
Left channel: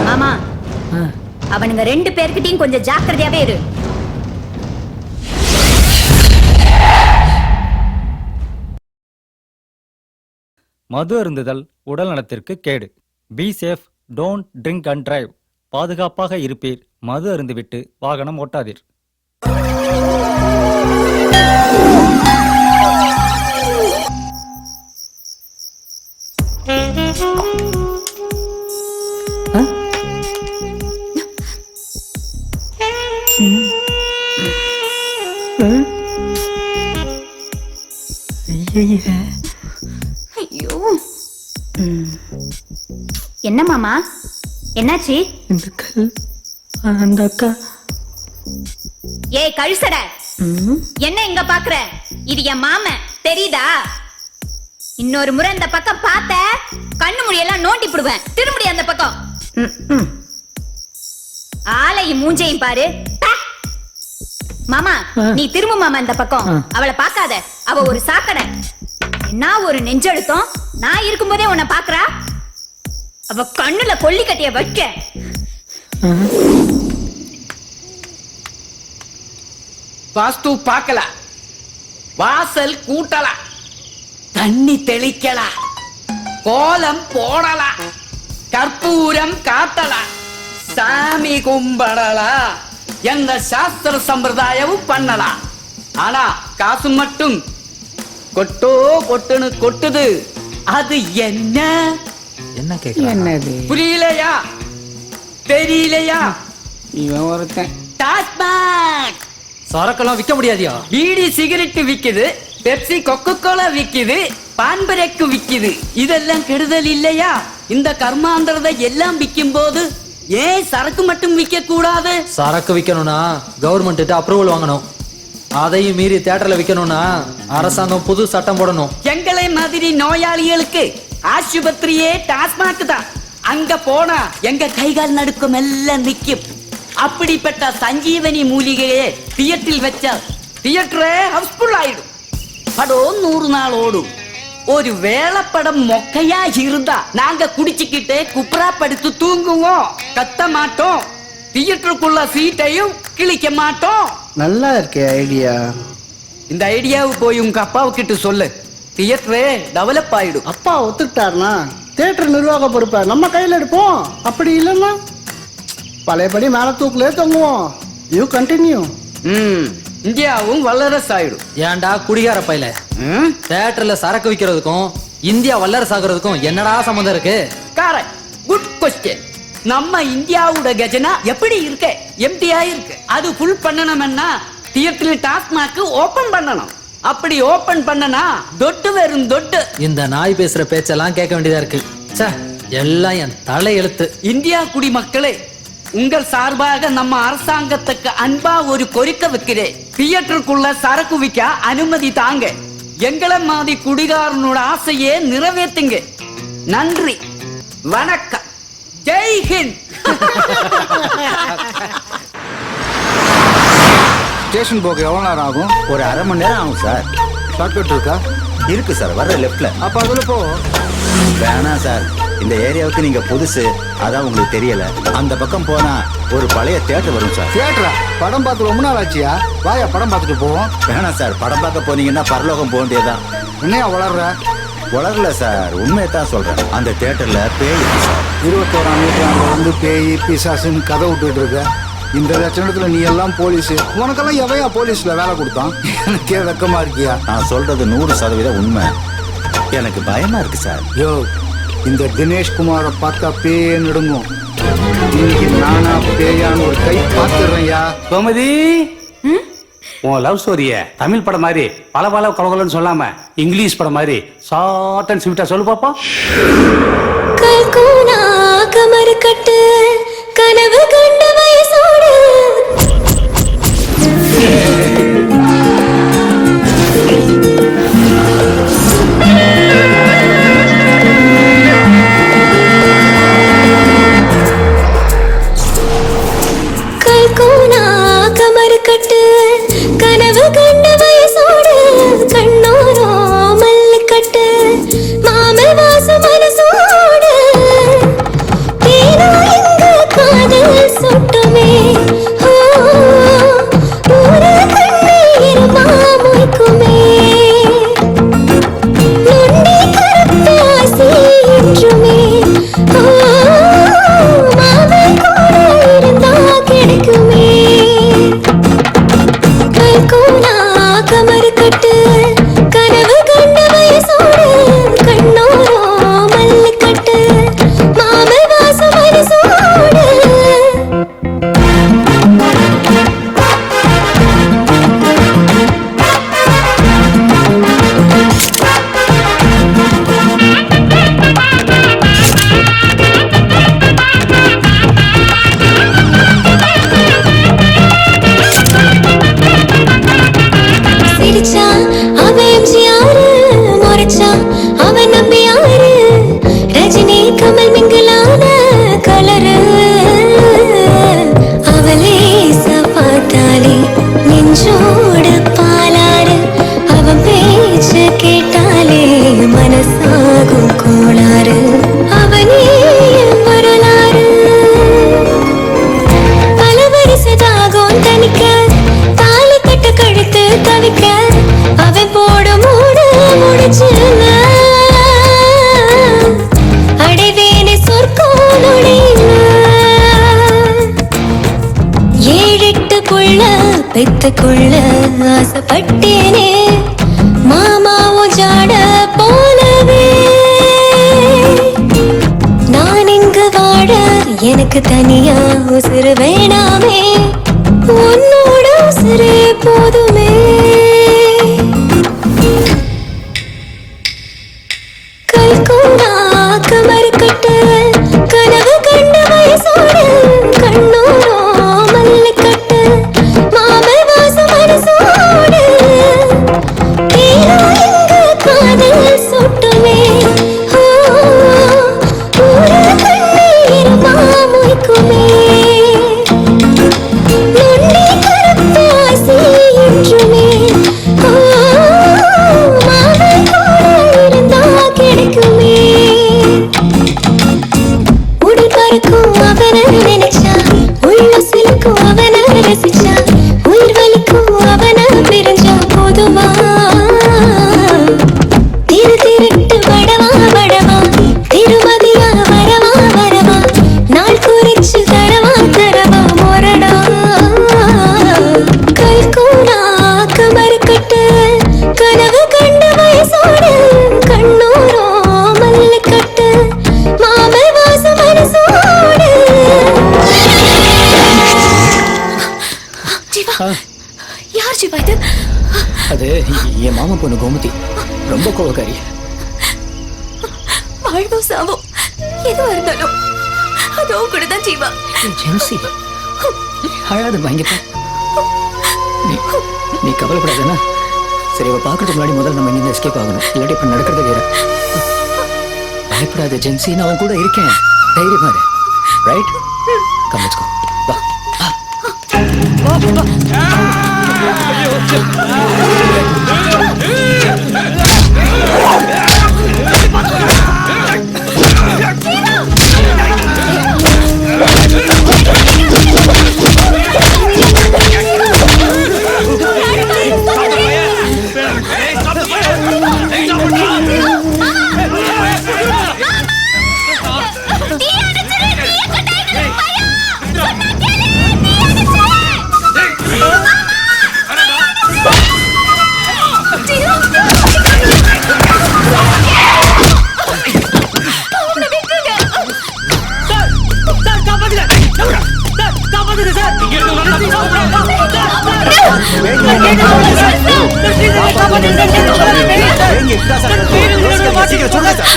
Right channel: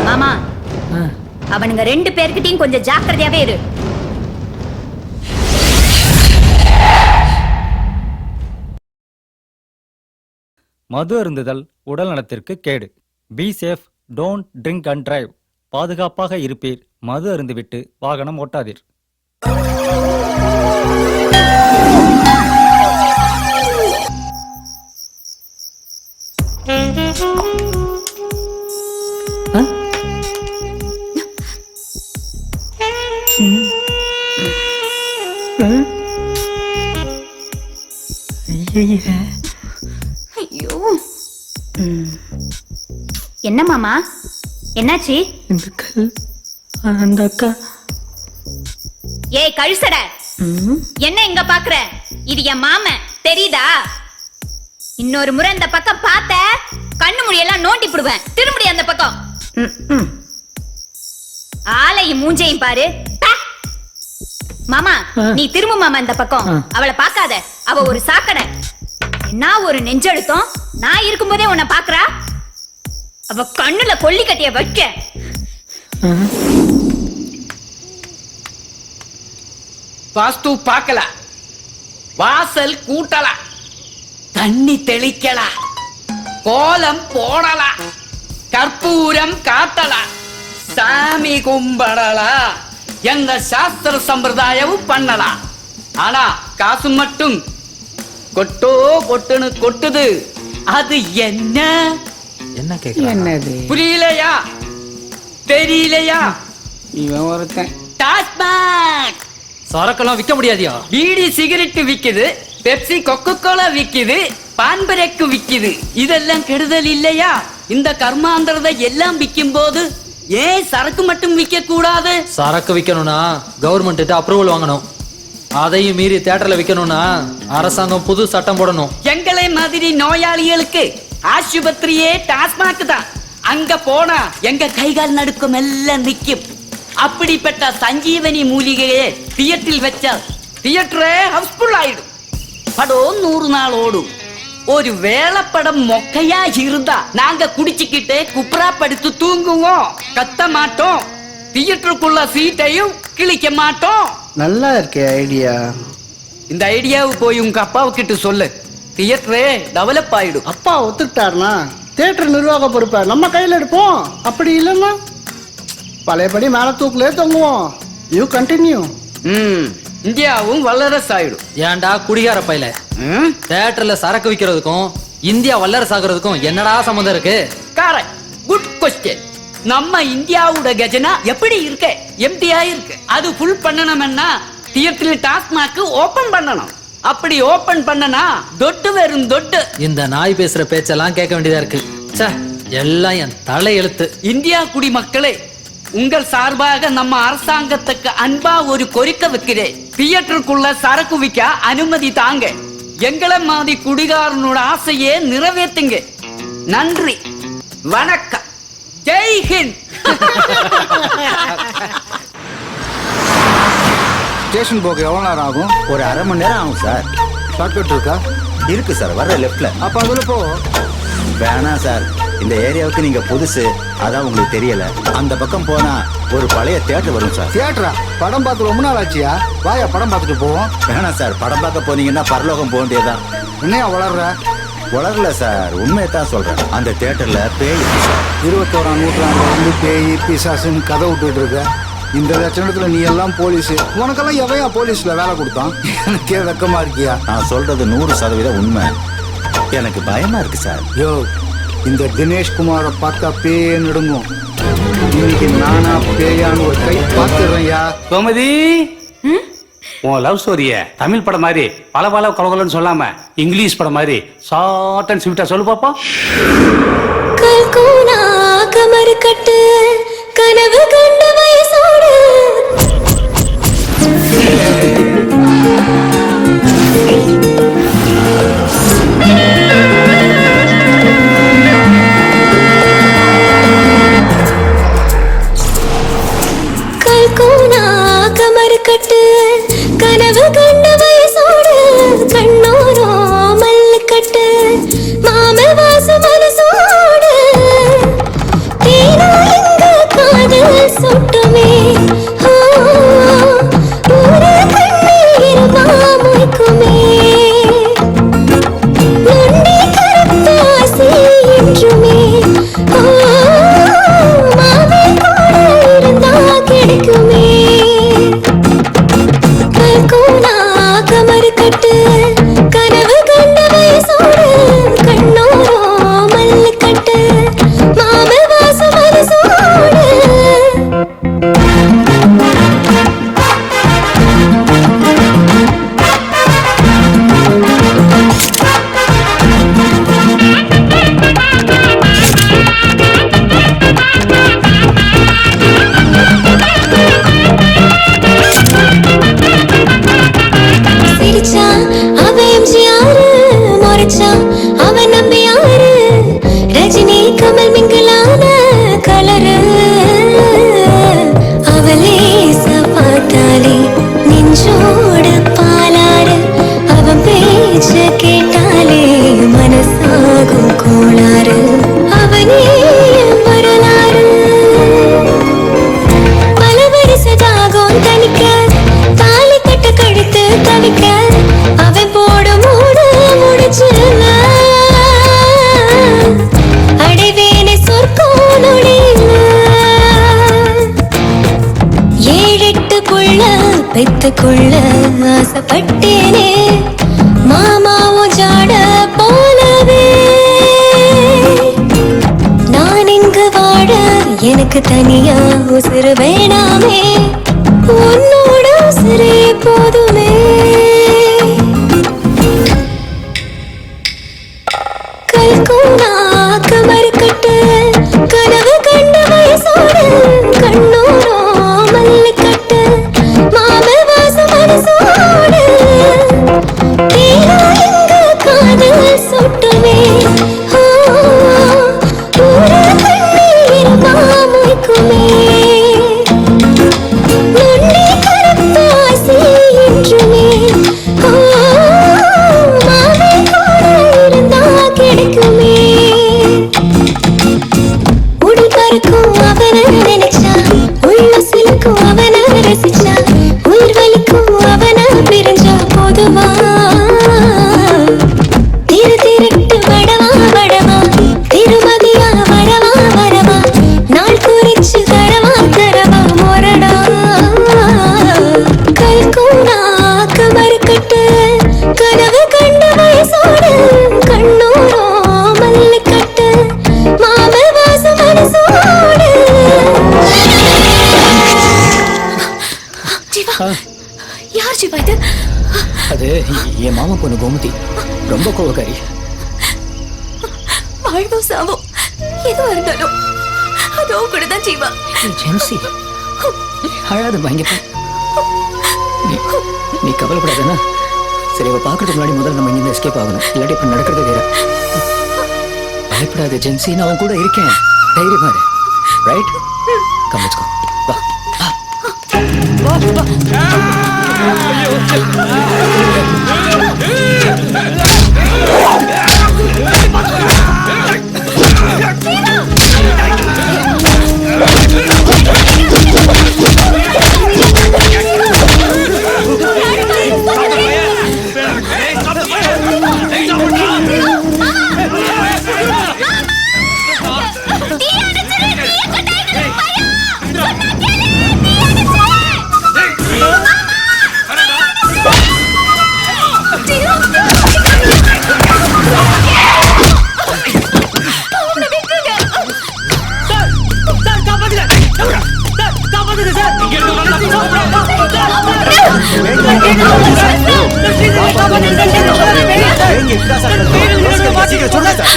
மாமா, அவனுங்க 2 பேர்கிட்டயும் கொஞ்சம் ஜாக்கிரதையாவே இரு. மது அருந்துதல் உடல் நலத்திற்கு கேடு. Be safe, don't drink and drive. பாதுகாப்பாக இருப்பீர், மது அருந்துவிட்டு வாகனம் ஓட்டாதீர். ஐயோ, என்ன மாமா, என்னாச்சு? இந்த கல், அந்த அக்கா. ஏய் கழுசட, என்ன இங்க பாக்குற? இது என் மாமன், தெரியுதா? இன்னொரு முறை இந்த பக்கம் பார்த்த கண்ணு முடியெல்லாம் நோண்டி போடுவேன். திரும்படி அந்த பக்கம். ஆளையும் மூஞ்சையும் பாரு. மாமா, நீ திரும்ப மாமா இந்த பக்கம். அவளை பார்க்காத, அவ ஒரு சாக்கடை. நான் ஒரு நெஞ்செழுத்தம். நான் இருக்கும்போதே உன்னை பாக்குறா. அவ கண்ணுல கொல்லி கட்டிய வைக்க. வாஸ்து பார்க்கல, வாசல் கூட்டல, தண்ணி தெளிக்கல, கோலம் போடல, கற்பூரம் காட்டல, சாமி கும்பிடல, எந்த சாஸ்திர சம்பிரதாயமும் பண்ணல. ஆனா காசு மட்டும் கொட்டோ கொட்டுன்னு கொட்டுது. அது என்ன? என்ன கேக்குற? என்னது புரியலையா? தெரியலையா? இவன் ஒருத்தன். டாஸ்மாக் சரக்கெல்லாம் விற்க முடியாதியா? பீடி சிகரெட் விக்குது, பெப்சி கொக்கோ கோலா விக்குது, பான்பரேக்கு விக்குது. இதெல்லாம் கெடுதல் இல்லையா? இந்த கர்மாந்திரதை எல்லாம் விற்கும் போது ஏன் சரக்கு மட்டும் விற்க கூடாது? சரக்கு விற்கணும்னா கவர்மெண்ட் அப்ரூவல் வாங்கணும். அதையும் மீறி தியேட்டர்ல விற்கணும்னா அரசாங்கம் புது சட்டம் போடணும். எங்களை மாதிரி நோயாளிகளுக்கு ஆஸ்பத்திரியே டாஸ்மாக் தான். அங்க போனா எங்க கைகால் நடுக்கம் எல்லாம் நிக்கும். அப்படிப்பட்ட சஞ்சீவனி மூலிகையே தியேட்டரில் வச்சா தியேட்டரே ஹவுஸ்ஃபுல் ஆயிடும். படம் 100 நாள் ஓடும். ஒரு வேளை படம் மொக்கையா இருந்தா நாங்க குடிச்சுக்கிட்டே குப்புறா படுத்து தூங்குவோம், கத்த மாட்டோம், தியேட்டருக்குள்ள சீட்டையும் கிழிக்க மாட்டோம். நல்லா இருக்கே ஐடியா. இந்த ஐடியாவை போய் உங்க அப்பாவுக்கிட்ட சொல்லு, தியேட்டரே டெவலப் ஆயிடும். அப்பா ஒத்துக்கிட்டாருனா தியேட்டர் நிர்வாக பொறுப்பை நம்ம கையில் எடுப்போம். அப்படி இல்லைன்னா பழையபடி மேல தூக்குலே தொங்குவோம். You continue. இந்தியாவும் வல்லரசு ஆயிடும். ஏன்டா குடிகார பையல, தியேட்டர்ல சரக்கு விக்கிறதுக்கும் இந்தியா வல்லரசு ஆகுறதுக்கும் என்னடா சம்பந்தம் இருக்கு? Correct, good question. நம்ம இந்தியாவோட கஜனா எப்படி இருக்கு? எம்டியா இருக்கு. அது ஃபுல் பண்ணணும்னா தியேட்டர்ல டாஸ்மாக் ஓபன் பண்ணணும். அப்படி ஓபன் பண்ணனா தொட்டு வெறும் தொட்டு. இந்த நாய் பேசுற பேச்செல்லாம் கேட்க வேண்டியதா இருக்கு. ச்சே, எல்லாம் என் தலை எழுத்து. இந்தியா குடிமக்களே, உங்கள் சார்பாக நம்ம அரசாங்கத்துக்கு அன்பா ஒரு கோரிக்கை வைக்கிறேன். தியேட்டருக்குள்ள சரக்கு விற்க அனுமதி தாங்க. எங்களை மாதிரி குடிகாரனோட ஆசையே நிறைவேற்றுங்க. நன்றி, வணக்கம், ஜெய் ஹிந்த். ஸ்டேஷன் போக எவ்வளோ நேரம் ஆகும்? ஒரு அரை மணி நேரம் ஆகும் சார். ஷார்ட்கட் இருக்கா? இருக்கு சார், வர்ற லெஃப்ட்ல. அப்போ அதில் போ. வேணாம் சார், இந்த ஏரியாவுக்கு நீங்க புதுசு, அதான் உங்களுக்கு தெரியல. அந்த பக்கம் போனா ஒரு பழைய தியேட்டர் வரும் சார். தியேட்டரா? படம் பார்த்து ரொம்ப நாள் ஆச்சியா? வாயா படம் பார்த்துட்டு போவோம். வேணாம் சார், படம் பார்க்க போனீங்கன்னா பரலோகம் போக வேண்டியதுதான். என்னையா வளர்ற? வளரல சார், உண்மையை தான் சொல்றேன். அந்த தியேட்டர்ல பேய் இருக்கு சார். 21ஆம் நூற்றாண்டுல வந்து பேய் பிசாசுன்னு கதை விட்டுட்டு இருக்க. இந்த லட்சணத்துல நீ எல்லாம் போலீஸ். உனக்கெல்லாம் எவையா போலீஸ்ல வேலை கொடுத்தான்? எனக்கே வெக்கமா இருக்கியா? நான் சொல்றது 100% உண்மை. எனக்கு பயமா இருக்கு சார். யோ, இந்த தினேஷ் குமாரை பார்த்தா பேயே நடுங்கும். இன்னைக்கு நானா பேயான்னு ஒரு கை பார்த்துடுறேன்யா. கோமதி, உன் லவ் ஸ்டோரிய தமிழ் படம் மாதிரி பல கலகலன்னு சொல்லாம இங்கிலீஷ் படம் மாதிரி ஷார்ட் அண்ட் ஸ்வீட்டா சொல்லு பாப்பா. கல்கோனா கமர் கட்டு கனவு கண்ட வயசோடு கல்கோனா கமர் கட்டு கனவு கண்ட வயசோடு கண்ணோரோ மல்லு கட்டு மாமல் வாசம் மனசோடு தேனா எங்க காதல் சொட்டுமே. ஒரு கண்ணீர் மாமுய்க்குமே நொண்டி கருப்பாசி என்றுமே. மாமே கூட இருந்தா கிடைக்குமே. கல்கோனா கமர் கட்டு கனவு கண்ட வயசோடு கண்ணோரோ மல்லு கட்டு மாமல் வாசம் மனசோடு. சிரிச்சா அவ எம்ஜிஆர், முறைச்சா அவ நம்பியாரு, ரஜினி கமல் மிங்கலான கலரு. அவளே பார்த்தாலே நெஞ்சோடு பாலாறு, அவன் பேச்ச கேட்டாலே மனசாகும் கோளாறு. அவனே வரலாறு பல வருஷதாகும் தனிக்க தாலி கட்ட உள்ளத்துக்குள்ள ஆசைப்பட்டேனே மாமாவும் ஜாட போலவே நான் இங்கு வாழ எனக்கு தனியா உசுறு வேணாமே உன்னோட உசுரே போதுமே கல்கூனா கமர் கட்டு கனவு கண்ட வயசோடு கண்ணூரோ மல்லு கட்டு மாம வாசம் மனசோடு தேனா எங்க காதல் சொட்டுமே ஊர கண்ணீர் மாமுய்க்குமே நொண்டி கருப்பாசி என்றுமே மாமை கூட இருந்தா கிடைக்குமே உடல் பறக்கும் அவனை நினைச்சா உள்ள சிலுக்கும் அவனை ரசிச்சா உயிர் வலிக்கும் அவனை பிரிஞ்சா போதுமா திரு திருட்டு வடவா வடவா திருமதியா வரவா வரவா நாள் குறிச்சு தரவா தரவா மொரடா கல்கூனா கமர் கட்டு கனவு கண்ட வயசோடு கண்ணூரோ மல்லு கட்டு மாம வாசம் மனசோடு ஜீவா யார் ஜீவா இது அது என் மாமா பொண்ணு கோமதி ரொம்ப கோவக்காரி. வாழ்வோ சாவோ எதுவா இருந்தாலும் அதோ கூட தான் ஜீவா. ஜென்சி அழாதம்மா இங்க பா. நீ கவலைப்படாதனா. சரி அவ பாக்குறதுக்கு முன்னாடி முதல்ல நம்ம இங்க எஸ்கேப் ஆகணும். இல்லாட்டி இப்ப நடக்கிறது வேற. பயப்படாத ஜென்சி, நான் உன் கூட இருக்கேன். தைரியமா இரு. ரைட்? Come let's go. வா வா காப்பாத்துங்கன்னு கூப்பிடுற மாதிரி இருக்குல்ல. பேங்க இப்படிதான் சார் கத்தும். யோசிக்காதீங்க, சீக்கிரம் சுடுங்க சார்.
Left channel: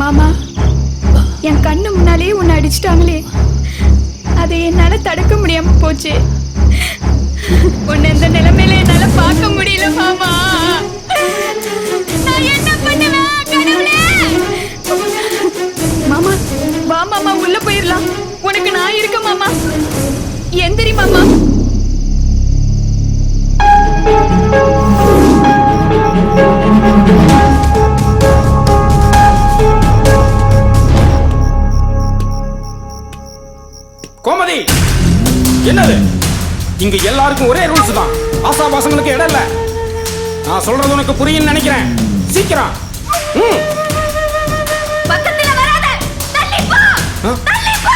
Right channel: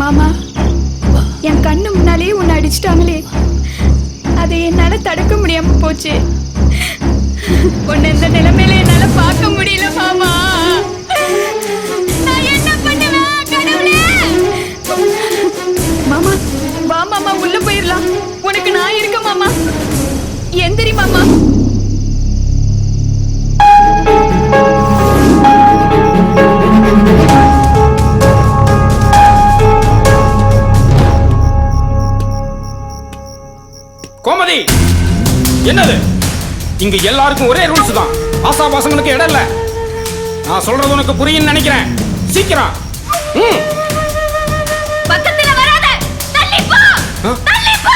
மாமா, என் கண்ணு முன்னாலேயே உன்னை அடிச்சிட்டாங்களே, அதை என்னால தடுக்க முடியாம போச்சு. உன்னை இந்த நிலைமையில என்னால பார்க்க முடியல மாமா. நான் என்ன பண்ணுவேன் கடவுளே? மாமா வா மாமா, உள்ள போயிடலாம். உனக்கு நான் இருக்க மாமா. எந்திரி மாமா. கோமதி, என்னது இங்க எல்லாருக்கும் ஒரே ரூல்ஸ் தான். ஆசாபாசங்களுக்கு இடம் இல்ல. நான் சொல்றது உனக்கு புரியும் நினைக்கிறேன். சீக்கிரம். பக்கத்துல வராத. தள்ளி போ. தள்ளி போ.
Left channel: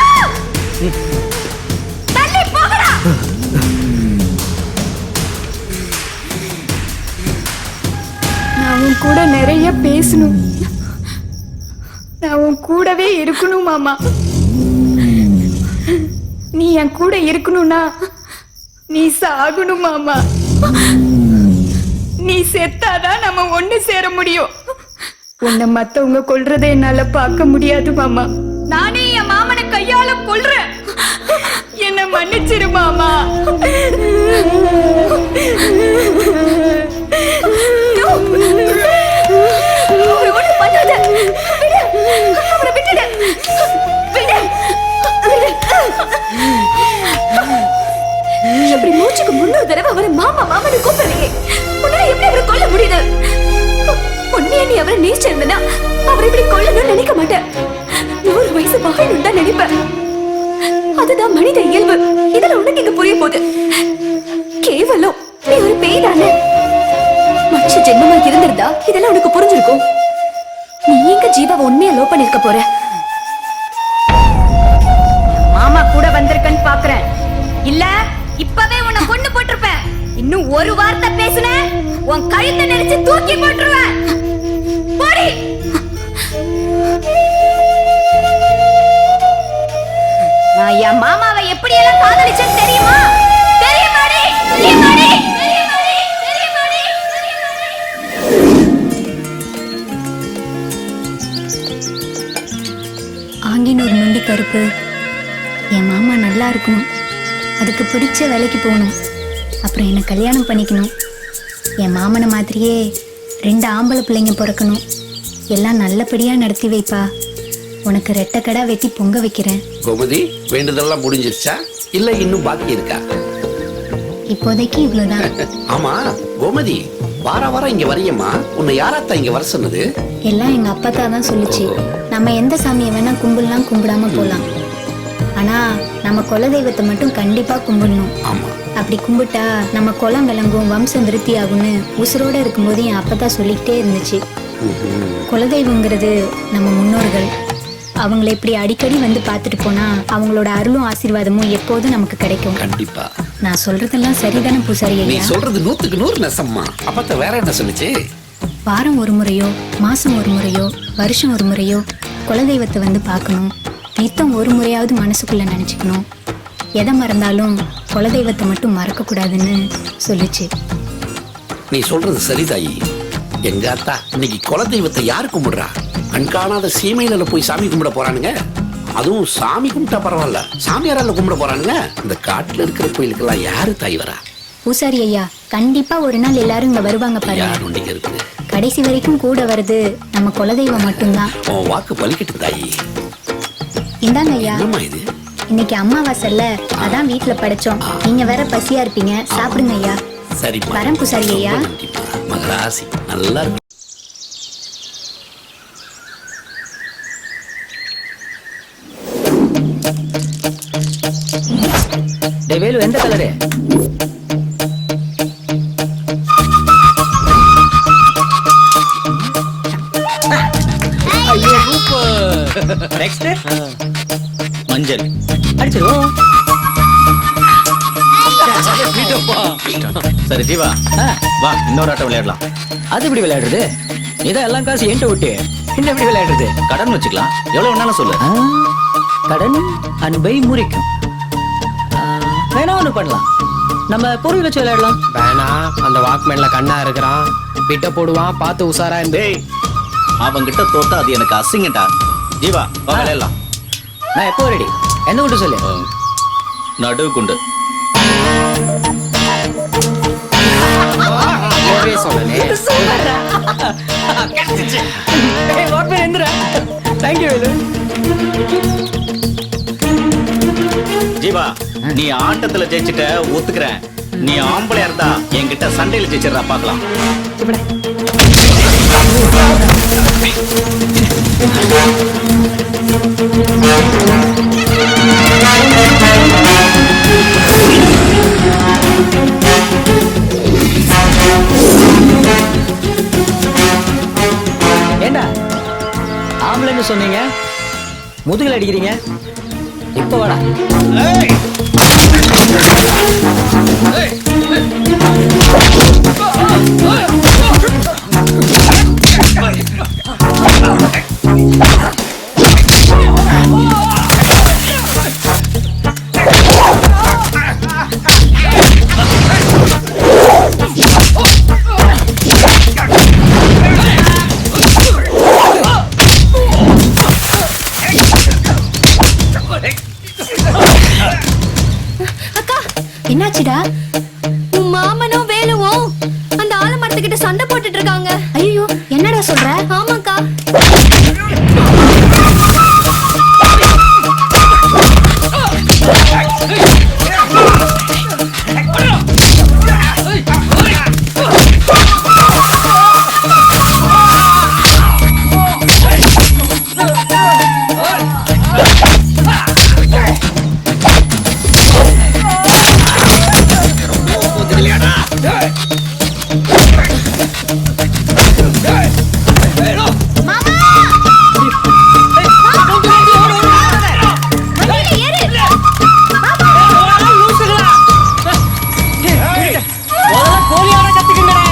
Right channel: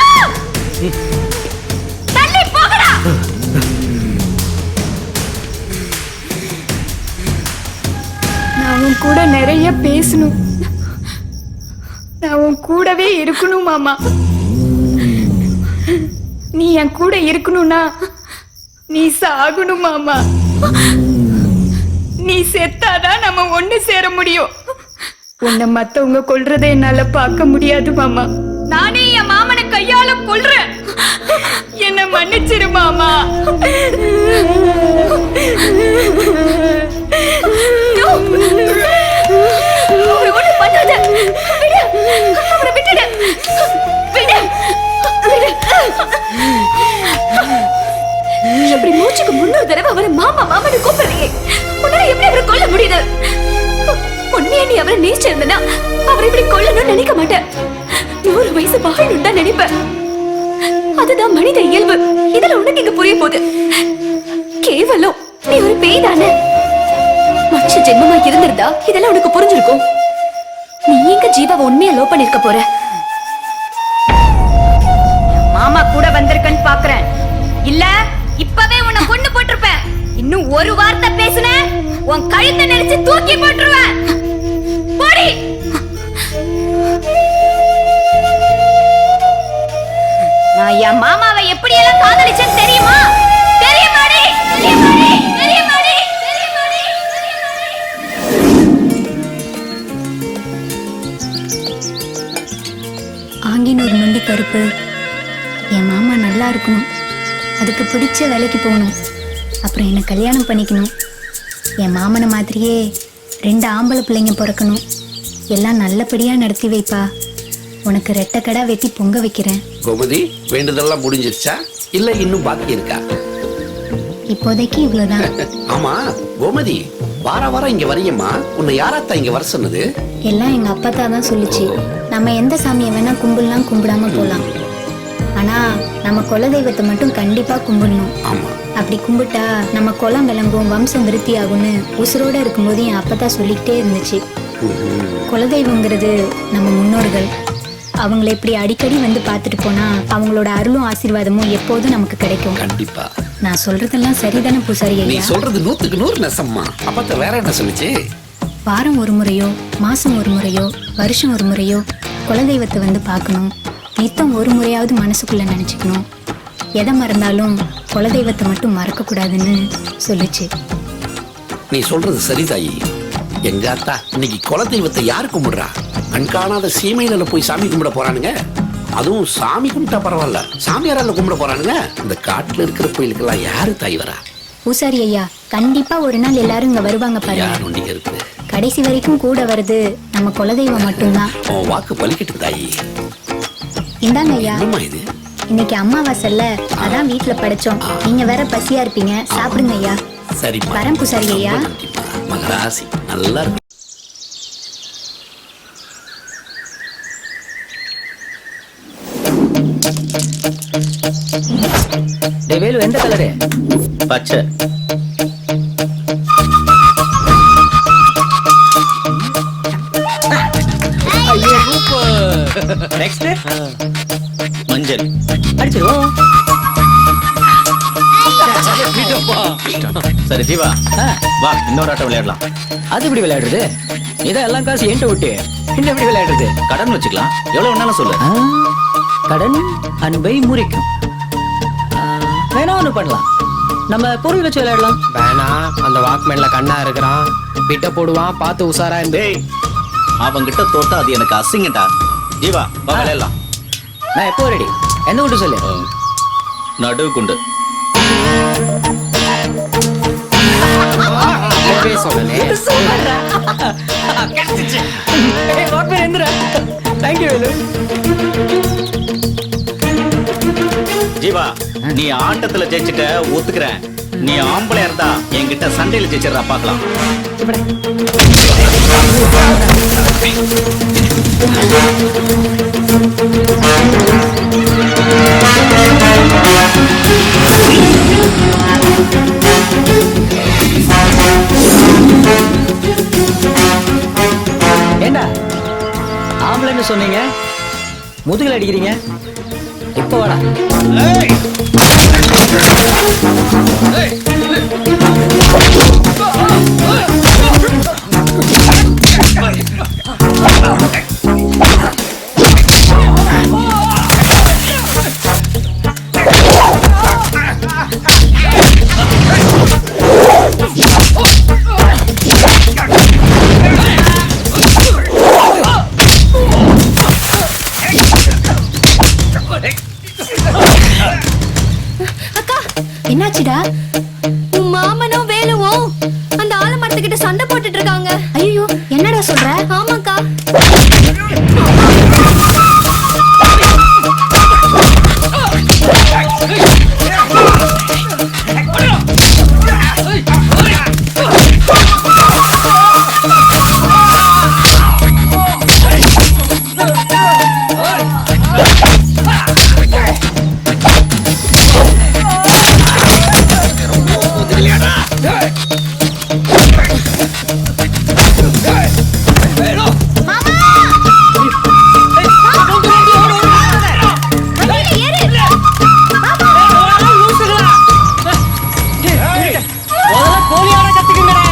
தள்ளி போகடா. நான் உன் கூட நிறைய பேசணும். நான் உன் கூடவே இருக்கணும் மாமா. நீ என் கூட இருக்கணும்னா நீ சாகணும் மாமா. நீ செத்தாதான் நம்ம ஒண்ணு சேர முடியும். உன்னை மத்தவங்க கொல்றதை என்னால பார்க்க முடியாது மாமா. நானே என் மாமனை கையால கொல்றேன். என்ன மன்னிச்சிரு மாமா. ஒண்ணு பண்ணாத. விடு, அவரை விட்டுடு. விடு. இன்னொரு தடவை அவரை மாமா மாமான்னு கூப்பிடுறீங்க. உன்னால எப்படி அவரை கொல்ல முடியுது? உண்மையா நீ அவரை நேசிச்சிருந்தனா அவரை இப்படி கொல்லணும்னு நினைக்க மாட்டேன். 100 வயசு வாழணும் தான் நினைப்பேன். அதுதான் மனித இயல்பு. இதுல உனக்கு இங்க புரிய போகுது. கேவலம் நீ ஒரு பேய் தானே. மனுஷ ஜென்மமா இருந்திருந்தா இதெல்லாம் உனக்கு புரிஞ்சிருக்கும். நீ எங்க ஜீவாவை உண்மையா லவ் பண்ணிருக்க போற? மாமா கூட வந்திருக்கன்னு பாக்குறேன். இல்ல இப்பவே உன்னை கொண்டு போட்டிருப்பேன். இன்னும் ஒரு வார்த்தை பேசுன உன் கழுத்தை நெரிச்சு தூக்கி போட்டுருவேன். போடி. நான் என் மாமாவை எப்படி எல்லாம் காதலிச்சேன்னு தெரியுமா? தெரியுமாடி? தெரியுமாடி? தெரியுமாடி? தெரியுமாடி? ஆங்கின்னு ஒரு நொண்டி கருப்பு. என் மாமா நல்லா இருக்கணும், அதுக்கு பிடிச்ச வேலைக்கு போகணும், அப்புறம் என்னை கல்யாணம் பண்ணிக்கணும். என் மாமனை மாதிரியே 2 ஆம்பளை பிள்ளைங்க பிறக்கணும். எல்லாம் நல்லபடியா நடத்தி வைப்பா. உனக்கு ரெட்டக்கடா வெட்டி பொங்க வைக்கிறேன். கோமதி, வேண்டுதெல்லாம் முடிஞ்சிருச்சா இல்ல இன்னும் பாக்கி இருக்கா? இப்போதைக்கு இவ்வளவுதான். ஆமா கோமதி, வாரம் இங்க வரையம்மா. உன்னை யாராத்தான் இங்க வர சொன்னது? எல்லாம் எங்க அப்பா தான் சொல்லுச்சு. நம்ம எந்த சாமியை வேணா கும்பிடலாம், கும்பிடாம போலாம். ஆனா நம்ம குலதெய்வத்தை மட்டும் கண்டிப்பா கும்பிடணும். ஆமா, அப்படி கும்பிட்டா நம்ம குலம் விளங்கும், வம்சம் விருத்தி ஆகும்னு உசுரோட இருக்கும்போது என் அப்பா சொல்லிக்கிட்டே இருந்துச்சு. குலதெய்வங்கிறது நம்ம முன்னோர்கள். அவங்களை இப்படி அடிக்கடி வந்து பார்த்துட்டு போனா அவங்களோட அருளும் ஆசீர்வாதமும் எப்போதும் நமக்கு கிடைக்கும். கண்டிப்பா. நான் சொல்றதெல்லாம் சரிதானே பூசாரி நீ ஐயா? சொல்றது 100க்கு 100 நெசம்மா. அப்பத்த வேற என்ன சொல்லுச்சு? வாரம் ஒரு முறையோ, மாசம் ஒரு முறையோ, வருஷம் ஒரு முறையோ குலதெய்வத்தை வந்து பார்க்கணும். நித்தம் ஒரு முறையாவது மனசுக்குள்ள நினைச்சுக்கணும். எதை மறந்தாலும் குலதெய்வத்தை மட்டும் மறக்க கூடாதுன்னு சொல்லுச்சு. நீ சொல்றது சரிதாயி. எங்க அத்தா இன்னைக்கு குலதெய்வத்தை யாரு கும்பிடுறா? கண்காணாத சீமையில போய் சாமி கும்பிட போறானுங்க. அதுவும் சாமி கும்பிட்டா பரவாயில்ல, சாமியாரால கும்பிட போறானுங்க. இந்த காட்டுல இருக்கிற கோயிலுக்கெல்லாம் யாரு தாய் வரா? பூசாரி ஐயா, கண்டிப்பா ஒரு நாள் எல்லாரும் இங்க வருவாங்க பாருங்க. இருக்கு. கடைசி வரைக்கும் கூட வருது நம்ம குலதெய்வம் மட்டும்தான். உன் வாக்கு பலிக்கட்டும் தாயி. இந்தாங்க ஐயா. என்னம்மா இது? இன்னைக்கு அம்மாவாசைல, அதான் வீட்டுல படைச்சோம். நீங்க வேற பசியா இருப்பீங்க, சாப்பிடுங்க ஐயா. சரி வரேன் பூசாரி ஐயா. மகராசி நல்லா இருக்கும். வேலு, எந்த கலரு? பச்சை. நெக்ஸ்ட் மஞ்சள். அடிச்சிருவோம். சரி ஜீவா, வா இன்னொரு ஆட்டம் விளையாடலாம். அது எப்படி விளையாடுறது? இதான் எல்லாம் காசு என்கிட்ட விட்டு என்ன எப்படி விளையாடுறது? கடன் வச்சுக்கலாம், எவ்வளவு வேணாலும் சொல்லு. கடன் அன்பை முறிக்கும். வேணா ஒண்ணு பண்ணலாம், நம்ம பொருள் வச்சு விளையாடலாம். வேணா, அந்த வாக்மேன்ல கண்ணா இருக்கிறான், பிட்ட போடுவான், பார்த்து உசாரா இருந்தே. அவங்கிட்ட தோத்தா அது எனக்கு அசிங்கடா. ஜீவா வா விளையாடலாம். நான் எப்போ ரெடி? என்ன கொண்டு சொல்லு. நடு குண்டு. அப்பவே சொன்னனே. சூப்பர்ரா. கரெக்ட். ஏய் Walkman Enthira. Thank you Velu. Jeeva, நீ ஆட்டத்துல ஜெயிச்சிட்ட ஒத்துக்கிறேன். நீ ஆம்பளையா இருந்தா என்கிட்ட சண்டையில ஜெயிச்சிடறா, பாக்கலாம். ஏண்டா ஆம்பளைன்னு சொன்னீங்க, முதுகுல அடிக்கிறீங்க. இப்ப வாடா. என்னாச்சுடா? உன் மாமனும் வேலுவும் அந்த ஆலமரத்துக்கிட்ட சண்டை போட்டுட்டு இருக்காங்க. ஐயோ, என்னடா சொல்ற? ஆமாக்கா. முதல்ல கோழியாட கத்துக்குங்கடா.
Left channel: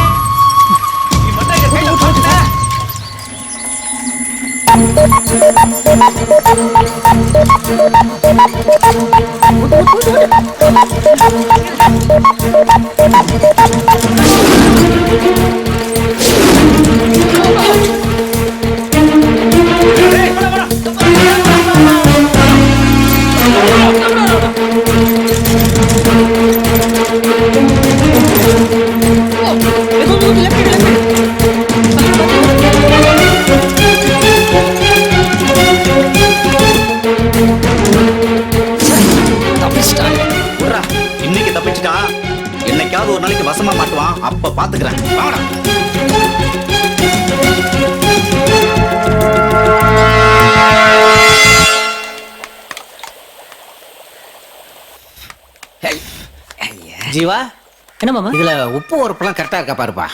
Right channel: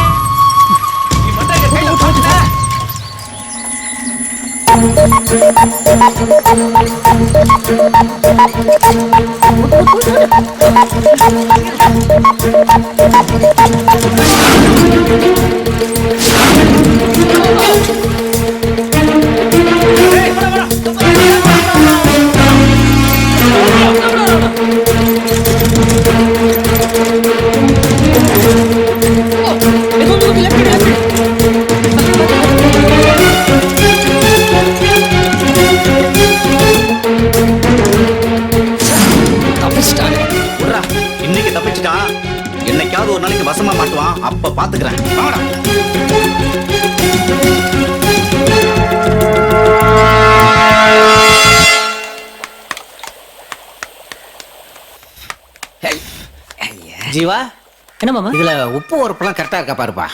இன்னைக்கு தப்பிச்சுட்டா என்னைக்காவது ஒரு நாளைக்கு வசமா மாட்டுவான், அப்ப பாத்துக்கிறேன். வாங்கடா. ஜீவா, என்ன மாமா? இதுல உப்பு உரப்பெல்லாம் கரெக்டா இருக்கா பாருப்பா.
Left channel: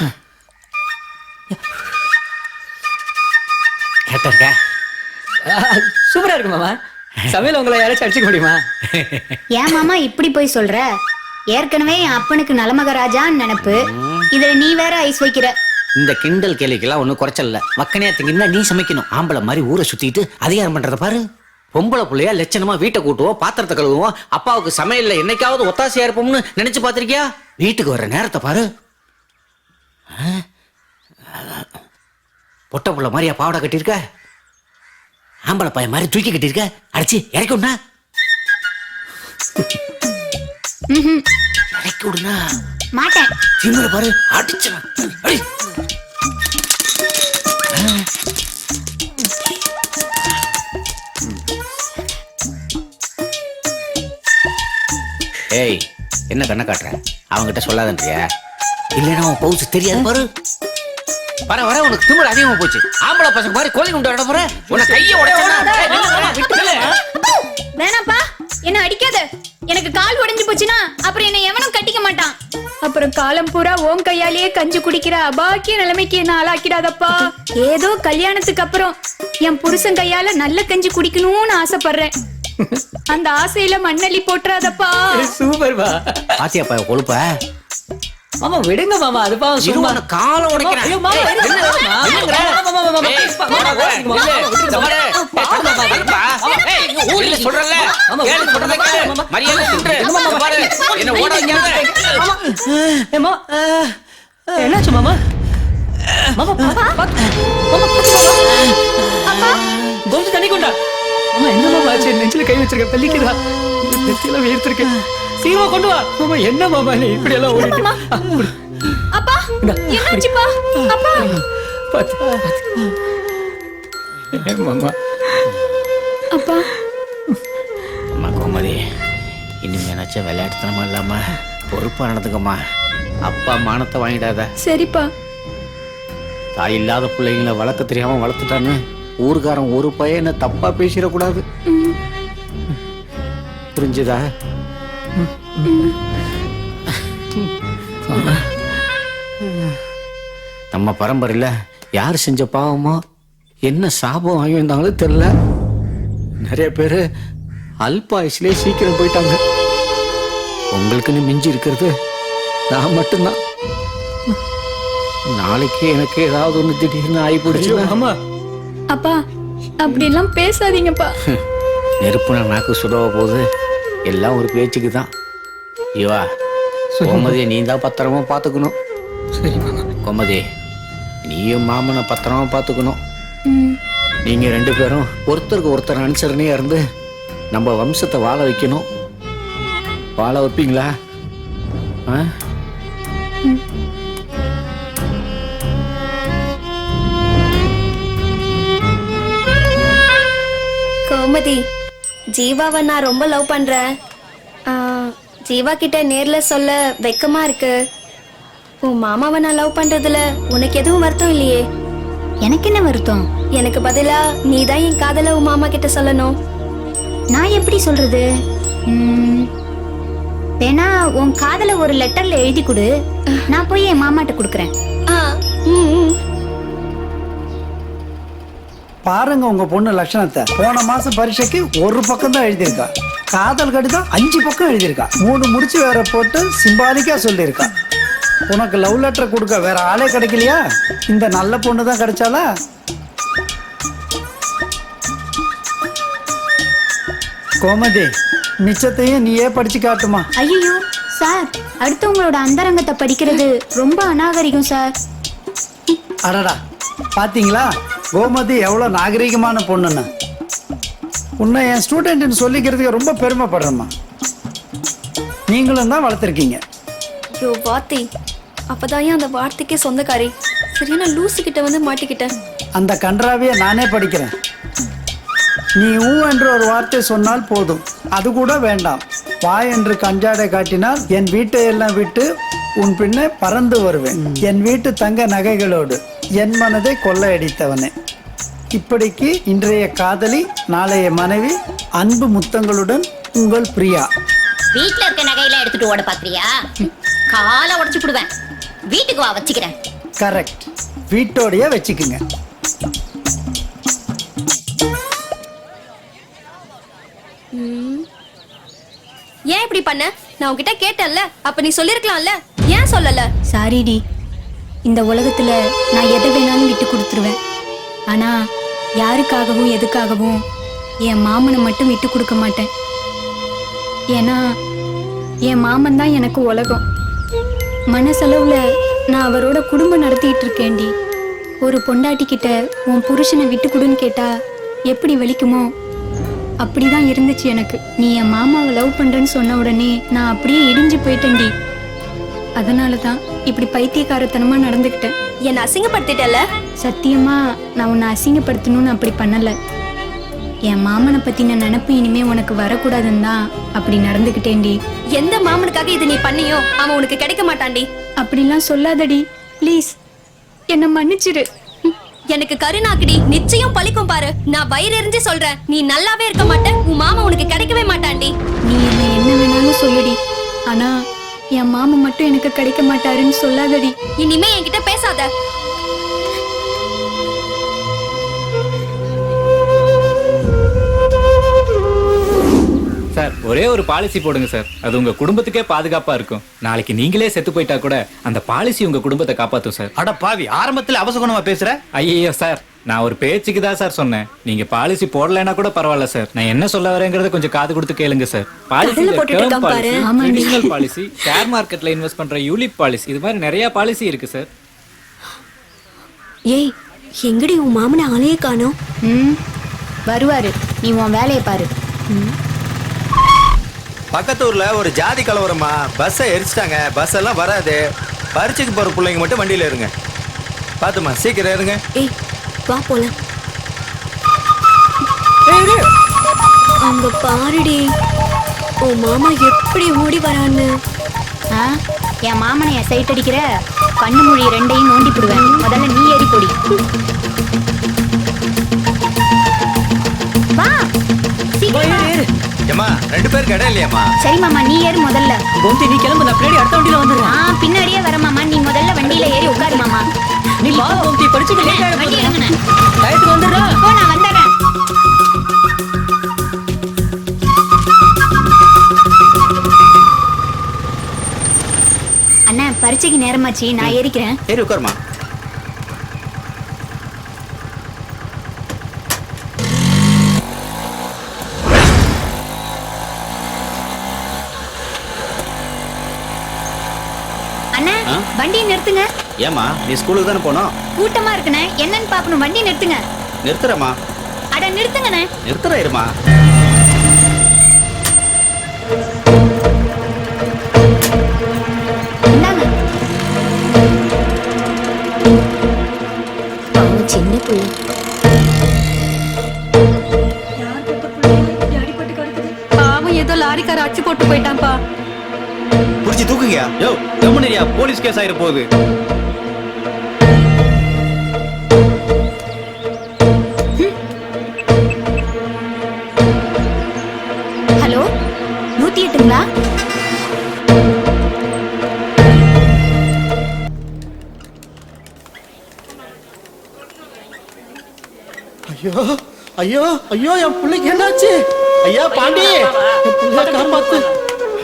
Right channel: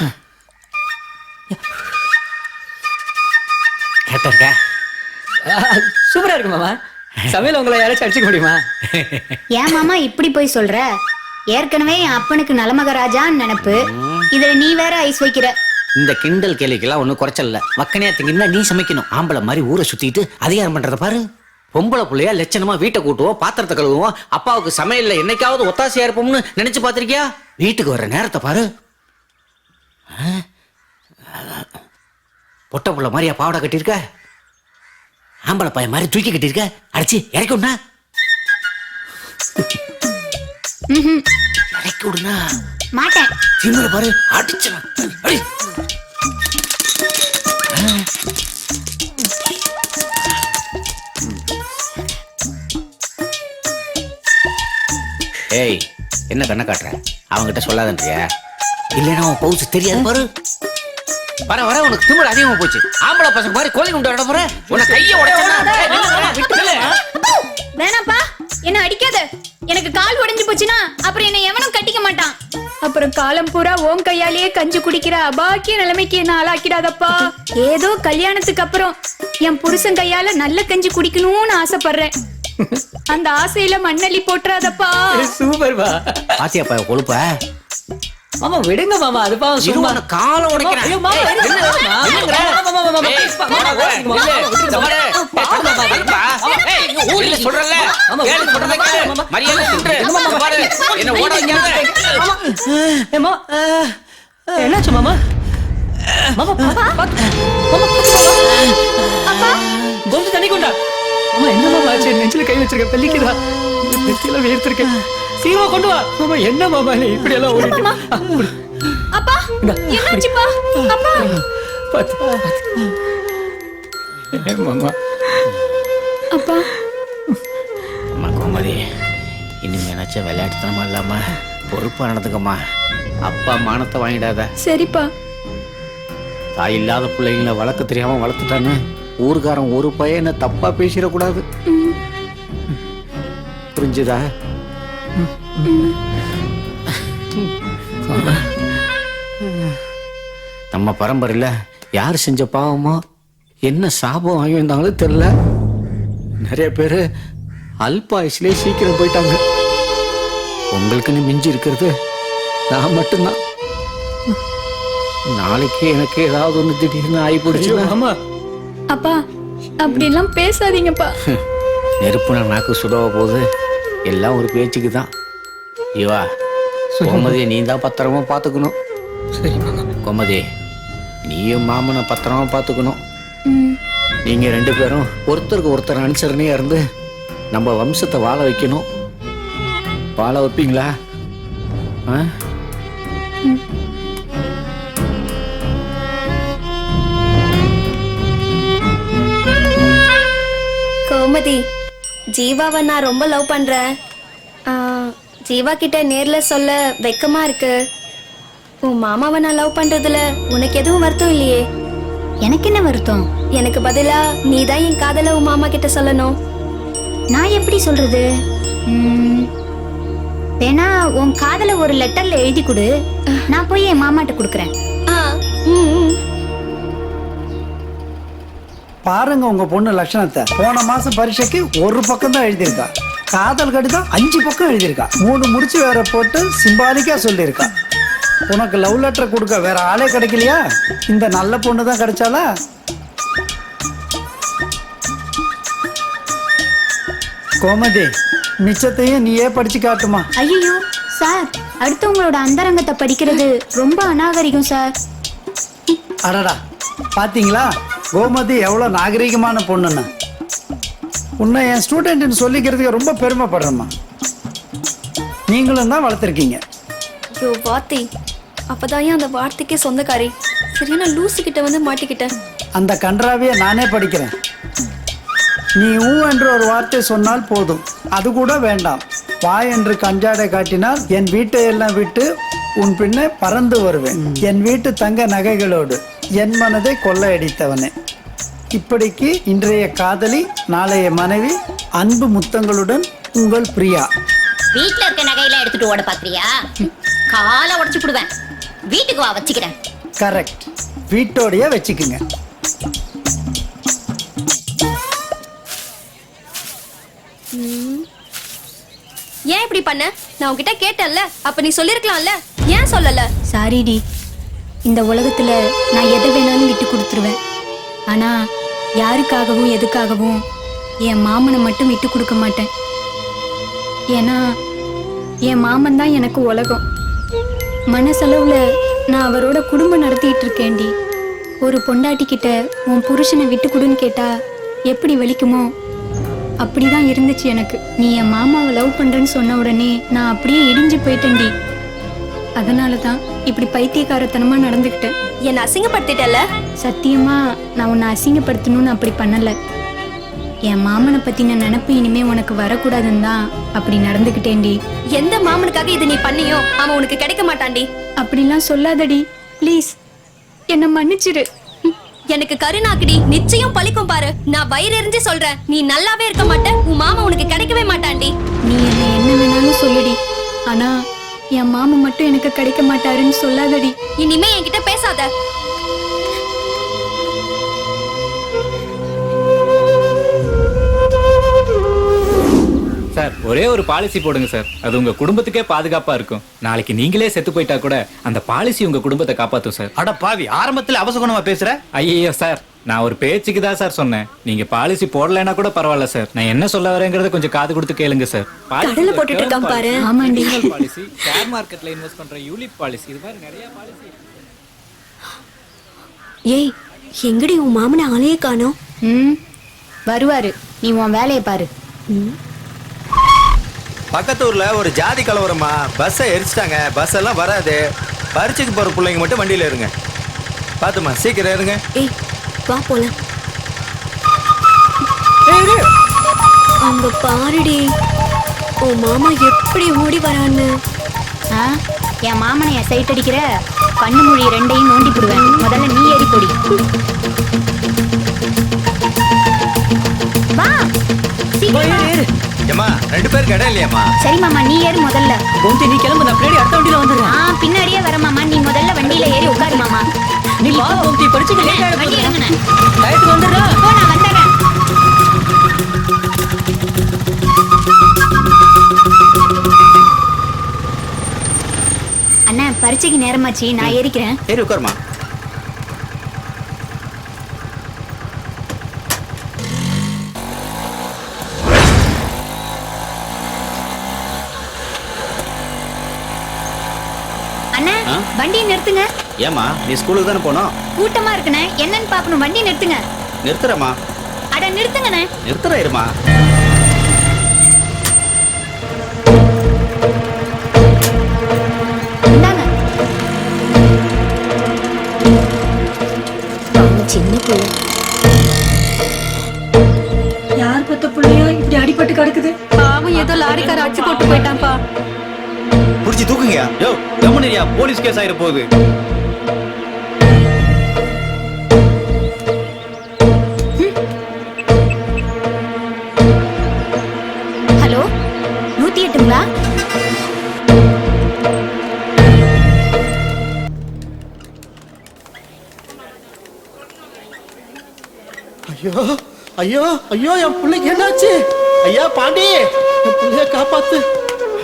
கரெக்டா இருக்கா? சூப்பரா இருக்கு மாமா. சமையல் உங்களை யாராச்சும் அடிச்சுக்க முடியுமா? ஏன் மாமா இப்படி போய் சொல்ற? ஏற்கனவே என் அப்பனுக்கு நலமகராஜான்னு நினைப்பு, இதுல நீ வேற ஐஸ் வைக்கிற. இந்த கிண்டல் கேலிக்கெல்லாம் ஒன்றும் குறைச்சல் இல்ல. மக்கனையா திங்கன்னா நீ சமைக்கணும். ஆம்பளை மாதிரி ஊரை சுத்திட்டு அதிகாரம் பண்றத பாரு. பொம்பளை புள்ளையா லட்சணமா வீட்டை கூட்டுவோம், பாத்திரத்தை கழுவுவோம், அப்பாவுக்கு சமையல்ல என்னைக்காவது ஒத்தாசையா இருப்போம்னு நினைச்சு பாத்திருக்கியா? வீட்டுக்கு வர்ற நேரத்தை பாரு. பொட்ட புள்ள மாதிரியா பாவடை கட்டியிருக்க? ஆம்பளை பையன் மாதிரி தூக்கி கட்டியிருக்க? அடிச்சு இறக்கி விடனா? இறக்கி விடுனா? மாட்டேன். திமிர பாரு, அடிச்சு அடி. ஏய், என்ன கண்ணை காட்டுற? அவன்கிட்ட சொல்லாதன்றியா? இல்லைன்னா அவன் பவுச்சு தெரியாது பாரு. வர வர உனக்கு திமிர அதிகமா போச்சு. ஆம்பளை பசங்க மாதிரி கோழி குண்டு விட போற. உன்னை கையை உடைச்சா வேணாப்பா, என்ன அடிக்காத. எனக்கு கால் உடைஞ்சு போச்சுன்னா அப்புறம் என்ன எவனும் கட்டிக்க மாட்டான். அப்புறம் காலம் பூரா ஓம் கையாலேயே கஞ்சி குடிக்கிற அபாக்கிய நிலைமைக்கு என்ன ஆளாக்கிடாதப்பா. ஏதோ கல்யாணத்துக்கு அப்புறம் என் புருஷன் கையால நல்ல கஞ்சி குடிக்கணும்னு ஆசைப்படுறேன். அந்த ஆசையில மண்ணள்ளி போட்டுறாதப்பா. சூப்பர்பா. பாத்தியாப்பா கொழுப்ப? மாமா விடுங்க மாமா, அது பாவம். சும்மா காலம் உடைக்கிறேன். ஐயோ மாமா, என்னாச்சு மாமா? மாமா பாத்து மாமா, கொஞ்சம் தண்ணி கொண்டா. மாமா என்ன மாமா ஆச்சு? நெஞ்சில கை வச்சிருக்க, பெல்லிக்குதா? நெத்தியில வேர்த்திருக்கேன். சீக்கிரமா கொண்டு வா. மாமா என்ன மாமா நீ இப்படி எல்லாம் ஓடிட்டு? அப்பா என்னாச்சுப்பா? அப்பா பாத்து மாமா. அப்பா அம்மா கோமதி, இனிமே நினைச்ச விளையாட்டுத்தனமா இல்லாம பொறுப்பா நடந்துக்கம்மா. அப்பா மானத்தை வாங்கிடாத. சரிப்பா. தாய் இல்லாத பிள்ளைங்களை வளர்க்க தெரியாம வளர்த்துட்டான்னு ஊருக்காரன் ஒரு பையனை தப்பா பேசிடக்கூடாது. புரிஞ்சுதா? நம்ம பரம்பரையில யார் செஞ்ச பாவமோ என்ன சாபம் வாங்கி வந்தாங்களும் தெரியல. நிறைய பேரு அல்பாயுஸ்லயே சீக்கிரம் போயிட்டாங்க. உங்களுக்குன்னு மிஞ்சி இருக்கிறது நான் மட்டும்தான். நாளைக்கு எனக்கு ஏதாவது ஒண்ணு திடீர்னு ஆகி போடுச்சு. அப்பா அப்படிலாம் பேசாதீங்கப்பா. நெருப்புனா நாக்கு சுடவ போகுது. எல்லாம் ஒரு பேச்சுக்கு தான். ஐயோ கோமதியை நீ தான் பத்திரமா பாத்துக்கணும். சரி மாமா. கோமதி, நீயும் மாமனை பத்திரமா பாத்துக்கணும். நீங்க ரெண்டு பேரும் ஒருத்தருக்கு ஒருத்தர் அனுசரணையா இருந்து நம்ம வம்சத்தை வாழ வைக்கணும். வாழ வைப்பீங்களா? கோமதி, ஜீவாவை நான் ரொம்ப லவ் பண்றேன். ஜீவா கிட்ட நேர்ல சொல்ல வெக்கமா இருக்கு. உன் மாமாவை நான் லவ் பண்றதுல உனக்கு எதுவும் வருத்தம் இல்லையே? எனக்கு என்ன வருத்தம்? எனக்கு பதிலா நீ தான் என் காதல உன் மாமா கிட்ட சொல்லணும். நான் எப்படி சொல்றது? வேணா உன் காதல ஒரு லெட்டர்ல எழுதி கொடு, நான் போய் என் மாமாட்ட கொடுக்கறேன். பாருங்க உங்க பொண்ணு லட்சணத்தை. போன மாசம் பரீட்சைக்கு ஒரு பக்கம் தான் எழுதியிருக்கா. காதல் கடிதம் 5 பக்கம் எழுதியிருக்கா. 3 முடிச்சு வேற போட்டு சிம்பாலிக்கா சொல்லியிருக்கா. உனக்கு லவ் லெட்டர் கொடுக்க வேற ஆளே கிடைக்கலையா? இந்த நல்ல பொண்ணு தான் கிடைச்சாலா? கோமதி, மிச்சத்தையும் நீயே படிச்சு காட்டுமா. ஐயோ சார், அடுத்தவங்களோட அந்தரங்கத்தை படிக்கிறது ரொம்ப அநாகரிகம் சார். அடடா, பாத்தீங்களா கோமதி எவ்வளவு நாகரிகமான பொண்ணுன்னு. உன்னை என் ஸ்டூடெண்ட்னு சொல்லிக்கிறதுக்கு ரொம்ப பெருமைப்படுறேம்மா. நீங்களும் தான் வளர்த்துருக்கீங்க. யோ வார்த்தை, அப்பதான் அந்த வார்த்தைக்கே சொந்தக்காரி. சரியான லூசு கிட்ட வந்து மாட்டிக்கிட்டேன். அந்த கன்றாவிய நானே படிக்கிறேன். நீ ஊ என்று ஒரு வார்த்தை சொன்னால் போதும், அது கூட வேண்டாம். வாய் என்று கஞ்சாடை காட்டினால் என் வீட்டை எல்லாம் விட்டு உன் பின்னே பறந்து வருவேன். என் வீட்டு தங்க நகைகளோடு என் மனதை கொள்ளையடித்தவனே. இப்படிக்கு இன்றைய காதலி, நாளைய மனைவி, அன்பு முத்தங்களுடன் உங்கள் பிரியா. வீட்ல இருக்க நகையெல்லாம் எடுத்துட்டு ஓட பாக்குறியா? காலை உடைச்சு போடுவேன். வீட்டுக்கு வா, வச்சுக்கிறேன். கரெக்ட், வீட்டோடய வச்சுக்குங்க. ஏன் இப்படி பண்ண? நான் உன்கிட்ட கேட்டேன்ல, அப்ப நீ சொல்லிருக்கலாம்ல, ஏன் சொல்லல? சாரிடி, இந்த உலகத்துல நான் எதை வேணாலும் விட்டு கொடுத்துருவேன். ஆனா யாருக்காகவும் எதுக்காகவும் என் மாமனை மட்டும் விட்டு கொடுக்க மாட்டேன். ஏன்னா என் மாமன் தான் எனக்கு உலகம். மனசளவுல நான் அவரோட குடும்பம் நடத்திட்டு இருக்கேன்டி. ஒரு பொண்டாட்டி கிட்ட உன் புருஷனை விட்டு கொடுன்னு கேட்டா எப்படி வலிக்குமோ அப்படிதான் இருந்துச்சு எனக்கு. நீ என் மாமாவை லவ் பண்றேன்னு சொன்ன உடனே நான் அப்படியே இடிஞ்சு போயிட்டேன்டி. அதனாலதான் இப்படி பைத்தியக்காரத்தனமா நடந்துக்கிட்டேன். என்ன அசிங்கப்படுத்திட்டல? சத்தியமா நான் உன்னை அசிங்கப்படுத்தணும்னு அப்படி பண்ணல. என் மாமனை பத்தின நினைப்பு இனிமே உனக்கு வரக்கூடாதுன்னு தான் அப்படி நடந்துக்கிட்டேன்டி. எந்த மாமனுக்காக இது நீ பண்ணியோ அவன் உனக்கு கிடைக்க மாட்டான்டி. அப்படிலாம் சொல்லாதடி ப்ளீஸ், என்ன மன்னிச்சிரு. எனக்கு கருணாக்குடி, நிச்சயம் பழிக்கும் பாரு. நான் வயிறு எரிஞ்சு சொல்றேன், நீ நல்லாவே இருக்க மாட்ட. உன் மாமா உனக்கு கிடைக்கவே மாட்டான்டி. நீ என்ன என்ன வேணாலும் சொல்லுடி, ஆனா என் மாமா மட்டும் எனக்கு கிடைக்க மாட்டாருன்னு சொல்லாதடி. இனிமே என்கிட்ட பேசாத. சார், ஒரே ஒரு பாலிசி போடுங்க சார். அது உங்க குடும்பத்துக்கே பாதுகாப்பா இருக்கும். நாளைக்கு நீங்களே செத்து போயிட்டா கூட அந்த பாலிசி உங்க குடும்பத்தை காப்பாத்தும் சார். அட பாவி, ஆரம்பத்துல அவசகுணமா பேசுற. ஐயோ சார், நான் ஒரு பேச்சுக்கு தான் சார் சொன்னேன். நீங்க பாலிசி போடலைன்னா கூட பரவாயில்ல சார். நான் என்ன சொல்ல வரேங்கிறத கொஞ்சம் காது கொடுத்து கேளுங்க சார். பாலிசி, ஷேர் மார்க்கெட்ல இன்வெஸ்ட் பண்ற யூலிப் பாலிசி, இது மாதிரி நிறைய பாலிசி இருக்கு சார். ஏய், எங்கடி உன் மாமனை ஆளையே காணோம்? வருவாரு, நீ உன் வேலையை பாரு. பக்கத்தூர்ல ஒரு ஜாதி கலவரமா, பஸ்ஸை எரிச்சிட்டாங்க. பஸ் எல்லாம் வராது. பரீட்சைக்கு போற பிள்ளைங்க மட்டும் வண்டியில இருங்க. பாத்துமா, சீக்கிரம் இருங்க. ஏய் வா போலாம். அங்க பாருடி, உன் மாமா எப்படி ஓடி வரான்னு. என் மாமனை என் சைட் அடிக்கிற, கண்ணு மொழி ரெண்டையும் நோண்டி போடுவேன். முதல்ல நீ ஏறி போடி. வா சீக்கிரம். ஏமா, 2 பேருக்கு இடம் இல்லையாமா? சரி மாமா, நீ ஏறு முதல்ல. கோமதி, நீ கிளம்பு, நான் பின்னாடி அடுத்த வண்டியில வந்துடுறேன். பின்னாடியே வர மாமா, நீ முதல்ல வண்டியில ஏறி உட்காரு மாமா. நீ வா கோமதி, படிச்சுக்க லேட் ஆயிட வண்டி போகுது. இறங்குனே. டயத்துக்கு வந்துடுறா. போ, நான் வந்துடுறேன். அண்ணா, பரீட்சைக்கு நேரமாச்சு, நான் ஏறிக்கிறேன். ஏறி உட்காருமா. அண்ணா, வண்டியை நிறுத்துங்க. ஏமா, நீ ஸ்கூலுக்கு தானே போனோம்? கூட்டமா இருக்குண்ணே, என்னன்னு பாக்கணும். வண்டியை நிறுத்துங்க. நிறுத்துறமா? அட நிறுத்துங்கண்ணே. நிறுத்துற இருமா. இந்தாங்க. அவன் சின்ன புள்ள. யார் பத்த புள்ளையா இப்படி அடிபட்டு கிடக்குது? பாவம், ஏதோ லாரிக்கார அடிச்சு போட்டு போயிட்டான்ப்பா. புடிச்சு தூக்குங்க. யோ, கம்முனியா, போலீஸ் கேஸ் ஆயிர போகுது. ஹலோ, 108ங்களா? ஐயோ ஐயோ ஐயோ என் பிள்ளைக்கு என்னாச்சு? ஐயா பாண்டி, என் பிள்ளைய காப்பாத்து.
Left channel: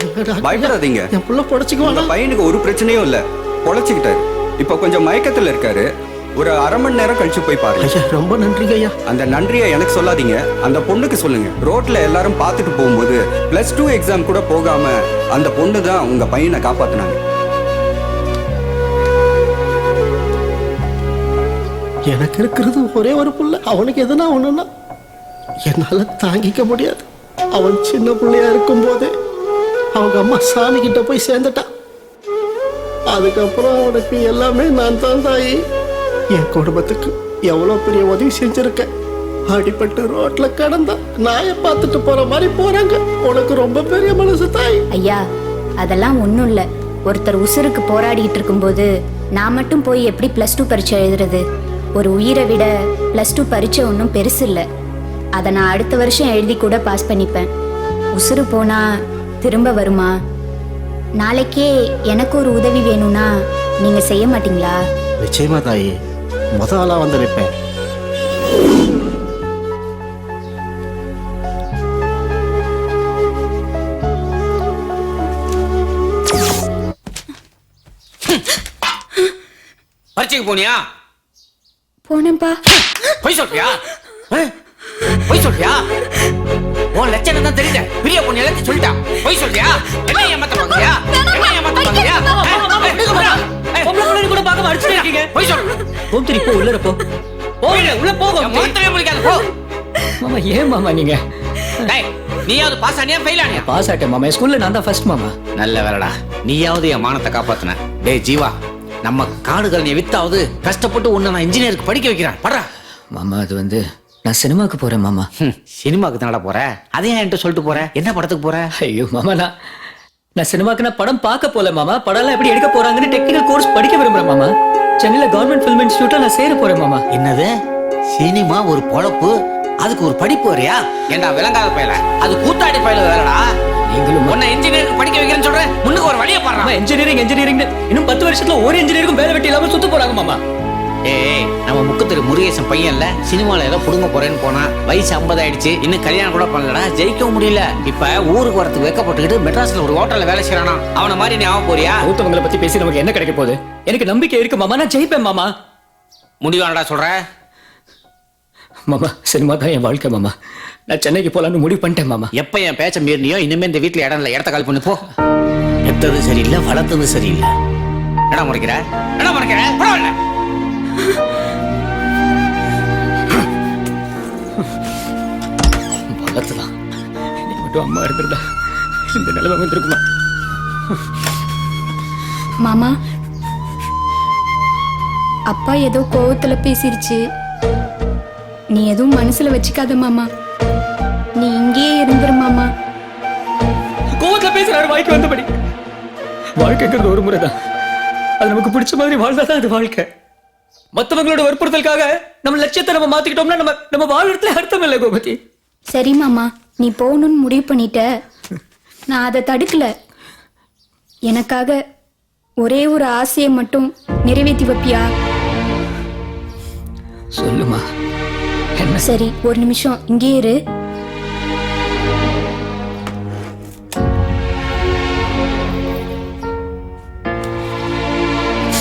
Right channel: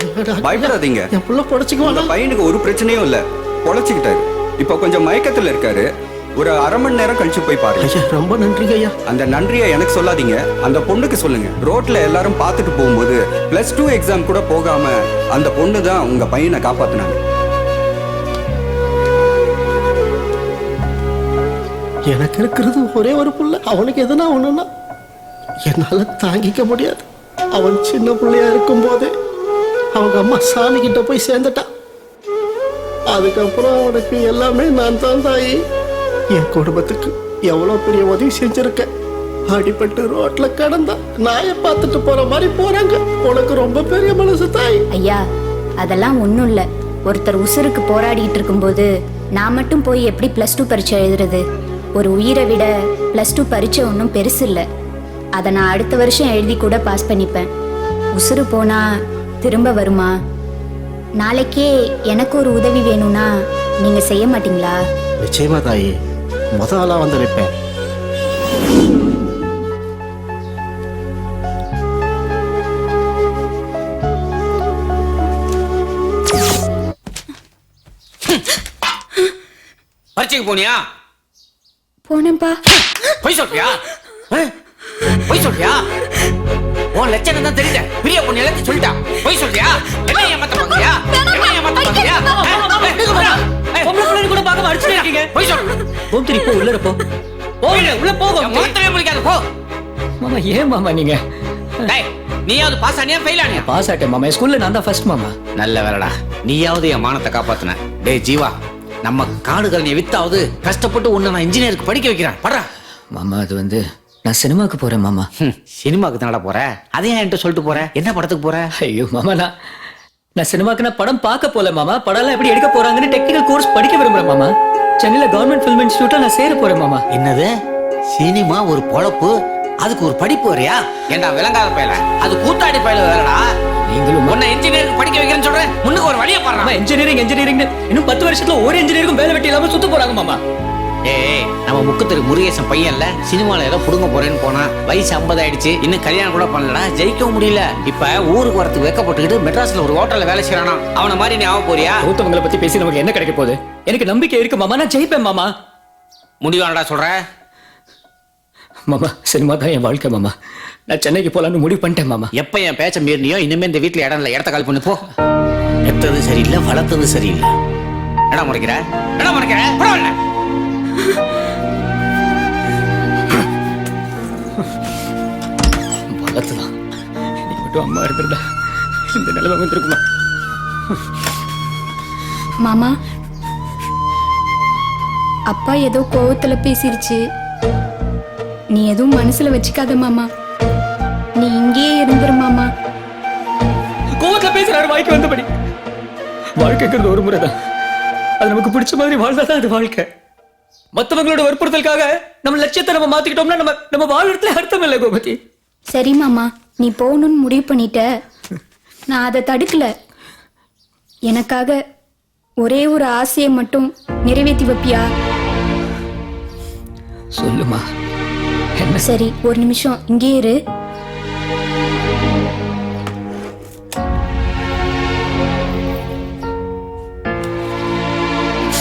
ஐயோ, டாக்டர், பயப்படாதீங்க. என் பிள்ளை பொழைச்சுக்குவானா? உங்க பையனுக்கு ஒரு பிரச்சனையும் இல்ல, பொழைச்சுக்கிட்டாரு. இப்ப கொஞ்சம் மயக்கத்துல இருக்காரு. ஒரு அரை மணி நேரம் கழிச்சு போய் பாருங்க. ஐயா ரொம்ப நன்றிங்க ஐயா. அந்த நன்றியை எனக்கு சொல்லாதீங்க, அந்த பொண்ணுக்கு சொல்லுங்க. ரோட்ல எல்லாரும் பார்த்துட்டு போகும்போது +2 எக்ஸாம் கூட போகாம அந்த பொண்ணு தான் உங்க பையனை காப்பாத்துனாங்க. எனக்கு இருக்கிறது ஒரே ஒரு புள்ள. அவனுக்கு எதுனா ஒண்ணுன்னா என்னால தாங்கிக்க முடியாது. அவன் சின்ன பிள்ளையா இருக்கும் போதே அவங்க அம்மா சாமி கிட்ட போய் சேர்ந்துட்டான். அதுக்கப்புறம் அவனுக்கு எல்லாமே நான் தான் தாயி. என் குடும்பத்துக்கு எவ்வளவு பெரிய உதவி செஞ்சிருக்கேன். அடிபட்டு ரோட்ல கடந்தா நாயை பார்த்துட்டு போற மாதிரி போறாங்க. உனக்கு ரொம்ப பெரிய மனசு தாய். ஐயா அதெல்லாம் ஒண்ணும் இல்ல. ஒருத்தர் உசுருக்கு போராடிட்டு இருக்கும்போது நான் மட்டும் போய் எப்படி +2 பரீட்சை எழுதுறது? ஒரு உயிரை விட +2 பரீட்சை ஒன்றும் பெருசு இல்லை. அதை நான் அடுத்த வருஷம் எழுதி கூட பாஸ் பண்ணிப்பேன். உசுறு போனா திரும்ப வருமா? நாளைக்கே எனக்கு ஒரு உதவி வேணும்னா நீங்க செய்ய மாட்டீங்களா? நிச்சயமா தாயி, முத ஆளா வந்து நிற்பேன். பரீட்சைக்கு போனியா? போனேன்பா. பொய் சொல்றியா? பொய் சொல்றியா? உன் லட்சணம் தான் தெரியல. பெரிய பொண்ணு எல்லாத்தையும் சொல்லிட்டா. பொய் சொல்றியா? என்ன ஏமாத்த பாக்குறியா? என்ன ஏமாத்த பாக்குறியா? பொம்பளை கூட பார்க்க அடிச்சுட்டே இருக்கீங்க. பொய் சொல்லு. கோமதி போ, உள்ள போ. உள்ள போக மாத்திரமே முடிக்காத போ. மாமா ஏன் மாமா நீங்க? டேய் நீயாவது பாஸ் ஆனியா ஃபெயில் ஆனியா? பாஸ் ஆட்டேன் மாமா. ஸ்கூல்ல நான் தான் ஃபர்ஸ்ட் மாமா. நல்ல வேலைடா, நீயாவது என் மானத்தை காப்பாத்துன. டேய் ஜீவா, நம்ம காடுகள் நீ வித்தாவது கஷ்டப்பட்டு உன்னை நான் இன்ஜினியருக்கு படிக்க வைக்கிறேன். படுறா மாமா. அது வந்து நான் சினிமாக்கு போறேன் மாமா. சினிமாக்கு தானடா போற? அதையும் என்கிட்ட சொல்லிட்டு போற? என்ன படத்துக்கு போற? ஐயோ மாமா, நான் சினிமாக்கு நான் படம் பார்க்க போல மாமா. படம் எப்படி எடுக்க போறாங்கன்னு டெக்னிக்கல் கோர்ஸ் படிக்க விரும்புறேன் மாமா. சென்னையில கவர்மெண்ட் ஃபிலிம் இன்ஸ்டிடியூட்ல நான் சேர போறேன் மாமா. என்னது சினிமா ஒரு பொழப்பு, அதுக்கு ஒரு படிப்பு வரையா? ஏண்டா விளங்காத பயல, அது கூத்தாடி பயல வேலைடா. நீங்களும் உன்னை இன்ஜினியருக்கு படிக்க வைக்கிறேன்னு சொல்றேன். முன்னுக்கு ஒரு வழியை பாருங்க. இன்ஜினியரிங் இன்னும் 10 வருஷத்துல ஒரு இன்ஜினியருக்கும் வேலை வெட்டி இல்லாம சுத்த போறாங்க மாமா. ஏய் நம்ம முக்குத்திரு முருகேசன் பையன்ல சினிமால ஏதோ புடுங்க போறேன்னு போனா வயசு 50 ஆயிடுச்சு, இன்னும் கல்யாணம் கூட பண்ணலடா, ஜெயிக்கவும் முடியல. இப்ப ஊருக்கு வரத்துக்கு வெக்கப்பட்டுக்கிட்டு மெட்ராஸ்ல ஒரு ஹோட்டல்ல வேலை செய்யறானா. அவனை மாதிரி நீ ஆக போறியா? கௌதமங்களை பத்தி பேசி நமக்கு என்ன கிடைக்க போகுது? எனக்கு நம்பிக்கை இருக்கு மாமா, நான் ஜெயிப்பேன் மாமா. முடிவானடா சொல்ற மாமா? சினிமா தான் என் வாழ்க்கை மாமா. நான் சென்னைக்கு போலான்னு முடிவு பண்ணிட்டேன் மாமா. எப்ப என் பேச்ச மீறினியோ இனிமே இந்த வீட்டுல இடம் இல்ல, இடத்த கால் பண்ணி போ. எத்தது சரியில்லை, வளர்த்தது சரியில்லை. என்ன முறைக்கிற? என்ன முறைக்கிற? பரவாயில்ல. வளர்த்துதான் நீ மட்டும் அம்மா இருந்திருந்தா இந்த நிலைமை வந்திருக்குமா? மாமா அப்பா ஏதோ கோவத்துல பேசிருச்சு. நீ எதுவும் மனசுல வச்சுக்காத மாமா. நீ இங்கேயே இருந்துரு மாமா. கோவத்துல பேசுறாரு வாய்க்கு வந்தபடி. வாழ்க்கைங்கிறது ஒரு முறைதான், அது நமக்கு பிடிச்ச மாதிரி வாழ்ந்தாதான் அது வாழ்க்கை. மத்தவங்களோட வற்புறுத்தலுக்காக நம்ம லட்சியத்தை நம்ம மாத்திக்கிட்டோம்னா நம்ம வாழ்றதுல அர்த்தம் இல்லை கோமதி. சரி மாமா, நீ போகணும்னு முடிவு பண்ணிட்ட. நான் அதை தடுக்கல. எனக்காக ஒரே ஒரு ஆசையை மட்டும் நிறைவேற்றி வைப்பியா? சொல்லுமா என்ன? சரி ஒரு நிமிஷம் இங்கே இரு.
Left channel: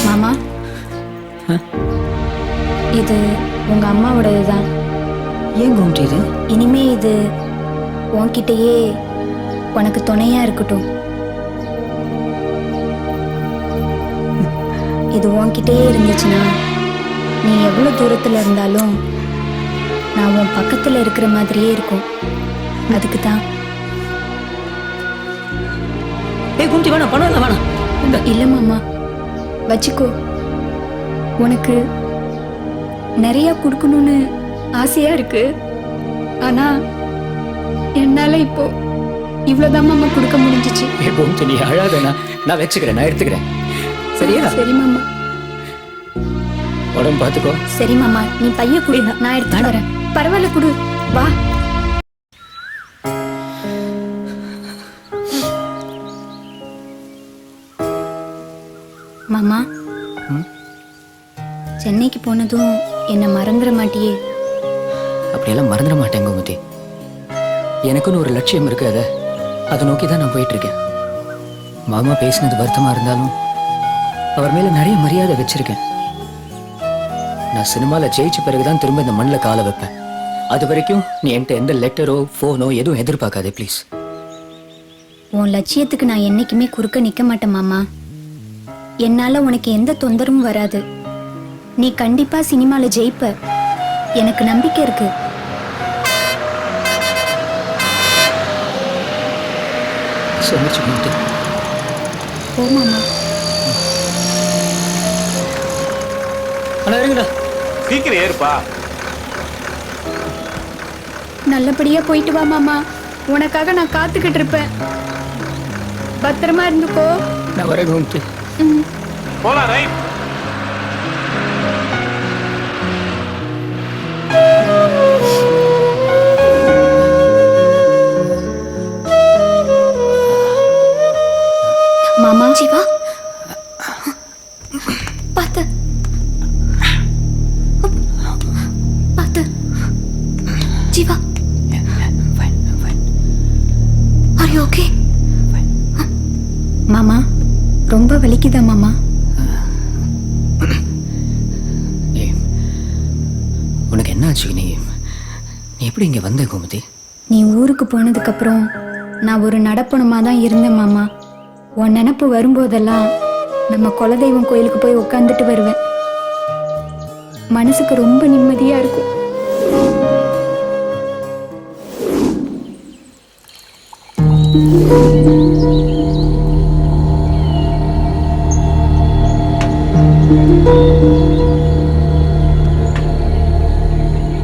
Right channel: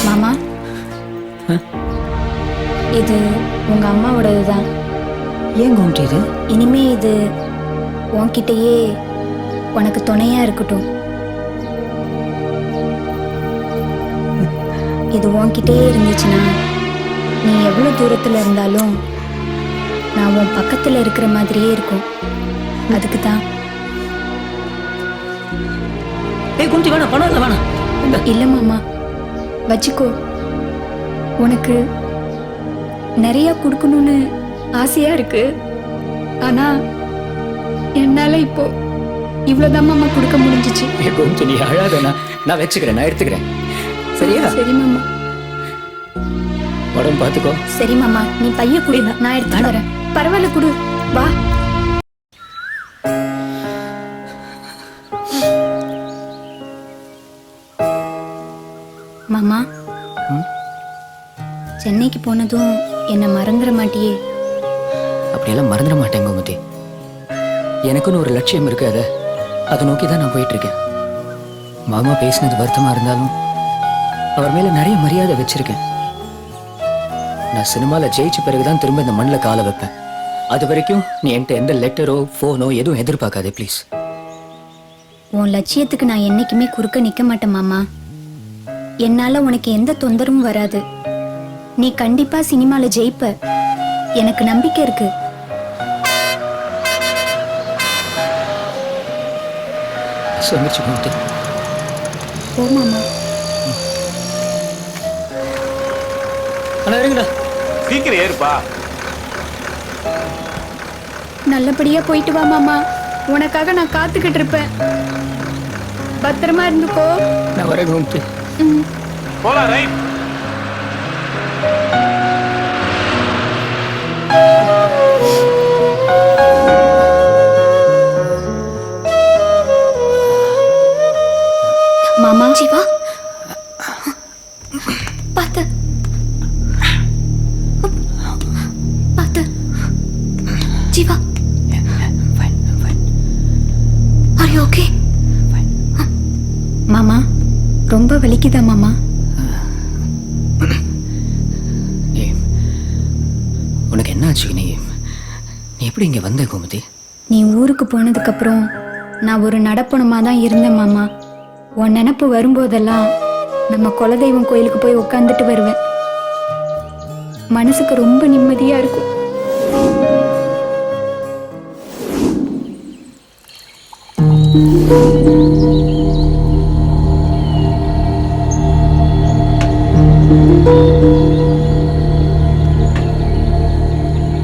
மாமா இது உங்க அம்மாவோடதுதான். ஏன் கோமதி இது? இனிமே இது உன்கிட்டயே உனக்கு துணையா இருக்கட்டும். இது உன்கிட்டயே இருந்துச்சுன்னா நீ எவ்வளவு தூரத்துல இருந்தாலும் நான் உன் பக்கத்துல இருக்கிற மாதிரியே இருக்கும். அதுக்கு தான். ஏய் கோமதி வேணாம், பணம் இல்லை வேணாம். இல்ல மாமா வச்சுக்கோ. உனக்கு நிறைய கொடுக்கணும்னு ஆசையா இருக்கு. ஆனா என்னால இப்போ இவ்வளவுதான் மாமா கொடுக்க முடிஞ்சிச்சு. ஏ கோமதி நீ அழாதனா, நான் வச்சுக்கிறேன், நான் எடுத்துக்கிறேன். சரியா? சரி மாமா. உடம்பு பாத்துக்கோ. சரி மாமா, நீ பைய குடு, நான் எடுத்து வரேன். பரவாயில்ல குடு, வா. மாமா சென்னைக்கு போனதும் என்ன மறந்துட மாட்டியே? அப்படியெல்லாம் மறந்துட மாட்டேன் கோமதி. எனக்குன்னு ஒரு லட்சியம் இருக்கு, அதை நோக்கி தான் நான் போயிட்டு இருக்கேன். மாமா பேசினது வருத்தமா இருந்தாலும் அவர் மேல நிறைய மரியாதை வச்சிருக்கேன். நான் சினிமால ஜெயிச்ச பிறகுதான் திரும்ப இந்த மண்ணில் காலை வைப்பேன். அது வரைக்கும் நீ என்கிட்ட எந்த லெட்டரோ ஃபோனோ எதுவும் எதிர்பார்க்காதே ப்ளீஸ். உன் லட்சியத்துக்கு நான் என்னைக்குமே குறுக்க நிக்க மாட்டேன் மாமா. என்னால உனக்கு எந்த தொந்தரவும் வராது. நீ கண்டிப்பா சினிமால ஜெயிப்ப, எனக்கு நம்பிக்கை இருக்கு. சொல்லிச்சு கோமதி. ஓ மாமா. அண்ணா இருங்கண்ணா. சீக்கிரம் ஏறுப்பா. நல்லபடியா போயிட்டு வா மாமா. உனக்காக நான் காத்துக்கிட்டு இருப்பேன். பத்திரமா இருந்துக்கோ. நான் வரேன் கோமதி. போலாம். ரைட். மாமா. ஜீவா பார்த்து பார்த்து. Jeeva are you okay? மாமா ரொம்ப வலிக்குதா மாமா? உனக்கு என்ன ஆச்சு? நீ எப்படி இங்க வந்த கோமதி? நீ ஊருக்கு போனதுக்கு அப்புறம் நான் ஒரு நடப்பணமா தான் இருந்தேன் மாமா. உன் நினப்பு வரும்போதெல்லாம் நம்ம குலதெய்வம் கோயிலுக்கு போய் உட்காந்துட்டு வருவேன். மனசுக்கு ரொம்ப நிம்மதியா இருக்கும்.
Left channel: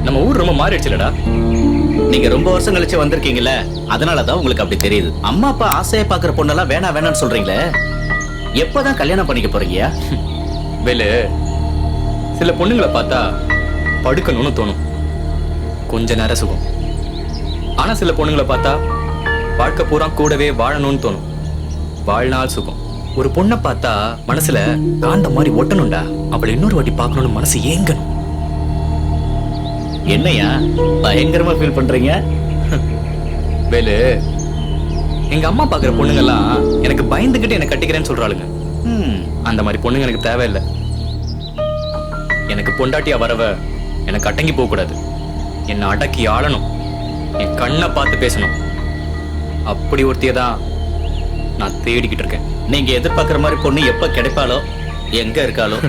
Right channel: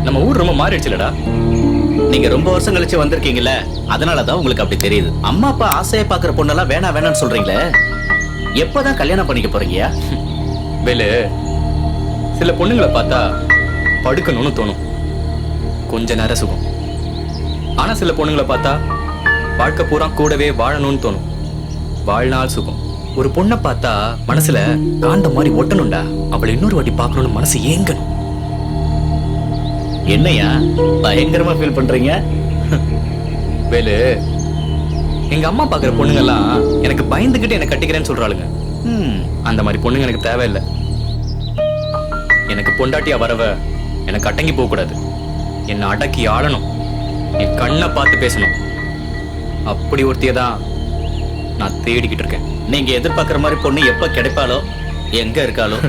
நம்ம ஊர் ரொம்ப மாறிடுச்சுலடா. நீங்க ரொம்ப வருஷம் கழிச்சு வந்திருக்கீங்கல்ல, அதனாலதான் உங்களுக்கு அப்படி தெரியுது. அம்மா அப்பா ஆசையை பாக்குற பொண்ணெல்லாம் வேணாம் வேணாம்னு சொல்றீங்களே, எப்பதான் கல்யாணம் பண்ணிக்க போறீங்க? வேலு, சில பொண்ணுங்களை பார்த்தா படுக்கணும்னு தோணும், கொஞ்ச நேரம் சுகம். ஆனா சில பொண்ணுங்களை பார்த்தா வாழ்க்கை பூரா கூடவே வாழணும்னு தோணும், வாழ்நாள் சுகம். ஒரு பொண்ணை பார்த்தா மனசுல காந்த மாதிரி ஒட்டணும்டா, அவளை இன்னொரு வாட்டி பார்க்கணும்னு மனசு ஏங்கணும். என்னையா பயங்கரமா ஃபீல் பண்றீங்க? வேலு, எங்க அம்மா பாக்குற பொண்ணுங்கெல்லாம் எனக்கு பயந்துகிட்டு என்ன கட்டிக்கிறேன்னு சொல்றாளுங்க. அந்த மாதிரி பொண்ணுங்க எனக்கு தேவையில்லை. எனக்கு பொண்டாட்டியா வரவ எனக்கு அடங்கி போக கூடாது, என்னை அடக்கி ஆளணும், என் கண்ணை பார்த்து பேசணும். அப்படி ஒருத்திய தான் நான் தேடிக்கிட்டு இருக்கேன். நீங்க எதிர்பார்க்கிற மாதிரி பொண்ணு எப்ப கிடைப்பாளோ, எங்க இருக்காளோ.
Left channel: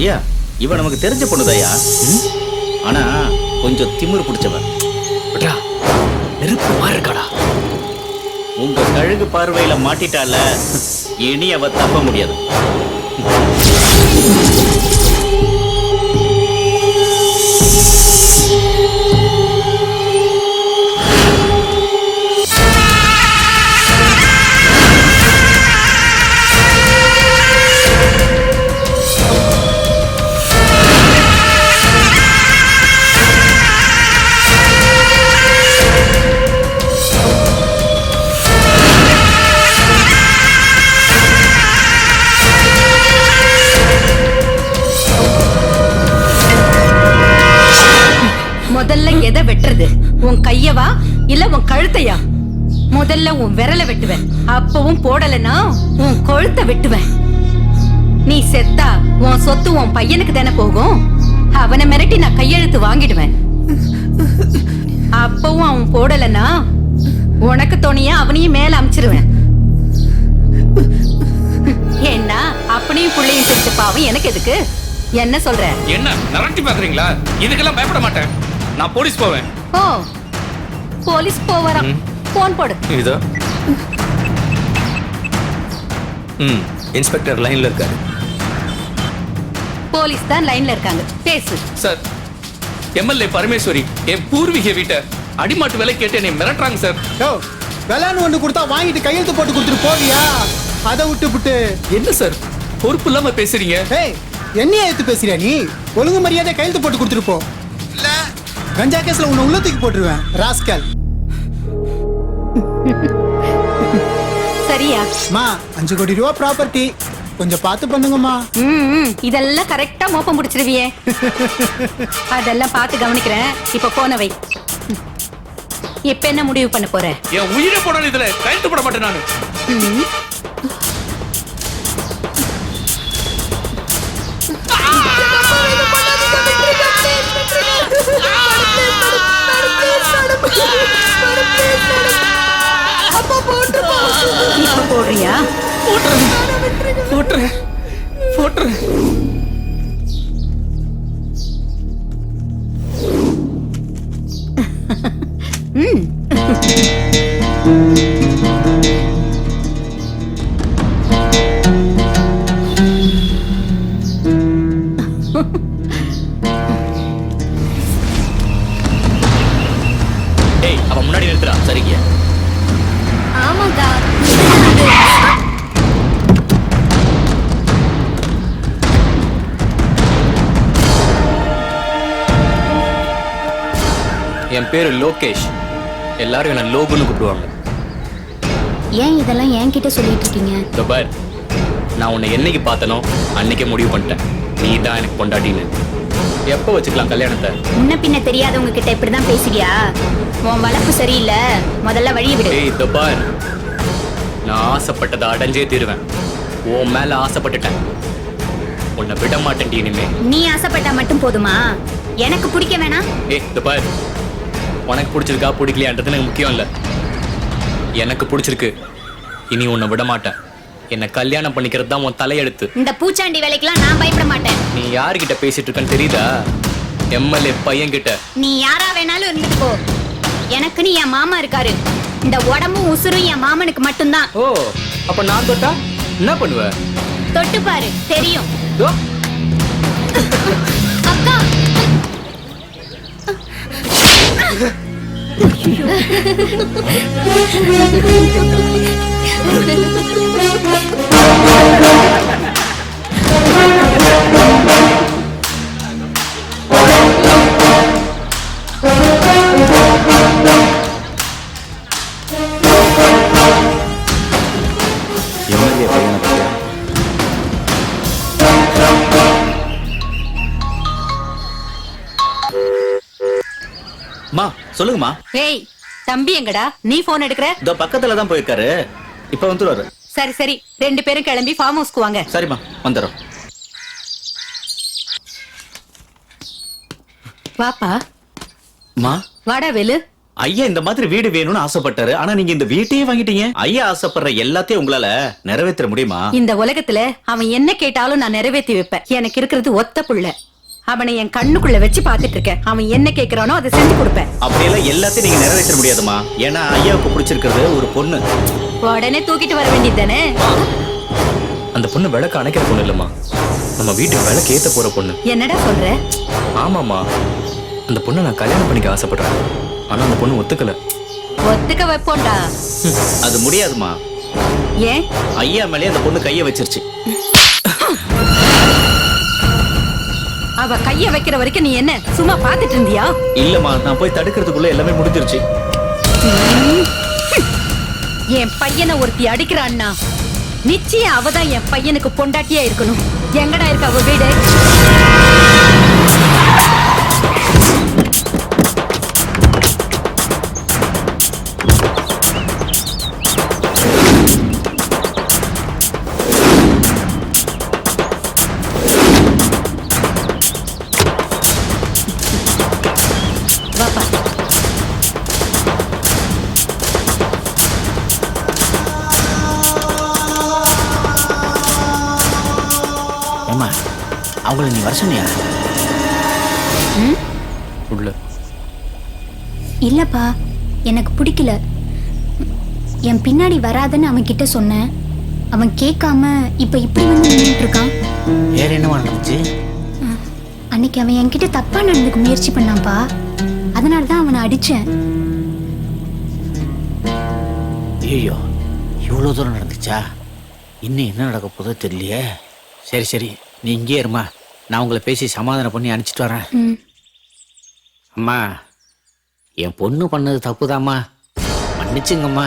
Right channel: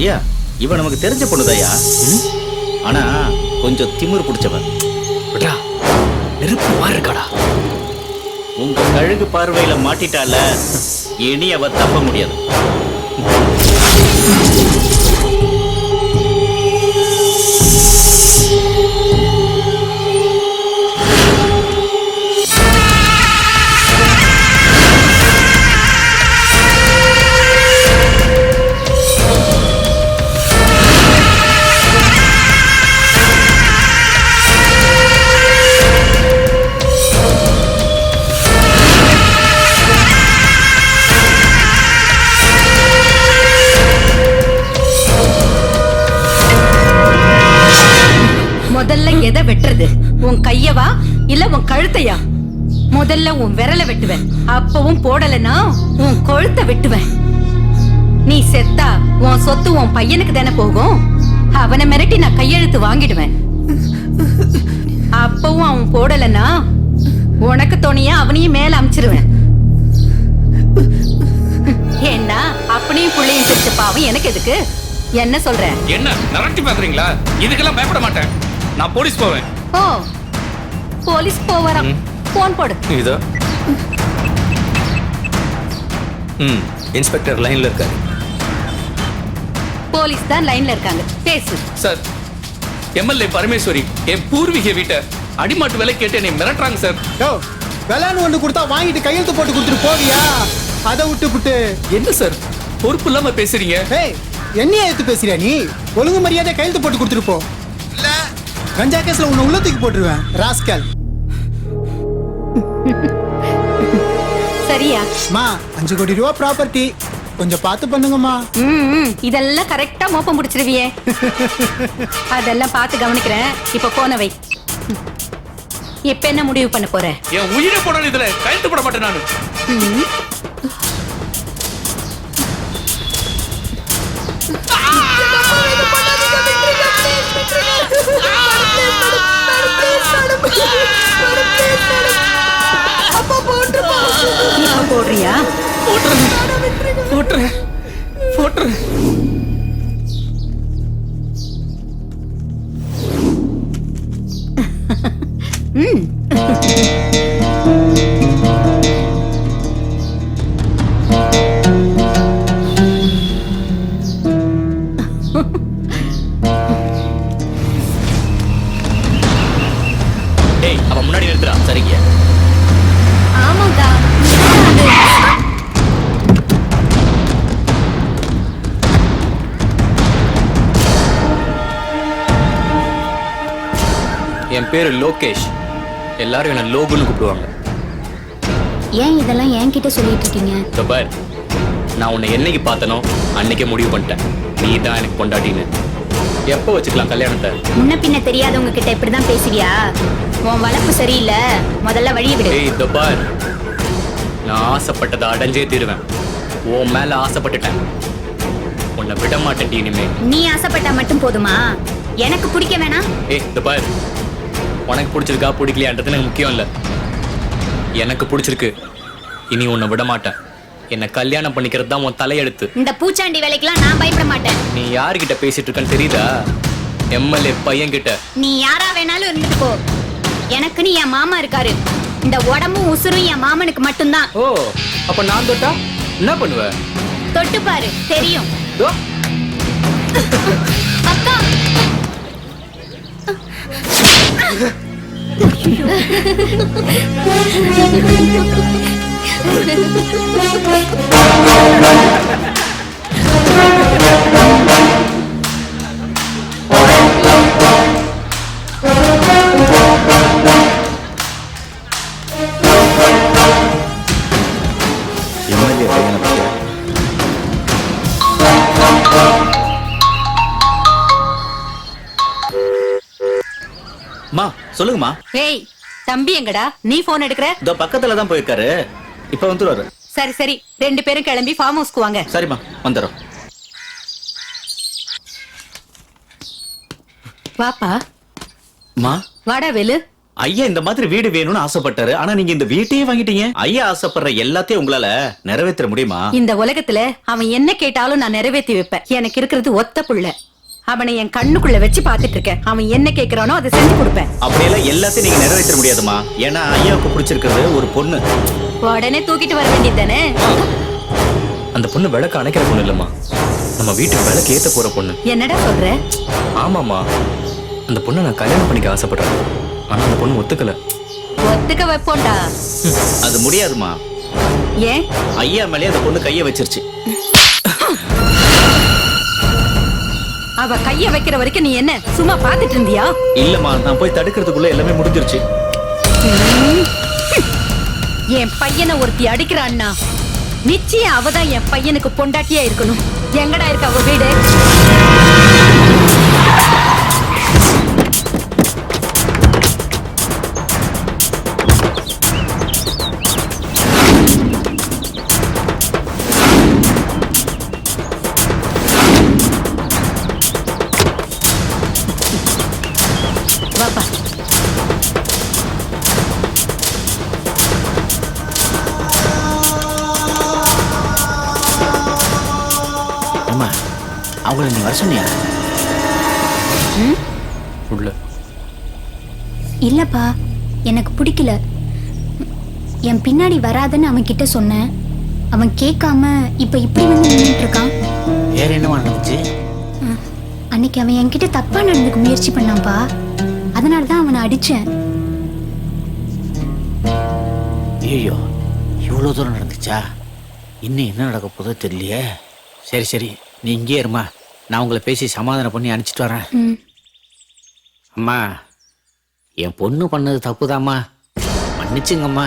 ஐயா, இவ நமக்கு தெரிஞ்ச பொண்ணுதாயா, ஆனா கொஞ்சம் திமிரு பிடிச்சவன். நெருப்பு மாதிரி இருக்காடா. உங்க கழுகு பார்வையில மாட்டிட்டால, இனி அவ தப்ப முடியாது. முதல்ல எதை வெட்டுறது? உன் கையவா இல்ல உன் கழுத்தையா? முதல்ல உன் விரலை வெட்டுவேன், அப்பவும் போடலன்னா உன் கொழுத்தை வெட்டுவேன். நீ செத்தா உன் சொத்து உன் பையனுக்கு தானே போகும். அவனை மிரட்டி நான் கையெழுத்து வாங்கிடுவேன். அப்பவும் அவன் போடலன்னா உனக்கு துணியா அவனையும் மேல அமிச்சிருவேன். ஏன்னா அப்பனையும் புள்ளையும் பிரிச்ச பாவம் எனக்கு எதுக்கு? என்ன சொல்ற? என்ன மிரட்டி பாக்குறீங்களா? இதுக்கெல்லாம் பயப்பட மாட்டேன், நான் போலீஸ் போவேன். ஓ, போலீஸ் போவறான். போன் போடு. இதோ இன்ஸ்பெக்டர் லைன்ல இருக்காரு. போலீஸ் தான் லைன்ல இருக்காங்க, பேசு. சார், எம்எல்ஏ பரமேஸ்வரி என் பூர்வீக வீட்டை அடிமாட்டு விலை கேட்டு என்னை மிரட்டுறாங்க சார். யோ விளையாண்டு ஒன்று கொடுத்தா வாங்கிட்டு கையெழுத்து போட்டு கொடுத்துட்டு போவியா? அதை விட்டு என்ன சார் பொறுப்பு இல்லாம பேசுறீங்க? ஏய் என்னைய எடுத்து பேசுறியா நீ? ஒழுங்கு மரியாதை கையெழுத்து போட்டு கொடுத்துட்டு போ, இல்ல கஞ்சா கேஸ்ல உன்னை உள்ளத்துக்கு போட்டுருவேன் ராஸ்கல். சரியா? மா 5 கோடி ரூபா ப்ராப்பர்ட்டி, கொஞ்சம் பார்த்து பண்ணுங்கம்மா. இதெல்லாம் கரெக்டா மோப்பம் முடிச்சிருவியே. அதெல்லாம் பார்த்து கவனிக்கிறேன். இப்ப போன வை. இப்ப என்ன முடிவு பண்ண போற? என் உயிரை போட இதுல கையெழுத்து போட மாட்டேன் நானு. இப்ப போடுறியா? போட்டுறேன். டேய், அவன் முன்னாடி நிறுத்துறா. சரிங்க. ஆமாக்கா. என் பேரு லோகேஷ். எல்லாரும் என்ன லோகுன்னு கூப்பிடுவாங்க. ஏன் இதெல்லாம் என்கிட்ட சொல்லிட்டு இருக்கீங்க? இதோ பார், நான் உன்னை என்னைக்கு பார்த்தனோ அன்னைக்கே முடிவு பண்ணிட்டேன். நீ தான் எனக்கு பொண்டாட்டின்னு. எப்போ வச்சுக்கலாம் கல்யாணத்தை? முன்ன பின்ன தெரியாதவங்க கிட்ட இப்படிதான் பேசுவியா? உன் வளர்ப்பு சரியில்லை, முதல்ல வழிய விடு. ஏய் இதோ பார், நான் ஆசைப்பட்டதை அடைஞ்சே தீருவேன். உன் மேல ஆசைப்பட்டுட்டேன். உன்னை விட மாட்டேன் இனிமே. நீ ஆசைப்பட்டா மட்டும் போதுமா? எனக்கு பிடிக்க வேணாம். ஏய் இதோ பார், உனக்கு பிடிச்சிருக்கா பிடிக்கலையான்றது எனக்கு முக்கியம் இல்லை. எனக்கு பிடிச்சிருக்கு. இனி உன்னை விட மாட்டேன். என்ன கல்யாணம் பண்ணிக்கிறது தான் உன் தலையெழுத்து. இந்த பூச்சாண்டி வேலைக்கெல்லாம் நான் பயப்பட மாட்டேன். நீ யார்கிட்ட பேசிட்டு இருக்கன்னு தெரியுதா? எம்எல்ஏ பையன் கிட்ட. நீ யாரா வேணாலும் இருந்துட்டு போ. எனக்குன்னு என் மாமா இருக்காரு. இந்த உடம்பும் உசுரும் என் மாமனுக்கு மட்டும்தான். ஓ, அப்ப நான் தொட்டா என்ன பண்ணுவ? தொட்டு பாரு, தெரியும். அக்கா. எம்எல்ஏ பையனை பத்தியா? மா சொல்லுங்கம்மா. ஏய் தம்பி எங்கடா? நீ போன் எடுக்கிற? இதோ பக்கத்துல தான் போயிருக்காரு. இப்ப வந்துருவாரு. சரி சரி, 2 பேரும் கிளம்பி ஃபார்ம் ஹவுஸ்க்கு வாங்க. சரிம்மா, வந்துடுறோம். வாப்பா. மா வாடா வேலு. ஐயா இந்த மாதிரி வீடு வேணும்னு ஆசைப்பட்டாரு. ஆனா நீங்க இந்த வீட்டையே வாங்கிட்டீங்க. ஐயா ஆசைப்படுற எல்லாத்தையும் உங்களால நிறைவேற்ற முடியுமா? இந்த உலகத்துல அவன் என்ன கேட்டாலும் நான் நிறைவேற்றி வைப்பேன். எனக்கு இருக்கிறது ஒத்த புள்ள. அவனை என் கண்ணுக்குள்ள வச்சு பாத்துட்டு இருக்கேன். அவன் என்ன கேக்குறானோ அதை செஞ்சு கொடுப்பேன். அப்படியெல்லாம் எல்லாத்தையும் நீங்க நிறைவேற்ற முடியாதுமா. ஏன்னா ஐயாவுக்கு பிடிச்சிருக்கிறது ஒரு பொண்ணு. உடனே தூக்கிட்டு வர வேண்டியது தானே? அந்த பொண்ணு விளக்கு அணைக்கிற பொண்ணு இல்லம்மா, நம்ம வீட்டுக்கு விளக்கு ஏத்த போற பொண்ணு. என்னடா சொல்ற? ஆமாமா, அந்த பொண்ணை நான் கல்யாணம் பண்ணிக்க ஆசைப்படுறேன். ஆனா அந்த பொண்ணு ஒத்துக்கல. ஒத்துக்க வைப்போண்டா. அது முடியாதுமா. ஏன்? ஐயா மேலே அந்த பொண்ணு கைய வச்சிருச்சு. அவ கைய வைக்கிற வரைக்கும் நீ என்ன சும்மா பாத்துட்டு இருந்தியா? இல்லம்மா, நான் போய் தடுக்கிறதுக்குள்ள எல்லாமே முடிஞ்சிருச்சு. என் பையனை ஒருத்தி அடிக்கிறான்னா நிச்சயம் அவதான் என் பையனுக்கு பொண்டாட்டியா இருக்கணும். எங்கடா இருக்க அவ வீடு? வாப்பா. அம்மா, அவங்கள நீ வர சொன்னியா? உள்ள இல்லப்பா, எனக்கு பிடிக்கல. என் பின்னாடி வராதுன்னு அவன் கிட்ட சொன்னேன். அவன் கேட்காம இப்ப இப்படி வந்து நின்னுட்டு இருக்கான். வேற என்னவா நடந்துச்சு? அன்னைக்கு அவன் என்கிட்ட தப்பா நடந்துக்க முயற்சி பண்ணான்ப்பா. அதனால தான் அவனை அடிச்சேன். ஐயோ இவ்வளோ தூரம் நடந்துச்சா? இன்னும் என்ன நடக்க போதோ தெரியலையே. சரி சரி, நீ இங்கே இருமா, நான் உங்களை பேசி சமாதானம் பண்ணி அனுப்பிச்சிட்டு வரேன். அம்மா, என் பொண்ணு பண்ணது தப்புதாம்மா, மன்னிச்சுங்கம்மா.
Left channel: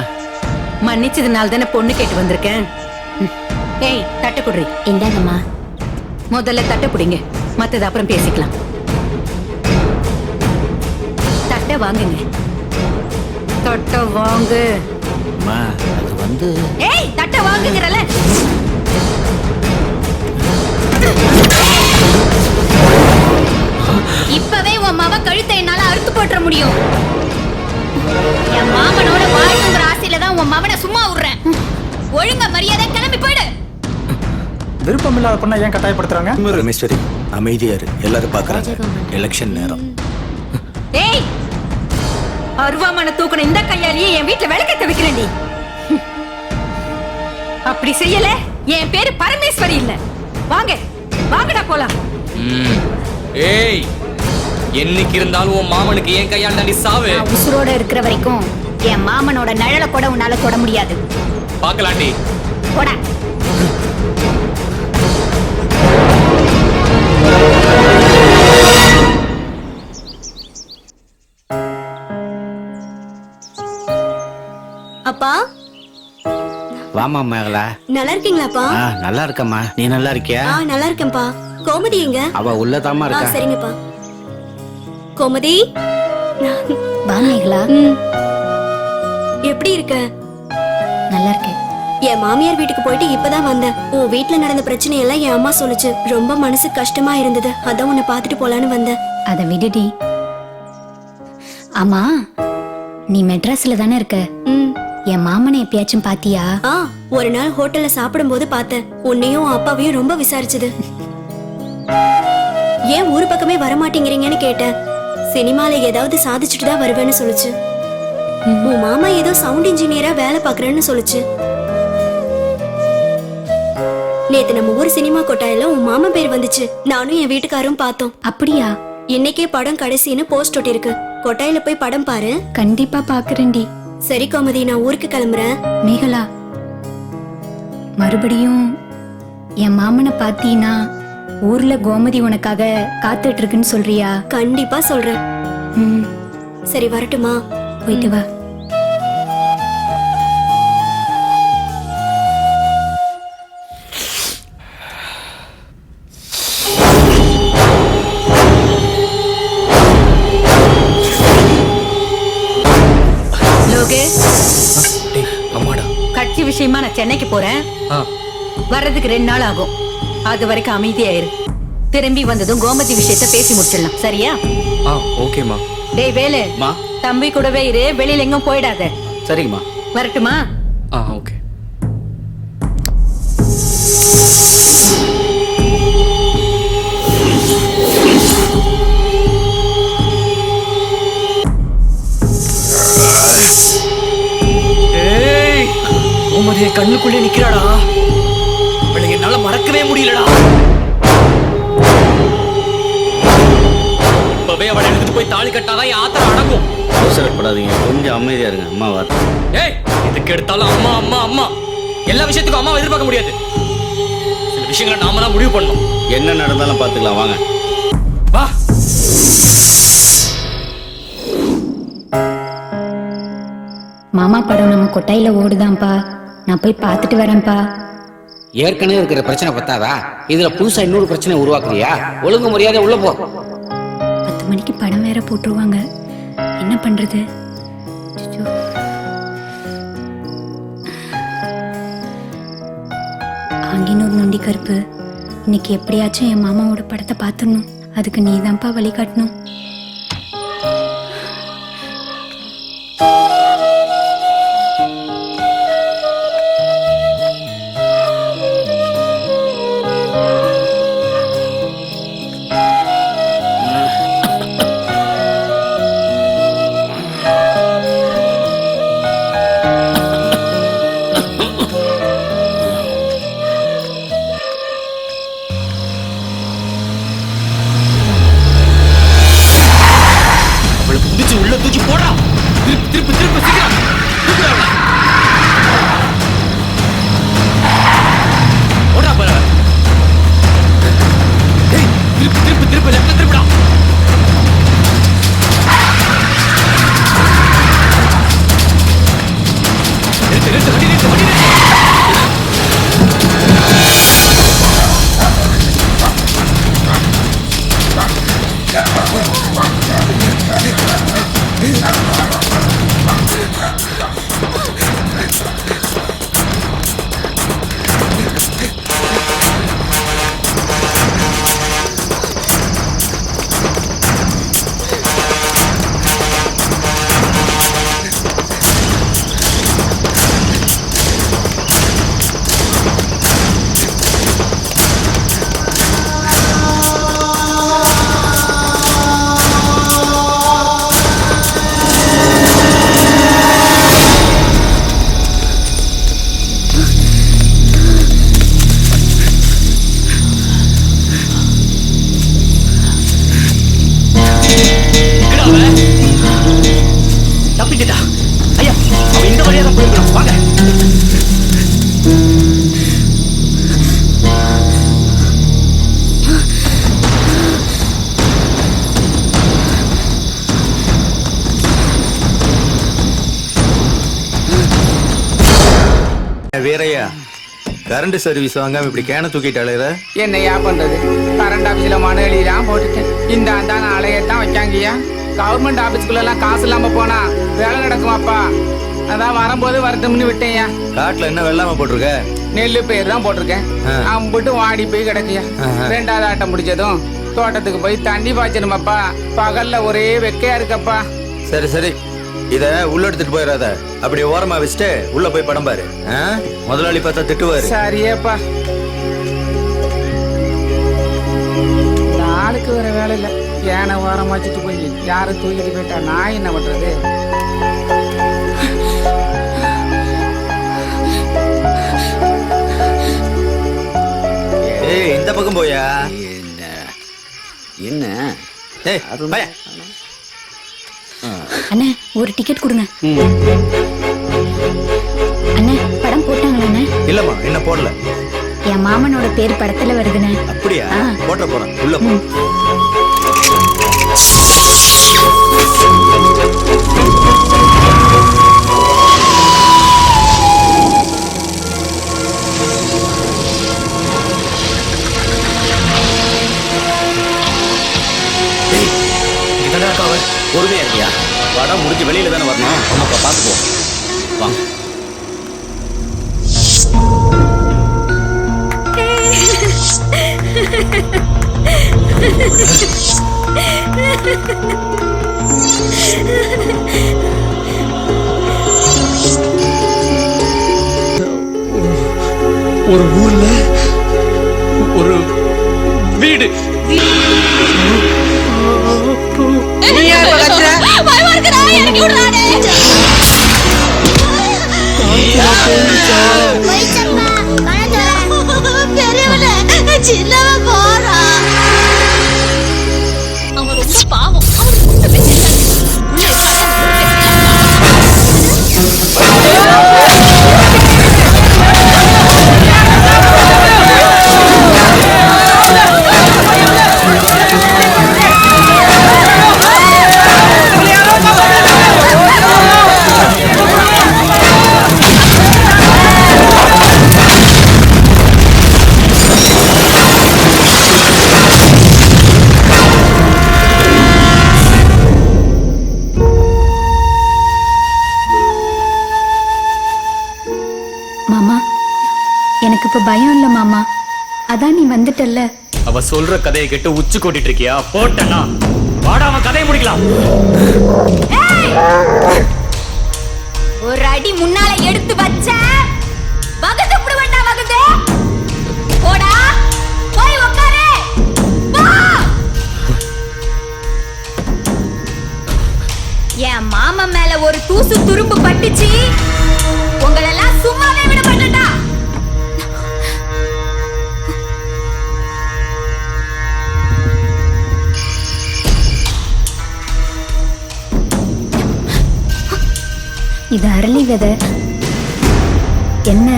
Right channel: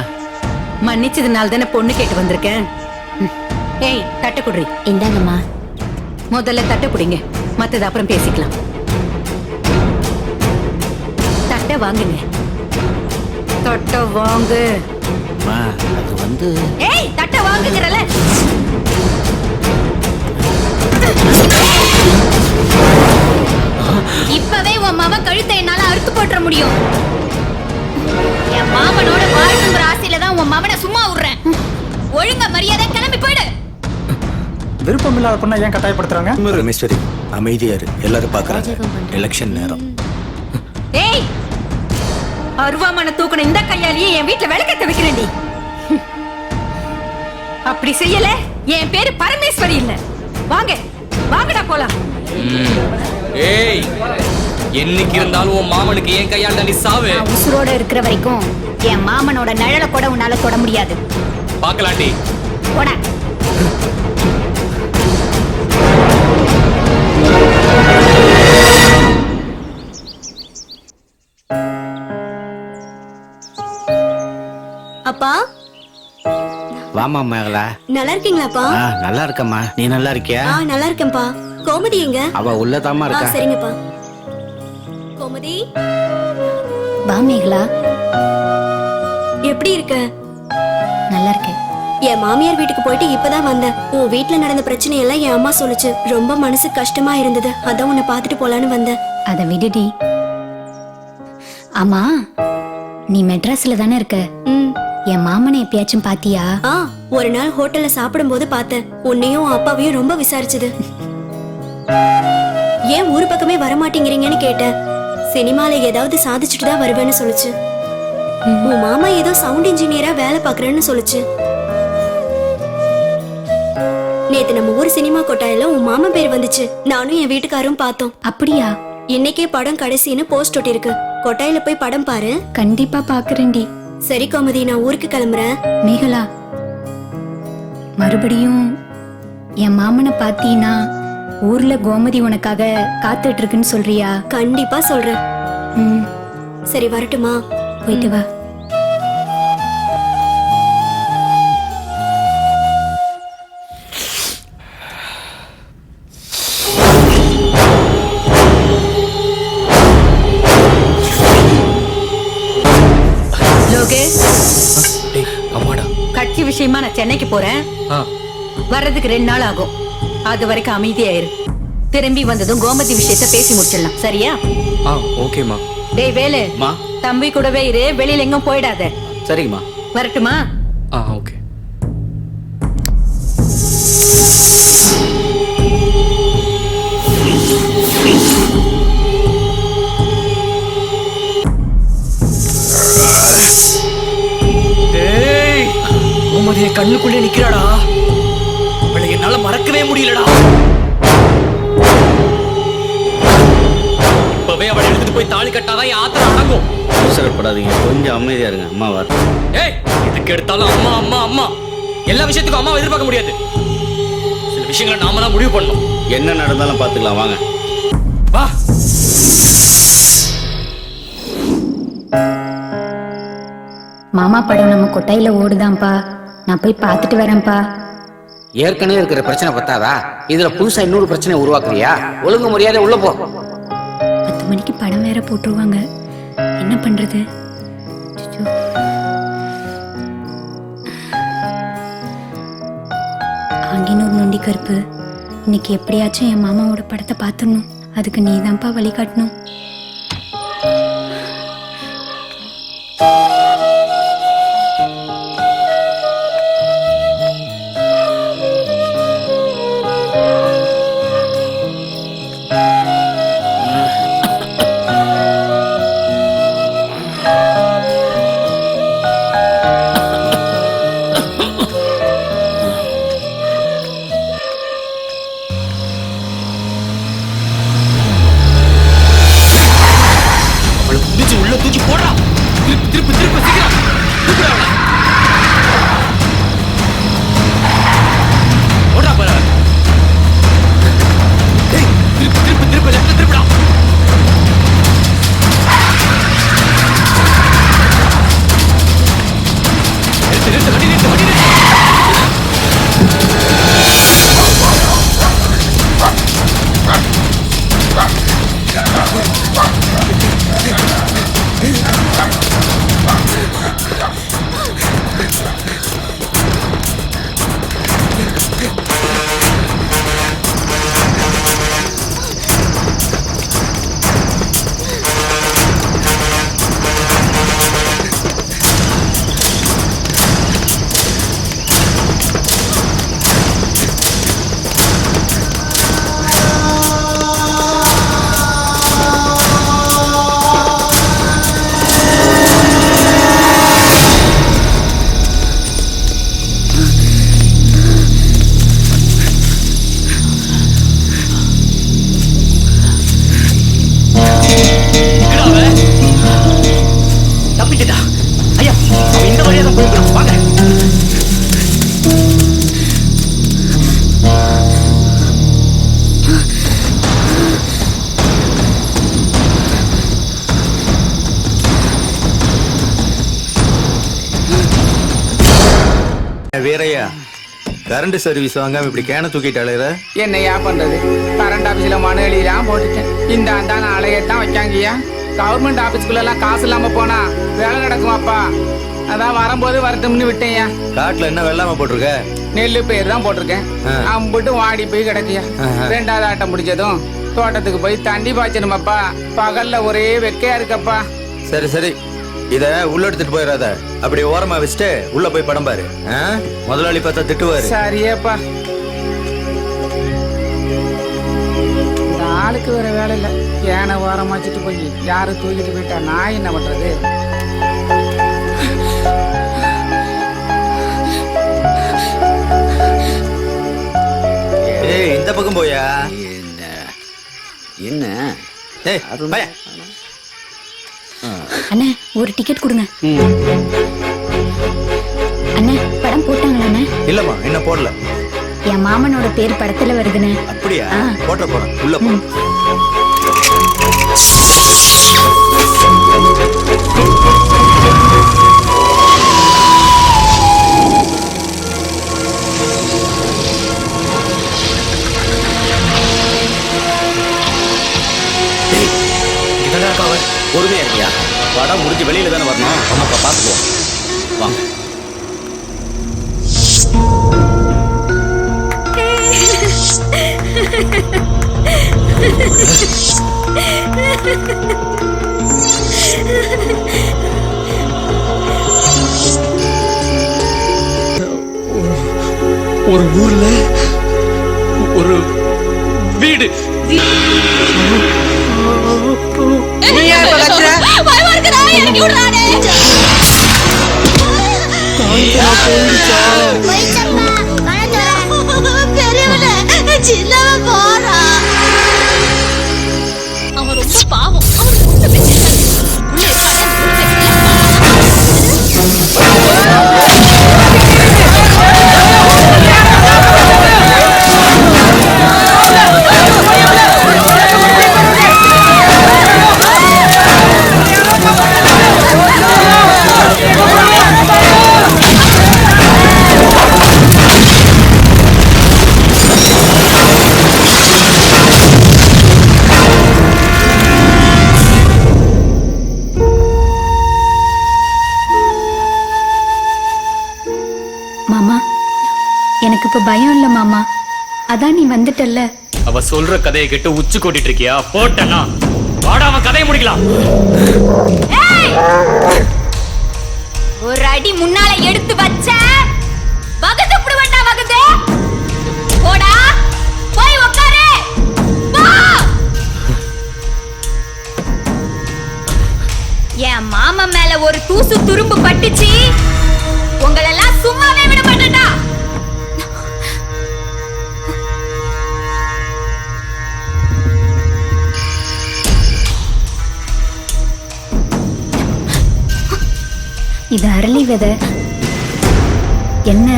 மன்னிச்சதுனால தானே பொண்ணு கேட்டு வந்திருக்கேன். ஏய், தட்டை குடுறி. இந்தாங்கம்மா. முதல்ல தட்டை பிடிங்க, மத்தது அப்புறம் பேசிக்கலாம். தட்டை வாங்குங்க. தட்டை வாங்கு. அம்மா அது வந்து ஏய், தட்டை வாங்குங்கறல. இப்பவே உன் மாமா கழுத்தை என்னால அறுத்து போட்டுற முடியும். என் மாமனோட வாழணுங்கிற ஆசையில தான் உன் மாமனை சும்மா விடுறேன். ஒழுங்கா மரியாதை கிளம்பி போயிடு. விருப்பம் இல்லாத பொண்ணை ஏன் கட்டாயப்படுத்துறாங்க? ரமேஸ்வரி, அமைதியா இரு, எல்லாரும் பாக்குறாங்க. எலெக்ஷன் நேரம். ஏய், அருவாமனை தூக்கணும் இந்த கையாலேயே என் வீட்டுல விளக்கத்தை வைக்கிறேன்டி. அப்படி செய்யல என் பேரு பரமேஸ்வரி இல்ல. வாங்க வாங்கடா போலாம். ஏய், என்னைக்கு இருந்தாலும் உன் மாமனுக்கு ஏன் கையால் தாண்டி சாவு. நான் உசுரோட இருக்கிற வரைக்கும் என் மாமனோட நிழல கூட உன்னால தொட முடியாது. பாக்கலாண்டி. போடா. அப்பா வாமா மேகலா. நல்லா இருக்கீங்களாப்பா? நல்லா இருக்கம்மா, நீ நல்லா இருக்கியா? நல்லா இருக்கேன்ப்பா. கோமதி எங்க? அவ உள்ளதாமா இருக்கா. சரிங்கப்பா. கோமதி, வா மேகலா. எப்படி இருக்க? நல்லா இருக்கேன். என் மாமியார் வீட்டுக்கு போயிட்டு இப்பதான் வந்தேன். உன் வீட்டுல நடந்த பிரச்சனையெல்லாம் என் அம்மா சொல்லுச்சு. ரொம்ப மனசு கஷ்டமா இருந்தது, அதான் உன்னை பாத்துட்டு போலான்னு வந்தேன். அத விடுடி. ஆமா, நீ மெட்ராஸ்ல தானே இருக்க? என் மாமனை எப்பயாச்சும் பாத்தியா? ஒரு நாள் ஹோட்டல்ல சாப்பிடும் போது பார்த்தேன். உன்னையும் அப்பாவையும் ரொம்ப விசாரிச்சது. ஏன் ஊரு பக்கமே வரமாட்டேங்கிறீங்கன்னு கேட்டேன். சினிமால ஏதாவது சாதிச்சுட்டு தான் வருவேன்னு சொல்லுச்சு. உன் மாமா ஏதோ சவுண்ட் இன்ஜினியரா வேலை பாக்குறேன்னு சொல்லுச்சு. நேத்து நம்ம ஊர் சினிமா கொட்டாயில உன் மாமா பேர் வந்துச்சு. நானும் என் வீட்டுக்காரும் பார்த்தோம். அப்படியா? இன்னைக்கே படம் கடைசின்னு போஸ்ட் ஒட்டிருக்கு. கொட்டாயில போய் படம் பாரு. கண்டிப்பா பாக்குறேன்டி. சரி கோமதி, நான் ஊருக்கு கிளம்புறேன். மேகலா, மறுபடியும் என் மாமனை பாத்தீனா ஊர்ல கோமதி உனக்காக காத்துட்டு இருக்குன்னு சொல்றியா? கண்டிப்பா சொல்றேன். சரி, வரட்டுமா? போயிட்டு வா. லோகேஷ், அம்மாடா, கட்சி விஷயமா நான் சென்னைக்கு போறேன். வர்றதுக்கு 2 நாள் ஆகும். அது வரைக்கும் அமைதியாயிரு. திரும்பி வந்ததும் கோமதி விஷயத்த பேசி முடிச்சிடலாம், சரியா? ஓகேமா. டேய் வேலு, தம்பி கூடவே இரு, வெளியில எங்கும் போயிடாத. சரிங்கம்மா. வரட்டுமா? ஓகே. கோமதியை கண்ணுக்குள்ளே நிக்கிறாடா. அவளை என்னால மறக்கவே முடியலடா. இப்பவே அவளை எழுந்துட்டு போய் தாலி கட்டாதான் என் ஆத்திரம் அடங்கும். அவசரப்படாதீங்க, கொஞ்சம் அமைதியா இருங்க. அம்மா வரட்டும். ஏய், எதுக்கு எடுத்தாலும் அம்மா அம்மா அம்மா. எல்லா விஷயத்துக்கும் அம்மாவை எதிர்பார்க்க முடியாது. சில விஷயங்களை நாம தான் முடிவு பண்ணணும். என்ன நடந்தாலும் பாத்துக்கலாம், வாங்க. வா. மாமா படம் நம்ம கொட்டாயில ஓடுதான்பா. நான் போய் பார்த்துட்டு வரேன்ப்பா. ஏற்கனவே இருக்கிற பிரச்சனை பத்தாதா? இதுல புதுசா இன்னொரு பிரச்சனை உருவாக்குறியா? ஒழுங்கு மரியாதை உள்ள போ. 10 மணிக்கு படம் வேற போட்டுருவாங்க. என்ன பண்றது? ஆங்கினூர் நொண்டி கருப்பு, இன்னைக்கு எப்படியாச்சும் என் மாமாவோட படத்தை பார்த்துடணும். அதுக்கு நீதான்ப்பா வழிகாட்டணும். தூக்கி போடுறா. திருப்பு திருப்பு திருப்பு சீக்கிரம் தூக்குறா அவனை. ஓடுறா பாரு. டேய் திருப்பு திருப்பு திருப்பு லெஃப்ட்ல திருப்புடா. நிறுத்து நிறுத்து வண்டி நிறுத்து வண்டி நிறுத்து. தப்பிச்சிட்டா. ஐயா அவன் இந்த வழியா தான் போயிருக்கணும். வாங்க. வீரையா, கரண்ட் சர்வீஸ் வாங்காம இப்படி கேன தூக்கிட்டாளேற. என்னையா பண்றது? கரண்ட் ஆபீஸ்ல மனு எழுதிலாம் போட்டுட்டேன். இந்த ஆண்டான அலையத்தான் வைக்காங்கய்யா. கவர்மெண்ட் ஆபீஸ்க்குள்ள எல்லாம் காசு இல்லாம போனா வேலை நடக்குமாப்பா? அதான் வரும்போது வரட்டும்னு விட்டேன்யா. காட்டுல என்ன வெள்ளாம போட்டிருக்க? நெல்லு பயிர் தான் போட்டிருக்கேன். அம்புட்டு வாடி போய் கிடக்குயா. ரெண்டாவது ஆட்டம் முடிஞ்சதும் தோட்டத்துக்கு போய் தண்ணி பாய்ச்சணுமாப்பா. பகல்ல ஒரே வெக்கையா இருக்கப்பா. சரி சரி, இத உள்ள எடுத்துட்டு போயிடாத. அப்படி ஓரமா வச்சுட்டு உள்ள போய் படம் பாரு. முதலாளி பார்த்தா திட்டுவாரு. சரியேப்பா. இந்த ஆளுக்கு வேற வேலை இல்ல. ஏன ஓரமா வச்சுட்டு போய் யாரு தூக்கிட்டு போயிட்டா நான் என்ன பண்றது? ஏய் இந்த பக்கம் போயா. என்ன ஏய் பய. அண்ணே ஒரு டிக்கெட் கொடுங்க. அண்ணே படம் போட்டாங்களா அண்ணே? இல்லம்மா என்ன போடல. என் மாமனோட பேர் படத்துல வருதுண்ணே. அப்படியா? போட்ட போறேன். உள்ள போ. பொறுமையா இருக்கியா? படம் முடிஞ்சு வெளியில தானே வரணும். நம்ம பாத்துக்குவோம். வாங்க. ஒரு ஊர்ல ஒரு வீடு. அவன் ரொம்ப பாவம். அவனுக்கு ஒண்ணுமே தெரியாது. உள்ள இருக்கானே அந்த மூணு பேர் மாமா எனக்கு இப்ப பயம் இல்ல மாமா. அதான் நீ வந்துட்டல்ல. அவ சொல்ற கதையை கேட்டு உச்சி கொட்டிட்டு இருக்கியா? போட்டனா வாடா அவன் கதையை முடிக்கலாம். ஒரு அடி முன்னால எடுத்து வச்ச வகது புடுவண்டா வகது. போடா போய் உட்காரு. போ. என் மாமா மேல ஒரு தூசு துரும்பு பட்டுச்சு. உங்களெல்லாம் சும்மாவே விட மாட்டேன்டா. இது அரளி விதை. என்ன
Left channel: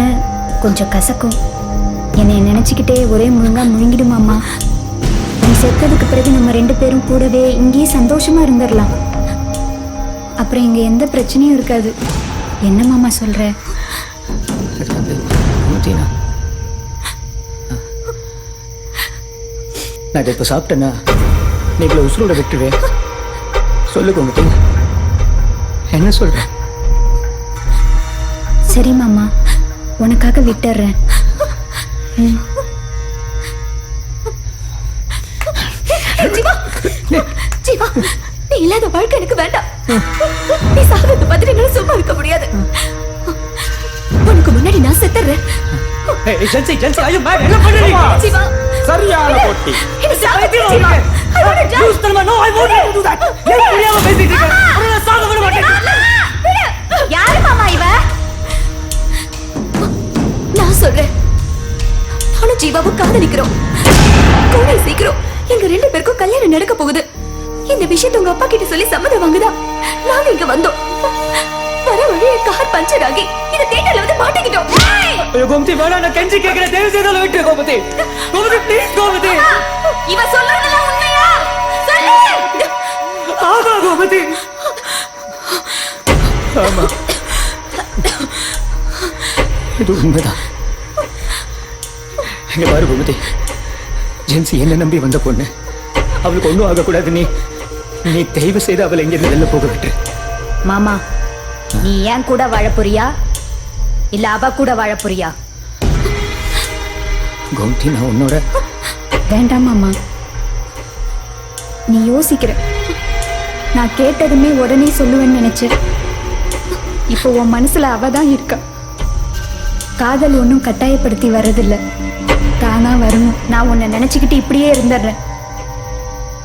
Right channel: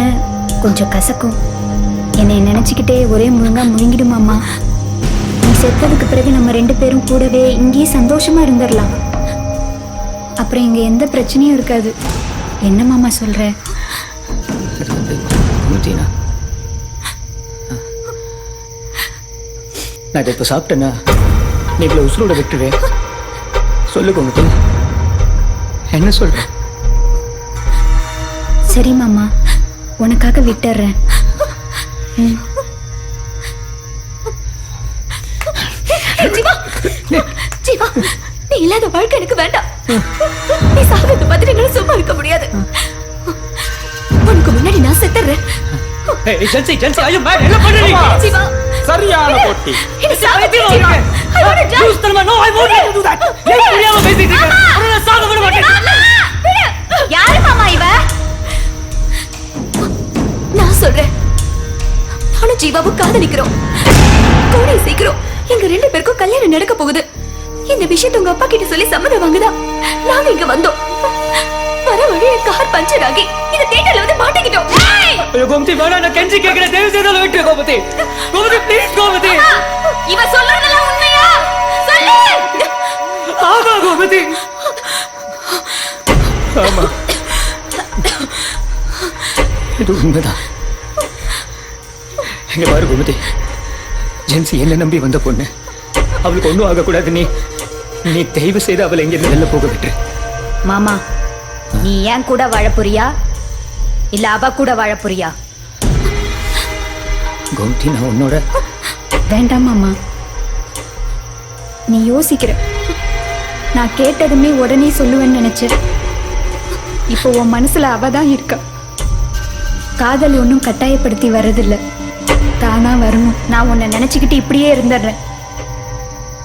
கொஞ்சம் கசக்கும். என்னை நினைச்சுக்கிட்டே ஒரே முழுங்கா முழுங்கிடுமாம்மா. நீ செத்ததுக்கு பிறகு நம்ம 2 பேரும் கூடவே இங்கேயே சந்தோஷமா இருந்துடலாம். அப்புறம் இங்க எந்த பிரச்சனையும் இருக்காது. என்ன மாமா சொல்ற? அது வந்து கோமதினா, நான் இதை இப்போ சாப்பிட்டேன்னா நீ இவ்வளோ உசுரோட விட்டுருவே. சொல்லு கோமதி, என்ன சொல்ற? சரி மாமா, உனக்காக விட்டுறேன். ஜீவா, ஜீவா, நீ இல்லாத வாழ்க்கை எனக்கு வேண்டாம். நீ சாகிறத பார்த்துட்டு என்னால சும்மா இருக்க முடியாது. உனக்கு முன்னாடி நான் செத்துறேன். ஜீவா, சரியான போட்டி. என்ன சாகடிச்சு Jeeva. I want to die. No, I won't do that. ஏன் புரியாம பேசிட்டு இருக்க? உன்னை சாக விட மாட்டேன். யாரு மாமா இவ? நான் சொல்றேன், நானும் ஜீவாவும் காதலிக்கிறோம். கூடிய சீக்கிரம் எங்க 2 பேருக்கும் கல்யாணம் நடக்க போகுது. இந்த விஷயத்தை உங்க அப்பா கிட்ட சொல்லி சம்மதம் வாங்குதா நாங்க இங்க வந்தோம். வர வழியில கார் பஞ்சர் ஆகி இந்த தியேட்டர்ல வந்து மாட்டிக்கிட்டோம். ஐயோ கோமதி, வேணா, நான் கெஞ்சி கேட்கிறேன். தயவு செய்து விட்டு கோமதி. கோமதி ப்ளீஸ் கோமதி. இவ சொல்றதெல்லாம் உண்மையா? சொல்லு. ஆமா கோமதி, ஆமா, இது உண்மைதான். எங்க பாரு கோமதி, ஜென்சி என்ன நம்பி வந்த பொண்ணு. அவளுக்கு ஒன்றும் ஆகக்கூடாது. நீ தயவு செய்து அவளை எங்கிருந்து வெளில போக விட்டு. மாமா, நீ ஏன் கூட வாழ போறியா இல்ல அவ கூட வாழ போறியா? கோமதி, நான் உன்னோட. வேண்டாம் மாமா, நீ யோசிக்கிற. நான் கேட்டதுமே உடனே சொல்லுவேன்னு நினைச்சேன். இப்போ உன் மனசுல அவதான் இருக்கா. காதல் ஒன்றும் கட்டாயப்படுத்தி வர்றதில்ல, தானா வரணும். நான் உன்னை நினைச்சுக்கிட்டு இப்படியே இருந்துடுறேன்.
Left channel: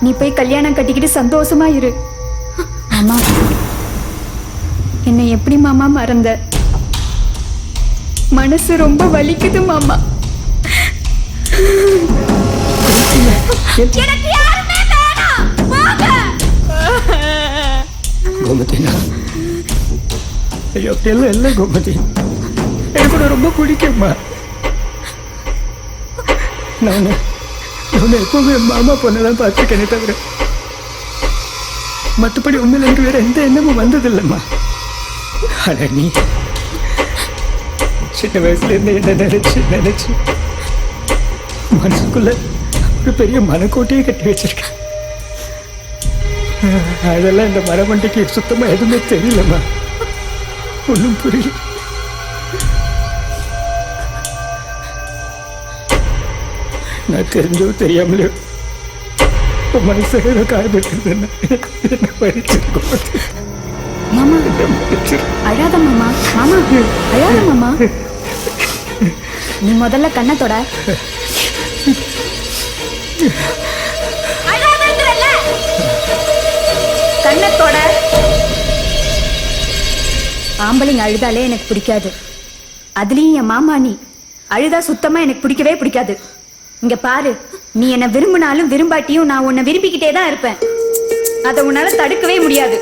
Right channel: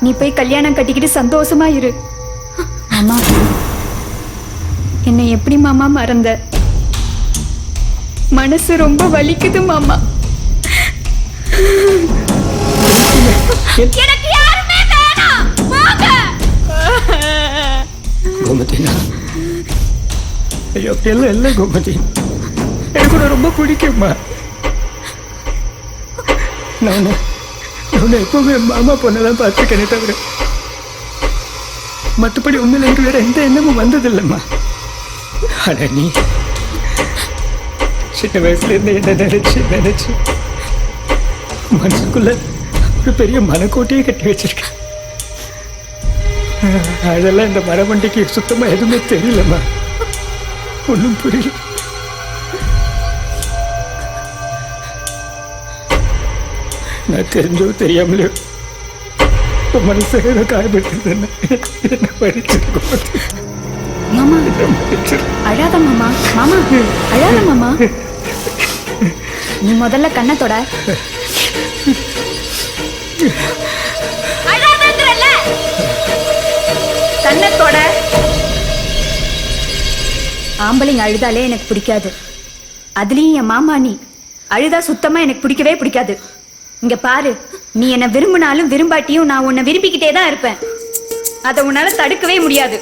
நீ போய் கல்யாணம் கட்டிக்கிட்டு சந்தோஷமா இரு. மாமா, என்னை எப்படி மாமா மறந்த? மனசு ரொம்ப வலிக்குது மாமா. எனக்கு யாருமே வேணாம். போங்க. கோமதி, ஐயோ அப்படியெல்லாம் இல்லை கோமதி. எனக்கு கூட ரொம்ப பிடிக்கும்மா. நான் எப்பவுமே மாமா பொண்ணெல்லாம் பார்த்துருக்கேனே தவிர மற்றபடி உண்மையில் எனக்கு வேற எந்த எண்ணமும் வந்ததில்லைம்மா. ஆனா நீ சின்ன வயசுல இருந்து என்ன நினைச்சு மனசுக்குள்ள ஒரு பெரிய மனக்கோட்டையே கட்டி வச்சிருக்க. அதெல்லாம் இந்த மரமண்டிக்கு சுத்தமா எதுவுமே தெரியலம்மா. ஒன்றும் புரியல. நான் தெரிஞ்சோ தெரியாமலையோ உன் மனசை காயப்பட்டிருந்தேன்னா என்ன பறிச்சிருக்கோம். மாமா, அழாத மாமா. மாமா, அழாத மாமா. நீ முதல்ல கண்ணை தொட. அழாதங்கறல்ல. கண்ணை தொட. ஆம்பளைங்க அழுதாலே எனக்கு பிடிக்காது. அதுலயும் என் மாமா நீ அழுதா சுத்தமா எனக்கு பிடிக்கவே பிடிக்காது. இங்க பாரு, நீ என்ன விரும்பினாலும் விரும்பாட்டியும் நான் உன்னை விரும்பிக்கிட்டே தான் இருப்பேன். அதை உன்னால தடுக்கவே முடியாது.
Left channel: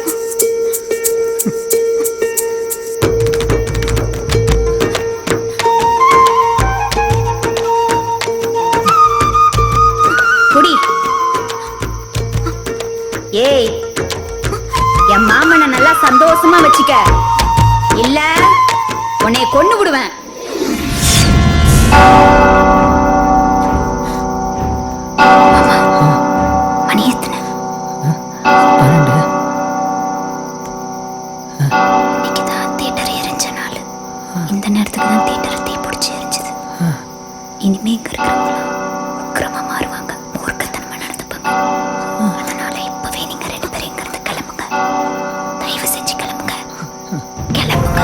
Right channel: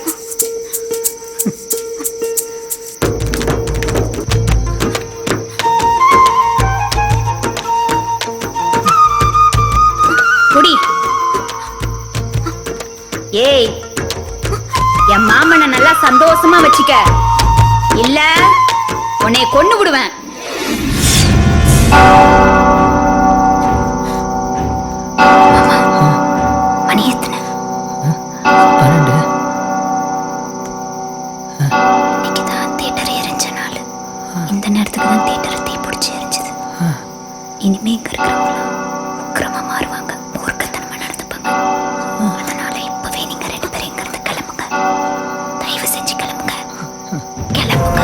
குடி. ஏய், என் மாமனை நல்லா சந்தோஷமா வச்சுக்க, இல்ல உன்னை கொன்னு விடுவேன். மணி எத்தனை? 12. இன்னைக்கு தான் தியேட்டர் எரிஞ்ச நாள். இந்த நேரத்துக்கு தான் தியேட்டர் தீ பிடிச்சி எரிஞ்சது. இனிமே இங்க இருக்கிறவங்களாம் உக்கிரமா மாறுவாங்க, மூர்க்கத்தனமா நடந்துப்பாங்க. அதனால இப்பவே நீங்க 2 பேரும் இங்க இருந்து கிளம்புங்க. தயவு செஞ்சு கிளம்புங்க, கிளம்புங்க.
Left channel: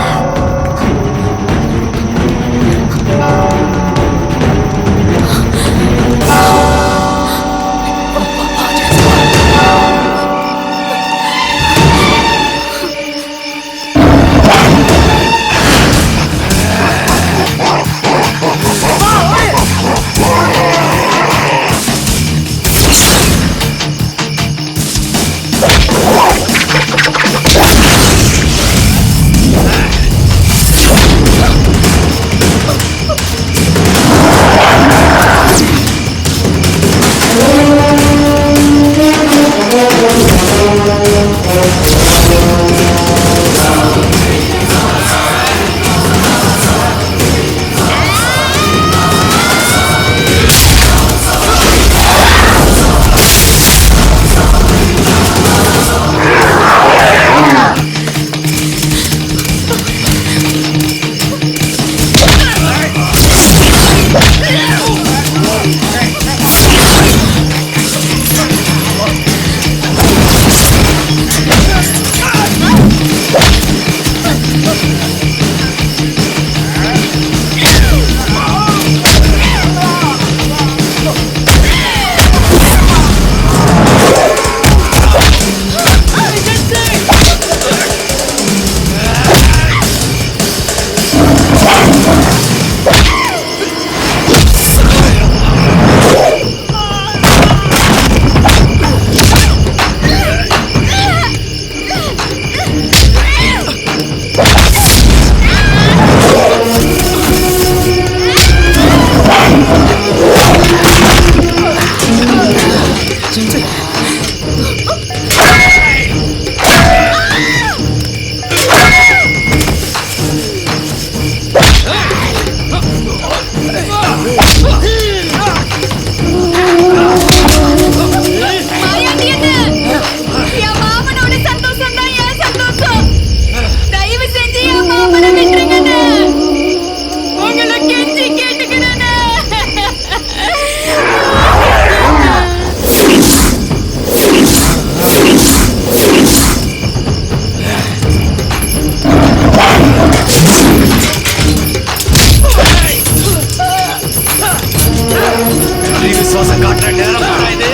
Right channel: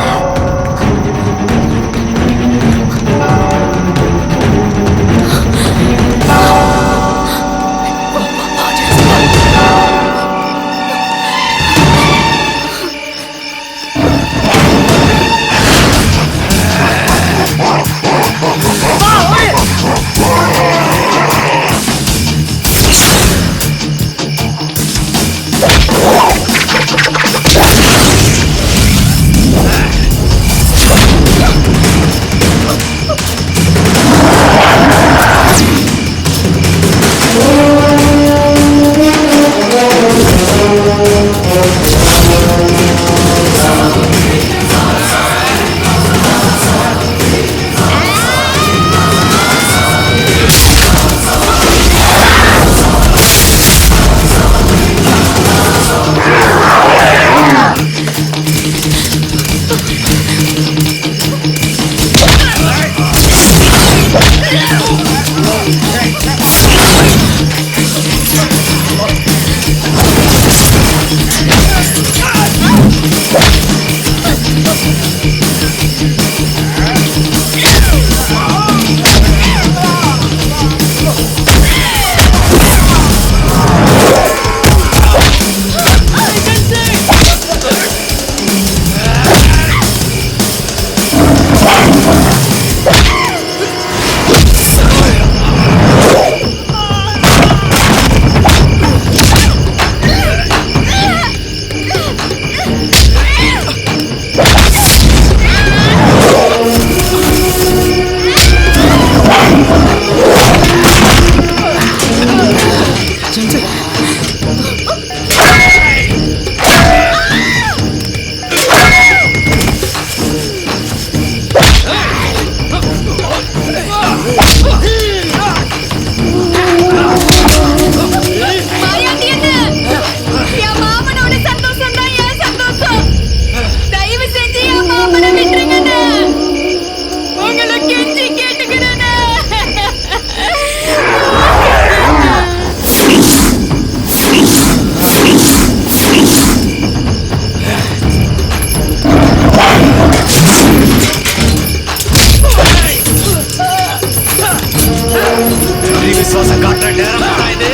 விசுவாசம் காட்டுற நேரம் இது.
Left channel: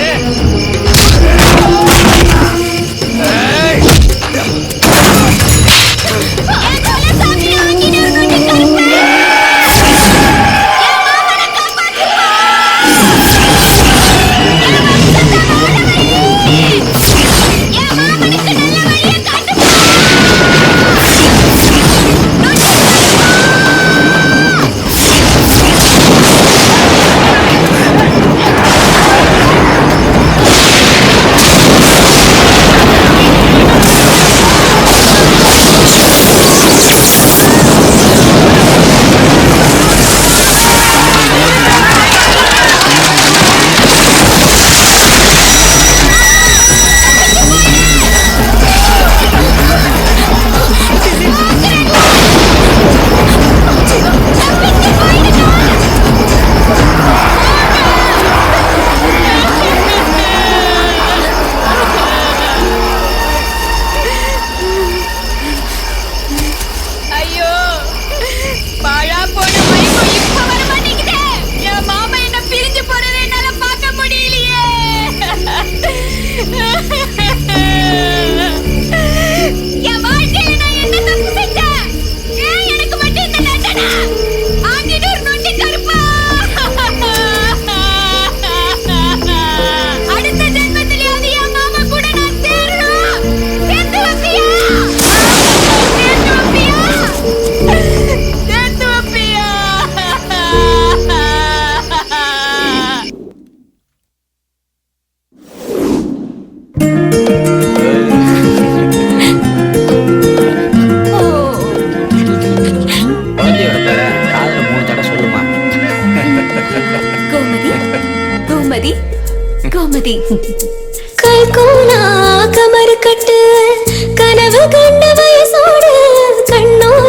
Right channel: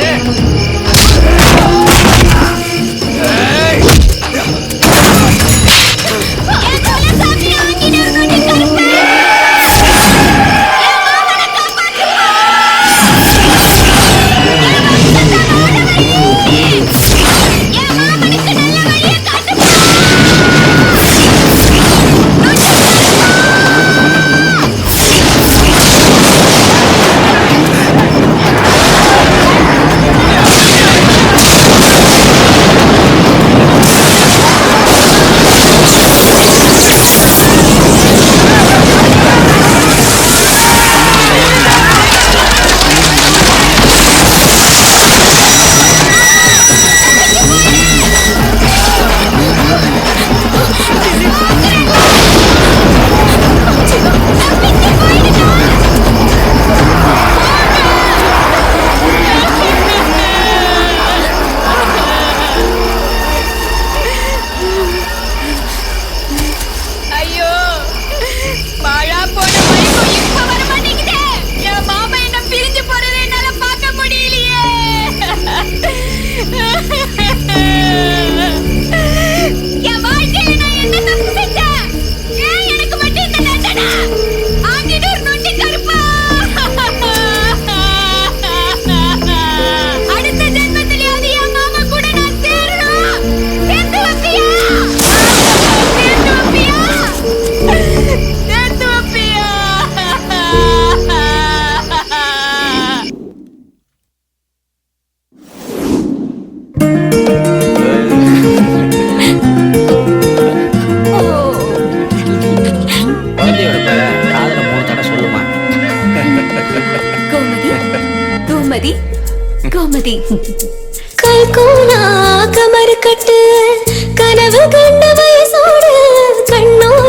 ஐயோ பாழா போன மயக்கம் இப்ப வர மாட்டேங்குதே. என் மாமா என்ன பிரிஞ்சு போறதை என்னால பார்க்க முடியலையே. என் வாழ்க்கையில நான் என்ன தப்பு செஞ்சேன்? ஏன் எனக்கு மட்டும் இந்த தண்டனை? ஆங்கிடூர் நொண்டி கருப்பா, அடுத்த ஜென்மத்திலேயாவது என் மாமா கூட நான் சேரணும். சேர்த்து வைப்பியா? சேர்த்து வைப்பியா? சேர்த்து வைப்பியா? குழந்தையோட பேரை காதுல 3 தடவை சொல்லுமா. கோமதி கோமதி கோமதி கைகோலா கமர் கட்டு கனவு கண்ட வயசோடு கண்ணோடு